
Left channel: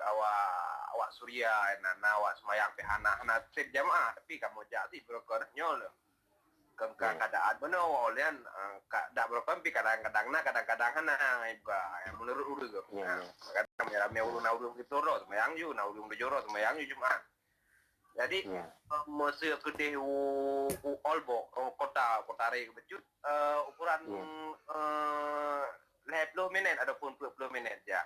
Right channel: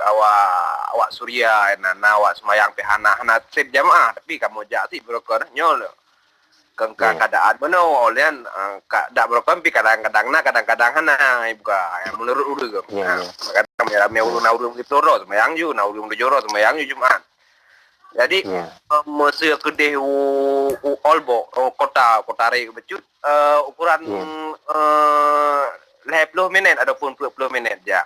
awak Surya na awak semayang pe hana sip jamaah tapi kamu jati broker nyol. Keadaan mana olian dak broker pi kadang-kadang hana buka menurut urus. Kadang rame urun gitu ro semayang ju na urun dojoro semayang ju Jumaat. Jadi masa kedeh Olbo kota re becut ukuran 50 minit ataupun 40 minit ya.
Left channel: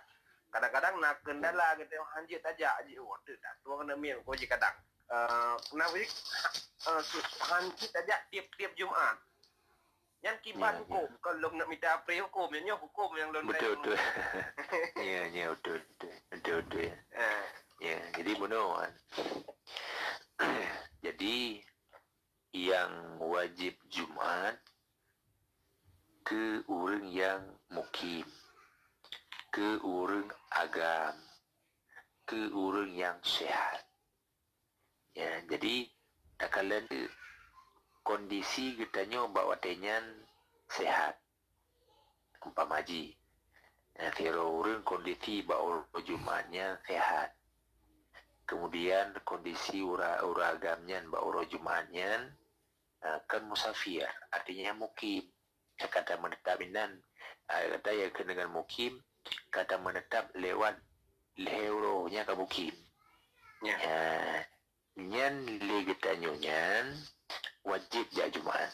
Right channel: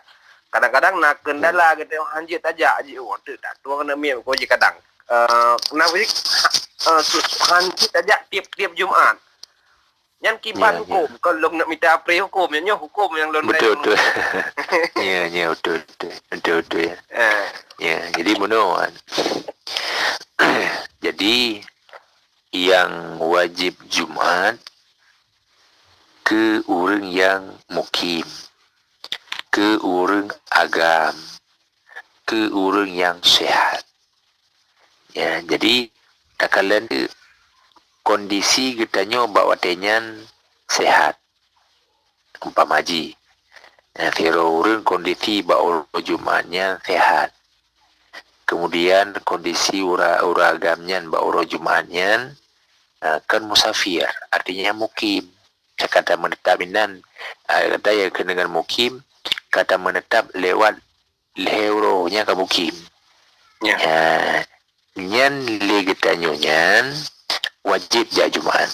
Kadang-kadang nak kendala gitu hanjit aja waktu tak tua kena miam ko je kadang. Kenapa sih hanjit aja tiap Jumaat. Yang kiban hukum kalau nak minta pre hukum yang hukum yang lon betul. Ya betul ya. Ya, jadi benar. Jadi yang wajib Jumaat ke orang yang mukim, ke orang agam, ke orang yang sehat. Ya, jadi kalian kondisi kita nyo bawa tenyan sehat, umpama haji. Tiada kondisi bau Jumatnya sehat. Kemudian kondisi uragamnya bau Jumatnya kan musafir, artinya mukim. Kata menetap inan, kata ya dengan mukim, kata menetap lewat leuronya ke mukim. Ya. Nyan legetanyo nyan wajib ja Jumat.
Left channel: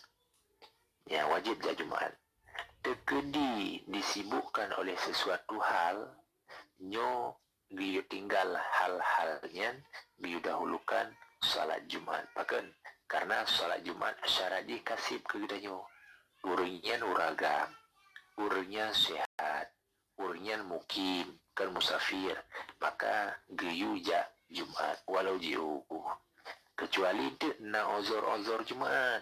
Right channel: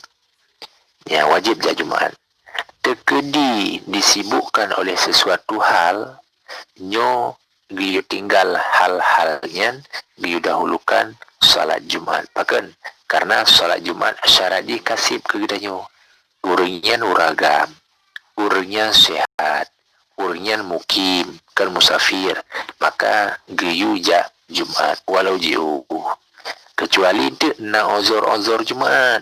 Ya, wajib ja Jumat. Tekedi disibukkan oleh sesuatu hal, nyo giyu tinggal hal-halnya, giyu dahulukan salat Jumat. Bahkan karena salat Jumat syarat dikasih ke gidanyo. Urangnya uragam, urangnya sehat, urangnya mukim, kan musafir, maka giyu ja Jumat walau jauh. Kecuali itu na ozor Jumat.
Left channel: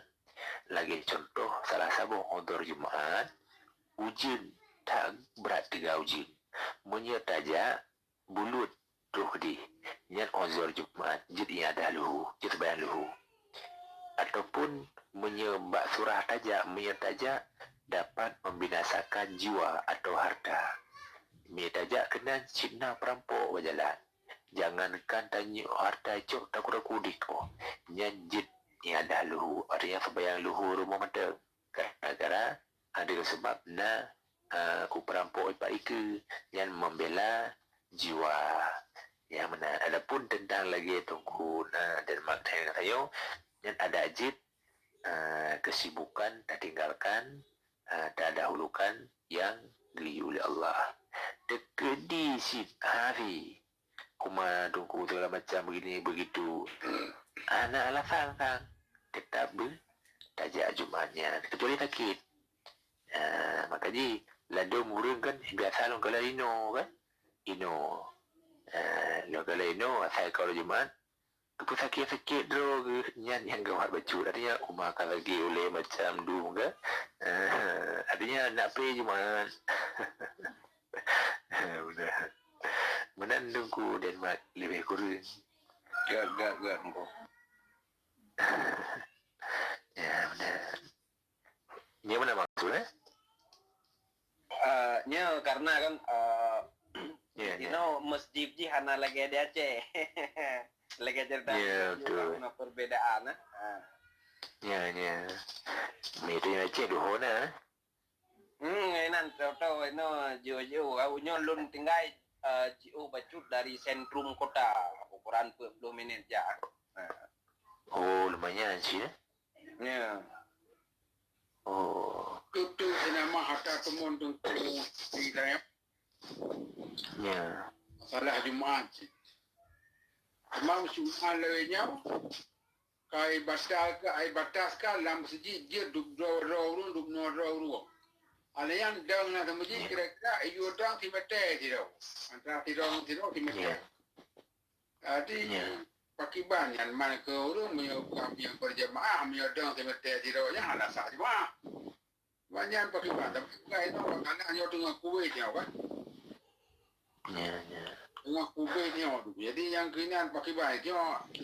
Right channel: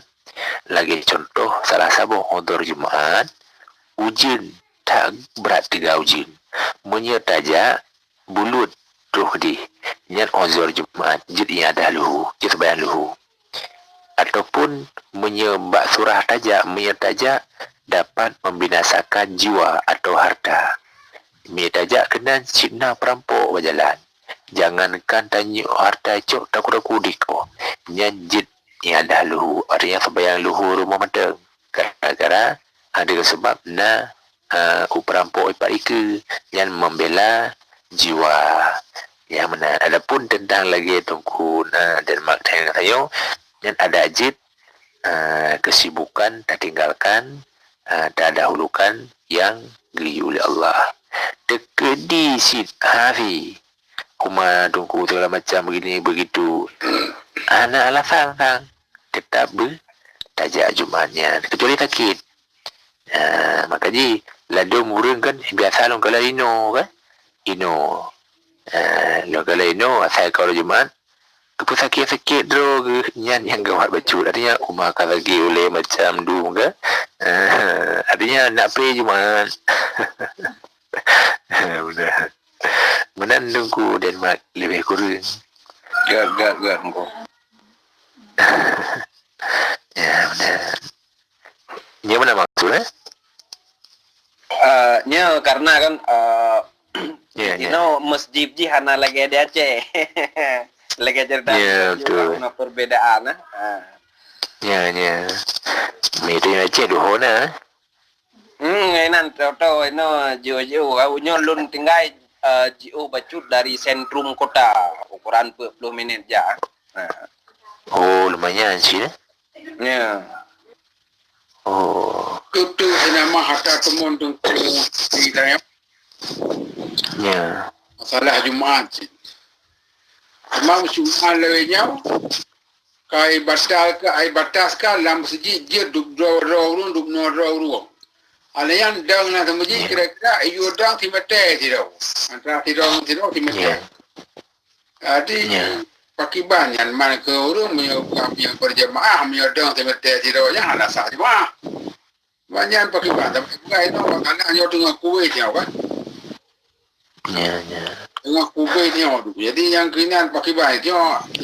Lagi contoh salah satu ozor Jumat, ujian tak berat 3 ujian. Menyertaja bulut tuh di nyan ozor Jumat, jadi ada luhu, jadi bayan luhu. Ataupun menyebab surah taja, menyertaja dapat membinasakan jiwa atau harta. Menyertaja kena cina perampok berjalan. Jangankan tanya harta cok takut kudiko. Nyanjit yang ada luhu, artinya sebayang luhu rumah mata. Gara-gara ada sebab na perampok ipak ika yang membela jiwa. Yang mana adapun tentang lagi tungku dan makna yang dan ada ajib kesibukan tak tinggalkan, tak dahulukan yang geriu oleh Allah. Tekedi sit hari kuma tungku segala macam begini begitu. Anak alasan kan tetap bertajak Jumatnya kecuali sakit. Makanya lado murung kan biasa long kalau ino kan ino long kalau ino asal kalau Jumat tu sakit-sakit drog nyan yang gawat baju artinya umak lagi oleh macam du ke artinya nak pay Jumat. Benar. Menandungku Denmark lebih kurang. Gak. Ya benar. Ini mana maksudnya? Nya karena kan Ya. masjid di hana lagi ada Aceh. Lagi cerita perbedaan Ya. Itu yang Aceh duhona. Ngainan tahu jauh awalnya lun tinggal jauh bacut dari sentrum kota ukuran 40 minit ja. Oh lumayan sih. Ya. Oh. Itu nama hatta temun tungku di dalam Ya. masalah Jumaat. Memang Jumaat lewenya kai batas ka lam masjid je duk do alayan dang na masjid kira-kira ayu dang timete tidak antara tidak timete. Jadi pakiban yang mana ke urung yang berjamaah menyodong timete tidak yang ada sah jemaah. Banyak pakiban tapi bukan itu makanya yo dengan kuwe dia kan. Ya. Dengan kuwe dia tu. Jadi yang kini pakiban itu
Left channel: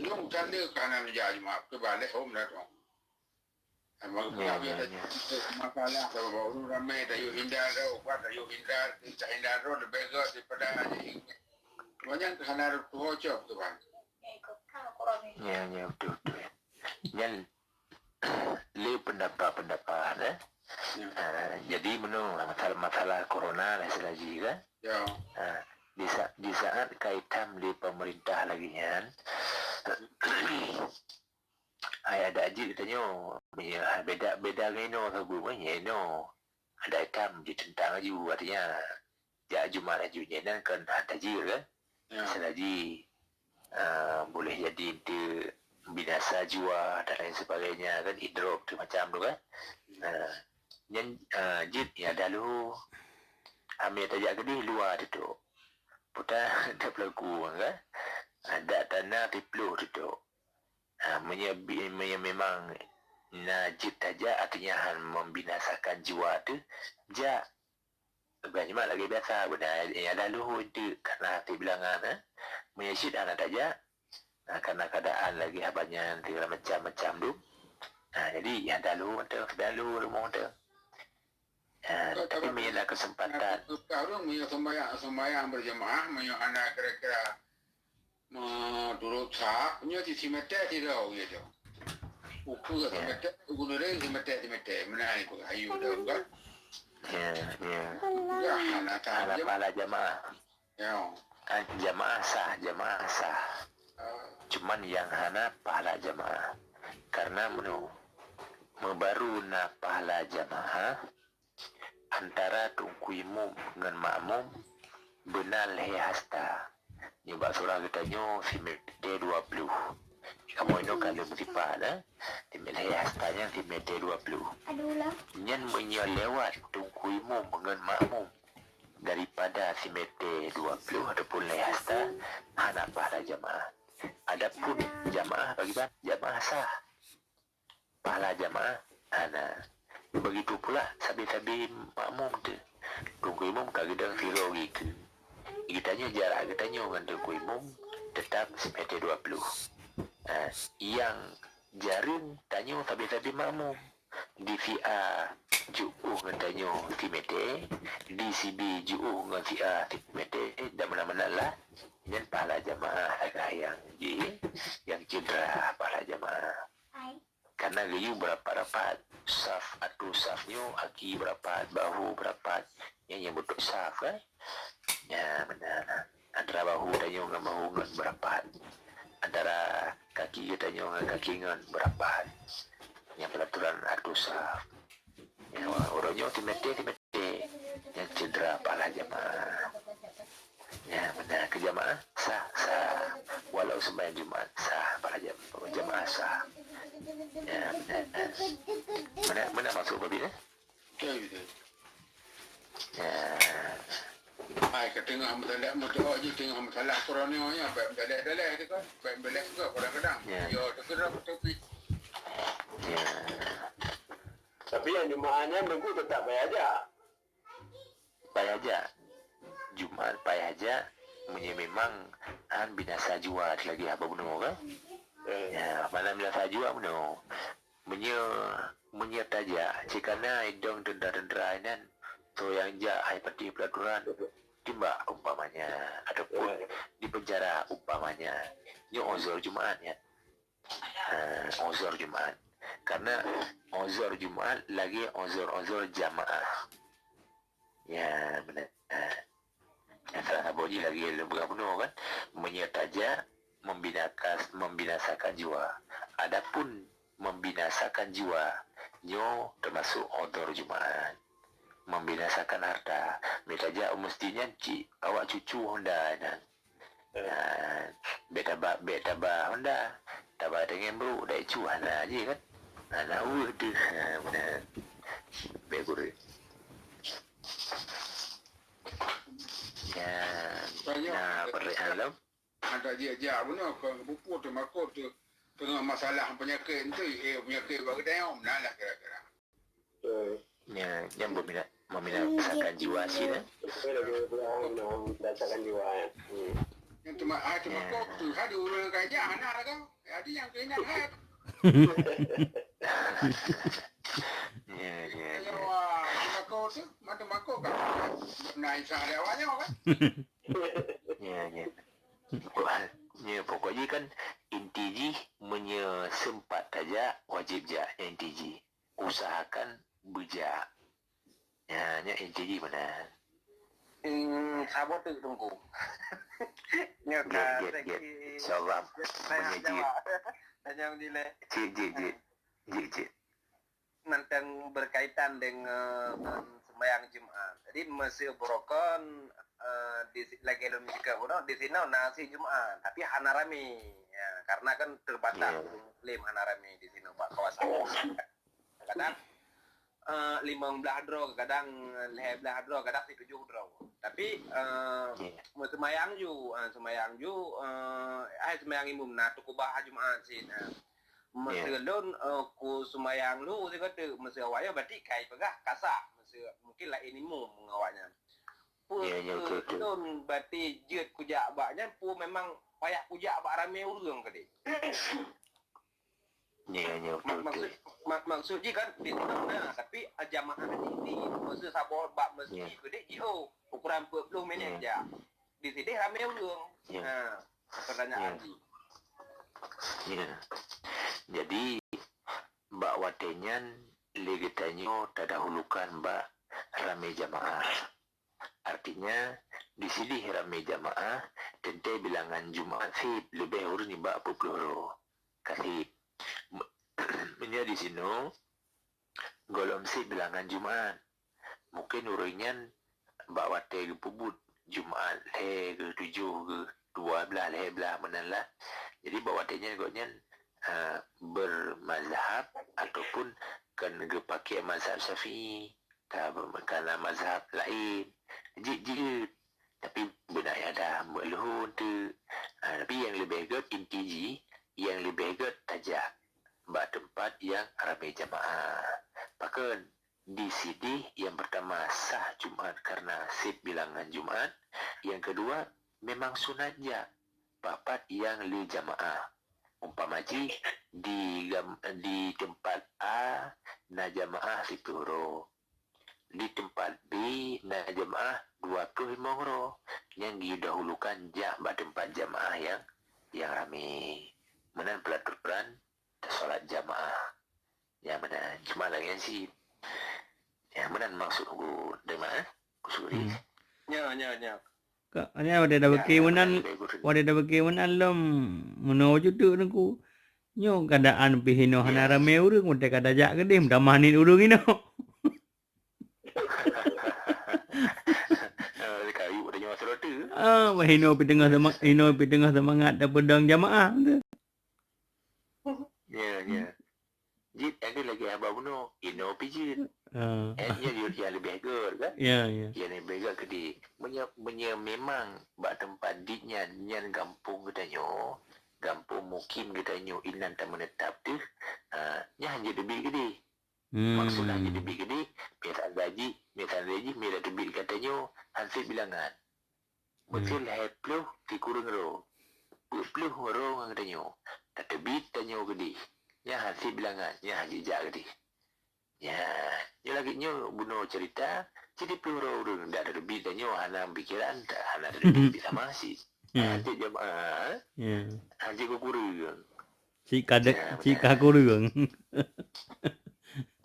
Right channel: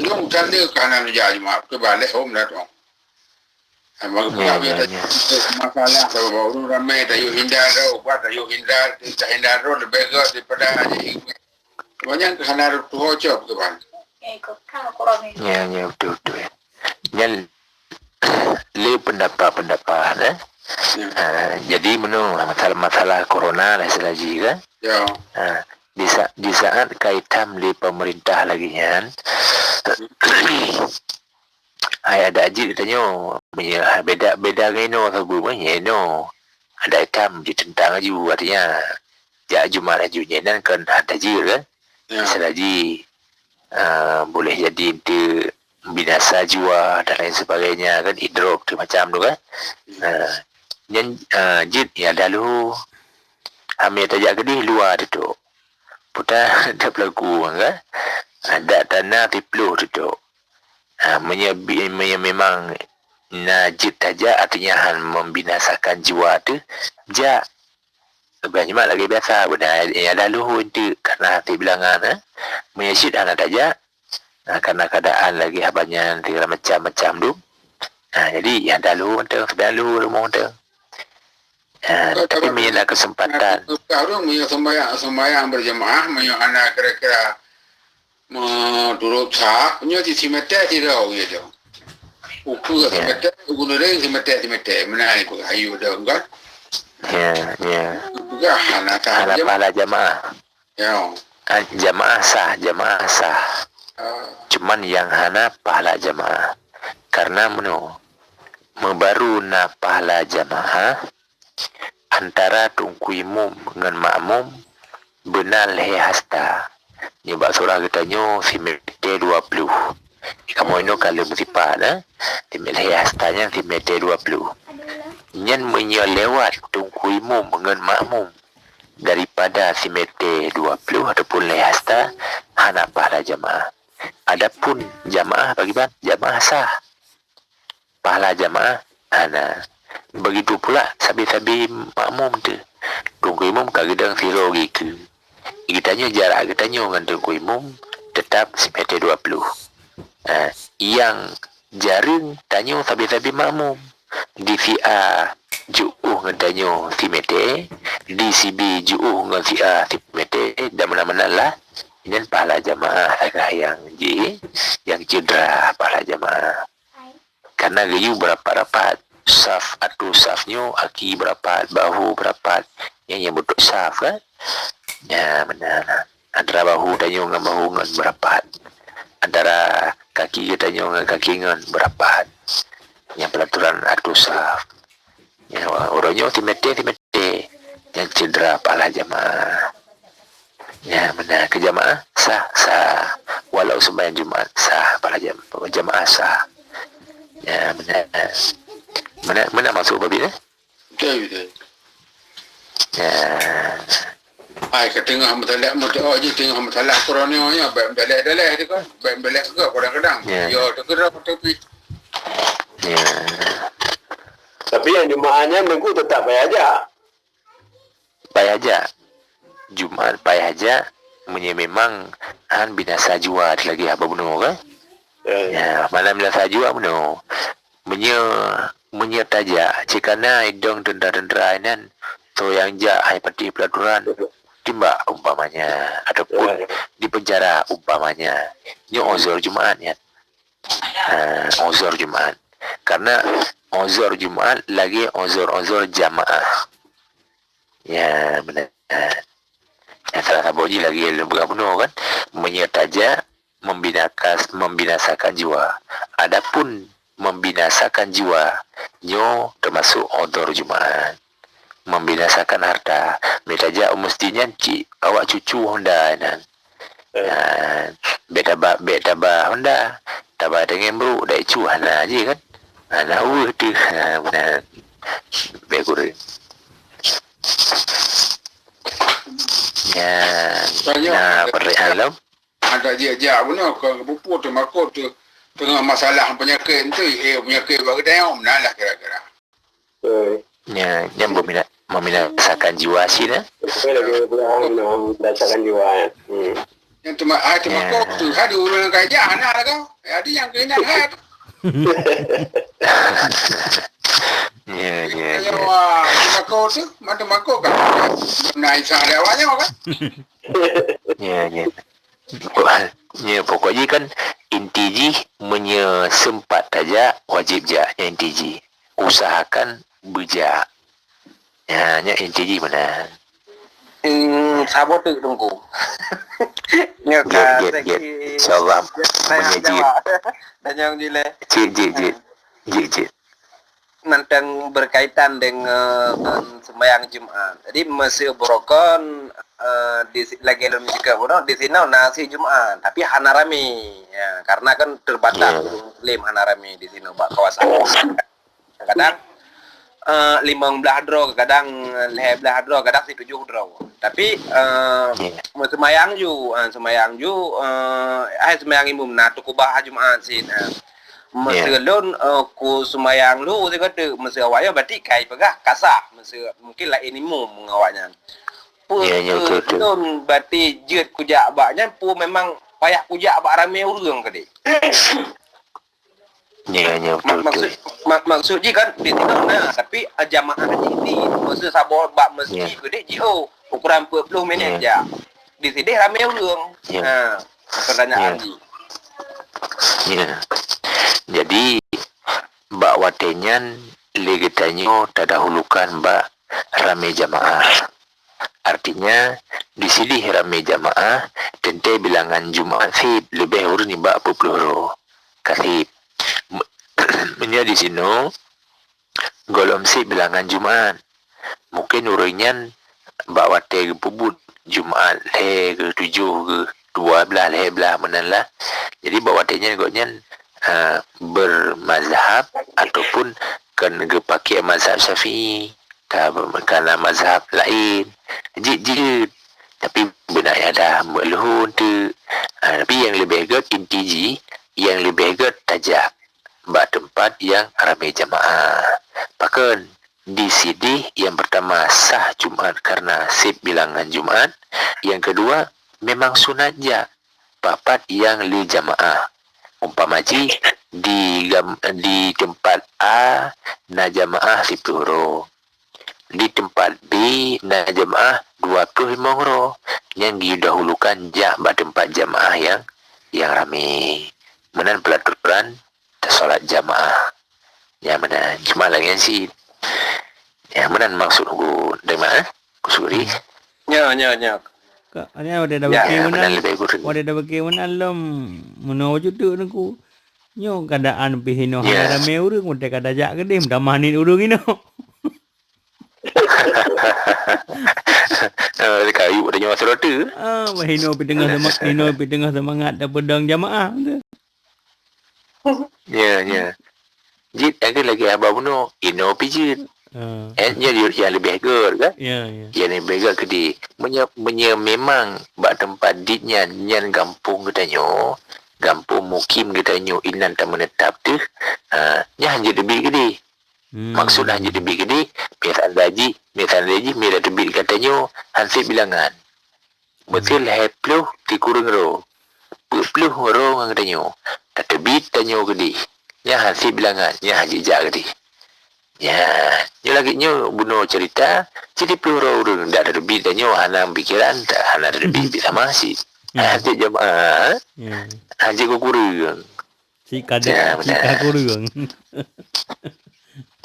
yang tanda kanan jamaah ke balik home dah tu. Masalah sebab orang ramai tak yuk hindar tak hindar lebih bagus daripada haji. Banyak kena tu hocop tu kan. Ya betul. Yang le pendapat jadi menung masalah corona lah selagi kan. Ya. Di saat kaitan di pemerintah lagi kan. Ada aji katanya beda gino kagumanya no. Ada item ditentang aja artinya ja Jumat ajunya dan kan ada aji kan. Selagi boleh jadi itu binasa jiwa dan lain sebagainya kan hidrop tu macam tu kan. Yang jid ya dalu ambil tajak kedih luar tu. Putar ada pelaku kan. Ada tanah tiplu tu. Memang najib saja artinya membinasakan jiwa tu ja banyak lagi biasa benda yang lalu itu karena hati bilangan menyesid anak saja karena keadaan lagi banyak segala macam tu jadi yang lalu tu sebenarnya rumah tu Tapi punya kesempatan. Kalau punya sembahyang berjemaah, punya anak kira-kira menurut sah, punya di simete tidak gitu. Ukur simete, ukur lagi simete, mana itu ayu dah kan? Ya. Juga anak pahala jamaah. Ya. Jamaah sah. Cuman yang hana pahala jamaah. Karena membaru na pahala jamaah antara tungku imum dengan makmum benar lehe hasta. Ni bak surah katanya simete 20. Kamu ini kalau bersipat lehe hastanya simete 20. Nyan lewat tungku imum dengan makmum daripada simete 20 ataupun lehe hasta hana pahala jamaah. Adapun jamaah bagaimana? Jamaah sah. Pahala jamaah hana. Begitu pula sabi-sabi makmum tu. Tunggu imam kadang zero gitu. Kitanya jarak kitanya dengan tunggu imam tetap simete 20. Yang jaring tanya sabi-sabi makmum. Di VA ju'uh dengan tanya simete. Di CB ju'uh dengan VA simete. Dan mana-mana lah. Ini pahala jamaah agak yang cedera pahala jamaah. Karena gayu berapa rapat saf atau safnya aki berapat, bahu berapat, yang bentuk saf kan? Ya benar. Antara bahu tanya dengan bahu dengan berapat, antara kaki kita tanya dengan kaki dengan berapat. Yang pelaturan atau saf. Ya orangnya timete yang cedera pahala jamaah. Ya benar, ke jamaah sah walau sembahyang Jumaat sah pahala jamaah sah. Ya benar. Mana masuk babi ni? Betul. Ya. Ai ketengah mutalah je tengah mutalah Qurannya ya belak-belak dia kan. Belak juga kadang-kadang. Ya tergerak tapi. Ya. Tapi yang Jumaatnya minggu tetap payah aja. Payah aja. Jumaat payah aja. Memang binasa jua lagi apa benar kan? Ya, malam binasa jua benar. Menyertaja cikana idong dendra-dendra nan so yang hai pati pelaturan timba umpamanya ataupun di penjara umpamanya ini ozor Jumaat ya. Ozor Jumaat. Karena ozor Jumaat lagi ozor jamaah. Ya benar. Yang salah satu lagi bergabung kan menyertaja membinasakan jiwa. Adapun membinasakan jiwa nyo termasuk odor Jumaat. Membinasakan harta metaja mestinya awak cucu Honda nan. Beta ba Honda taba dengan bro dai cu hana je kan. Hana tu benar. Begur. Ya. Nah, perihal ada dia benar ke pupuk tu makot tu tengah masalah penyakit tu penyakit bagi dia lah kira-kira. Ya, yang membinasakan jiwa sih dah. Lagi membinasakan jiwa. Yang tu makot tu ada orang kaya anak kau. Ada yang kena hat. Ya. Wah, makot tu, mana makot kan? Naik sana awaknya kan? Ya. Ya, pokoknya kan intiji sempat saja wajib je intiji. Usahakan bijak. Ya, intiji mana? Sabo tu tunggu. Get. InsyaAllah menyaji. Dan yang jile. Jit. Nantang berkaitan dengan sembahyang Jumaat. Jadi masih berokon lagi dalam jika di sini nasi Jumaat, tapi hana rame. Ya, karena kan terbatas Muslim hana rame di sini kawasan. Kadang 15 draw, kadang 11 draw, kadang 7 draw. Tapi sembahyang imum na tukubah Jumaat sih. Meselon ku sembahyang lu saya kata mesti awaknya berarti kai pegah kasah mungkin lah ini mu mengawaknya. Betul berarti jeut kujak baknya pu memang payah kujak bak ramai urang ke dik. Ya, betul. Maksud je kan dia tidak nah tapi jamaah ni masa sabar bab masjid Ya. gede jio ukuran 40 minit Ya. je. Di sini ramai orang. Ya. Ha, pertanyaan Ya. ni. Ya. Jadi bak watenyan legetanyo terdahulukan bak ramai jamaah. Artinya di sini ramai jamaah tentu bilangan Jumaat sip lebih urus ni bak 40 kasih. Menjadi di sini golom sip bilangan Jumaat. Mungkin urinyan bak wate ke pubut Jumaat le ke 7 ke 12 le belah menalah. Jadi bak watenya gotnyan bermazhab ataupun kan ke pakai mazhab Syafi'i kerana mazhab lain. Jid tapi benar ada melhun tu. Tapi yang lebih good intiji, yang lebih good tajak bak tempat yang ramai jamaah. Pakan di sini yang pertama sah Jumaat karena sip bilangan Jumaat. Yang kedua memang sunat je papat yang li jamaah. Umpamaji di tempat A na jamaah 10 orang. Di tempat B na jamaah 25 orang. Yang didahulukan jak bak tempat jamaah yang ramai. Menan pelaturan solat jamaah. Ya menan cuma lagi sih. Ya menan maksud aku dari mana? Kusuri. Nya. Kak, ni ada dah bagi dah bagi mana lom meno jutu nangku. Nyo keadaan pihino hana rame urang udah kada jak gede dah manin urang ino. Kayu ada nyawa serota. Hino pi tengah semangat dah pedang jamaah. Ya. Jid ada lagi abang bunuh. Ino pijit. Yang lebih good kan? Ya. Yang lebih good ke dia. Memang bak tempat ditnya nyan kampung katanya. Kampung mukim katanya inan tak menetap tu. Nya hanya lebih ke dia. Maksudnya hanya lebih ke dia. Misalnya daji, mira tebik katanya hansip bilangan. Betul hepluh di kurang ro. Puluh orang katanya. Tak tebik tanya ke dia. Nya hansip bilangan. Nya haji jak ke dia. Ya, ni lagi nyo bunuh cerita, jadi peluru orang dah ada lebih dan nyo hana pikiran tak hana ada lebih sama si. Hati jamaah, haji ko kurang. Si kurang.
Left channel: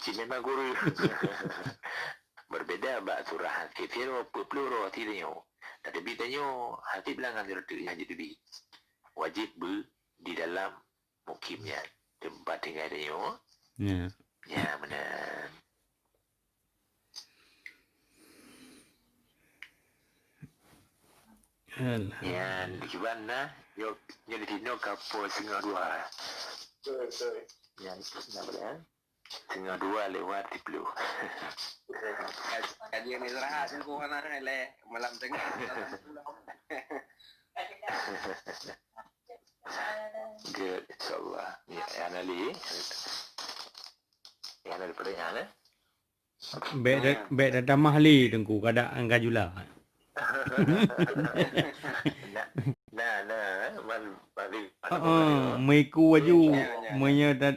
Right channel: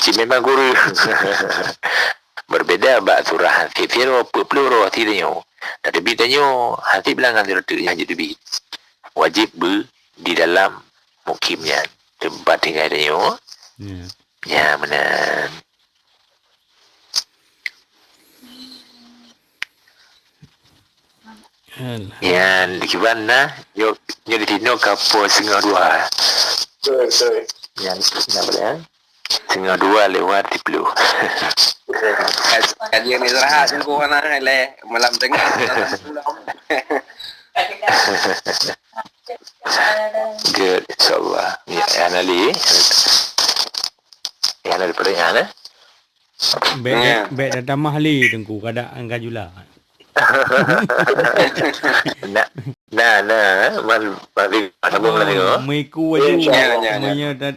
Si memang kurang. Berbeda bak surah hati firo peluru hati nyo. Tak lebih dan nyo hati bilangan cerita yang haji lebih. Wajib di dalam mukimnya tempat tinggal nyo. Ya benar. Ya di mana? Yo di Tino kapo setengah 2. Betul. Yang apa ya? Setengah 2 lewat 10. Kajian istirahat jengko kana le malam tengah. Good, insyaallah. Ya, Anali. Yang ada pertanyaan Baik dah tamah li tengku keadaan kajula. Mari mana Miku aju.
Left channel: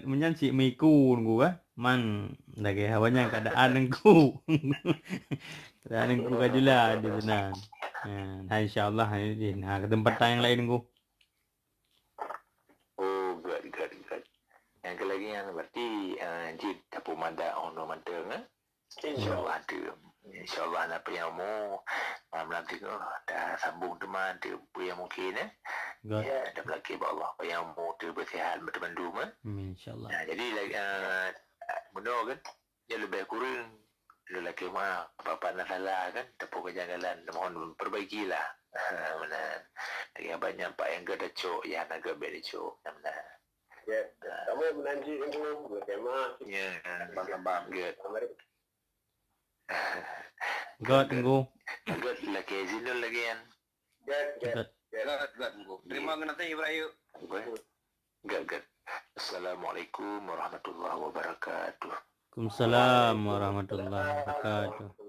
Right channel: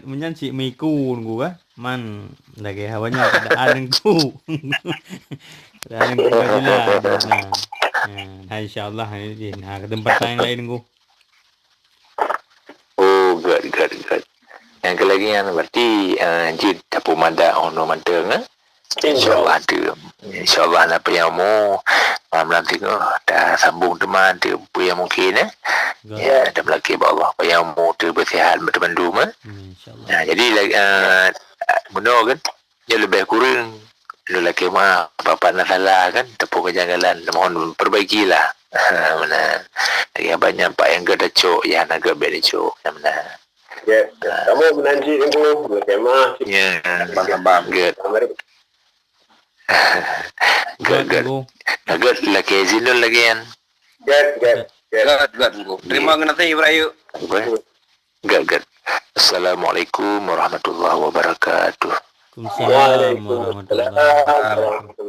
Menyan si miku tengku kan. Man lagi hawanya keadaan tengku. Keadaan kajula. Nah, insyaallah ini ke tempat yang lain tengku. Oh, good. Yang kelagian berarti jid tapu mada ono manteng InsyaAllah ada. InsyaAllah apa yang mau malam tengok dah sambung teman dia apa yang mungkin ya dah melaki Allah apa yang mau dia bersihat berteman InsyaAllah. Jadi benar kan dia lebih kurang lelaki mah apa nak salah kan tepuk kejanggalan mohon perbaikilah. Benar. Lagi banyak pak yang gada cok yang agak beda cok benar. Ya, kamu menanti itu berkemah. Ya, bang. Good. Good. Lagi zinul lagi kan. Good. Terima kasih Ibrahim. Good. Assalamualaikum warahmatullahi wabarakatuh. Waalaikumsalam warahmatullahi wabarakatuh.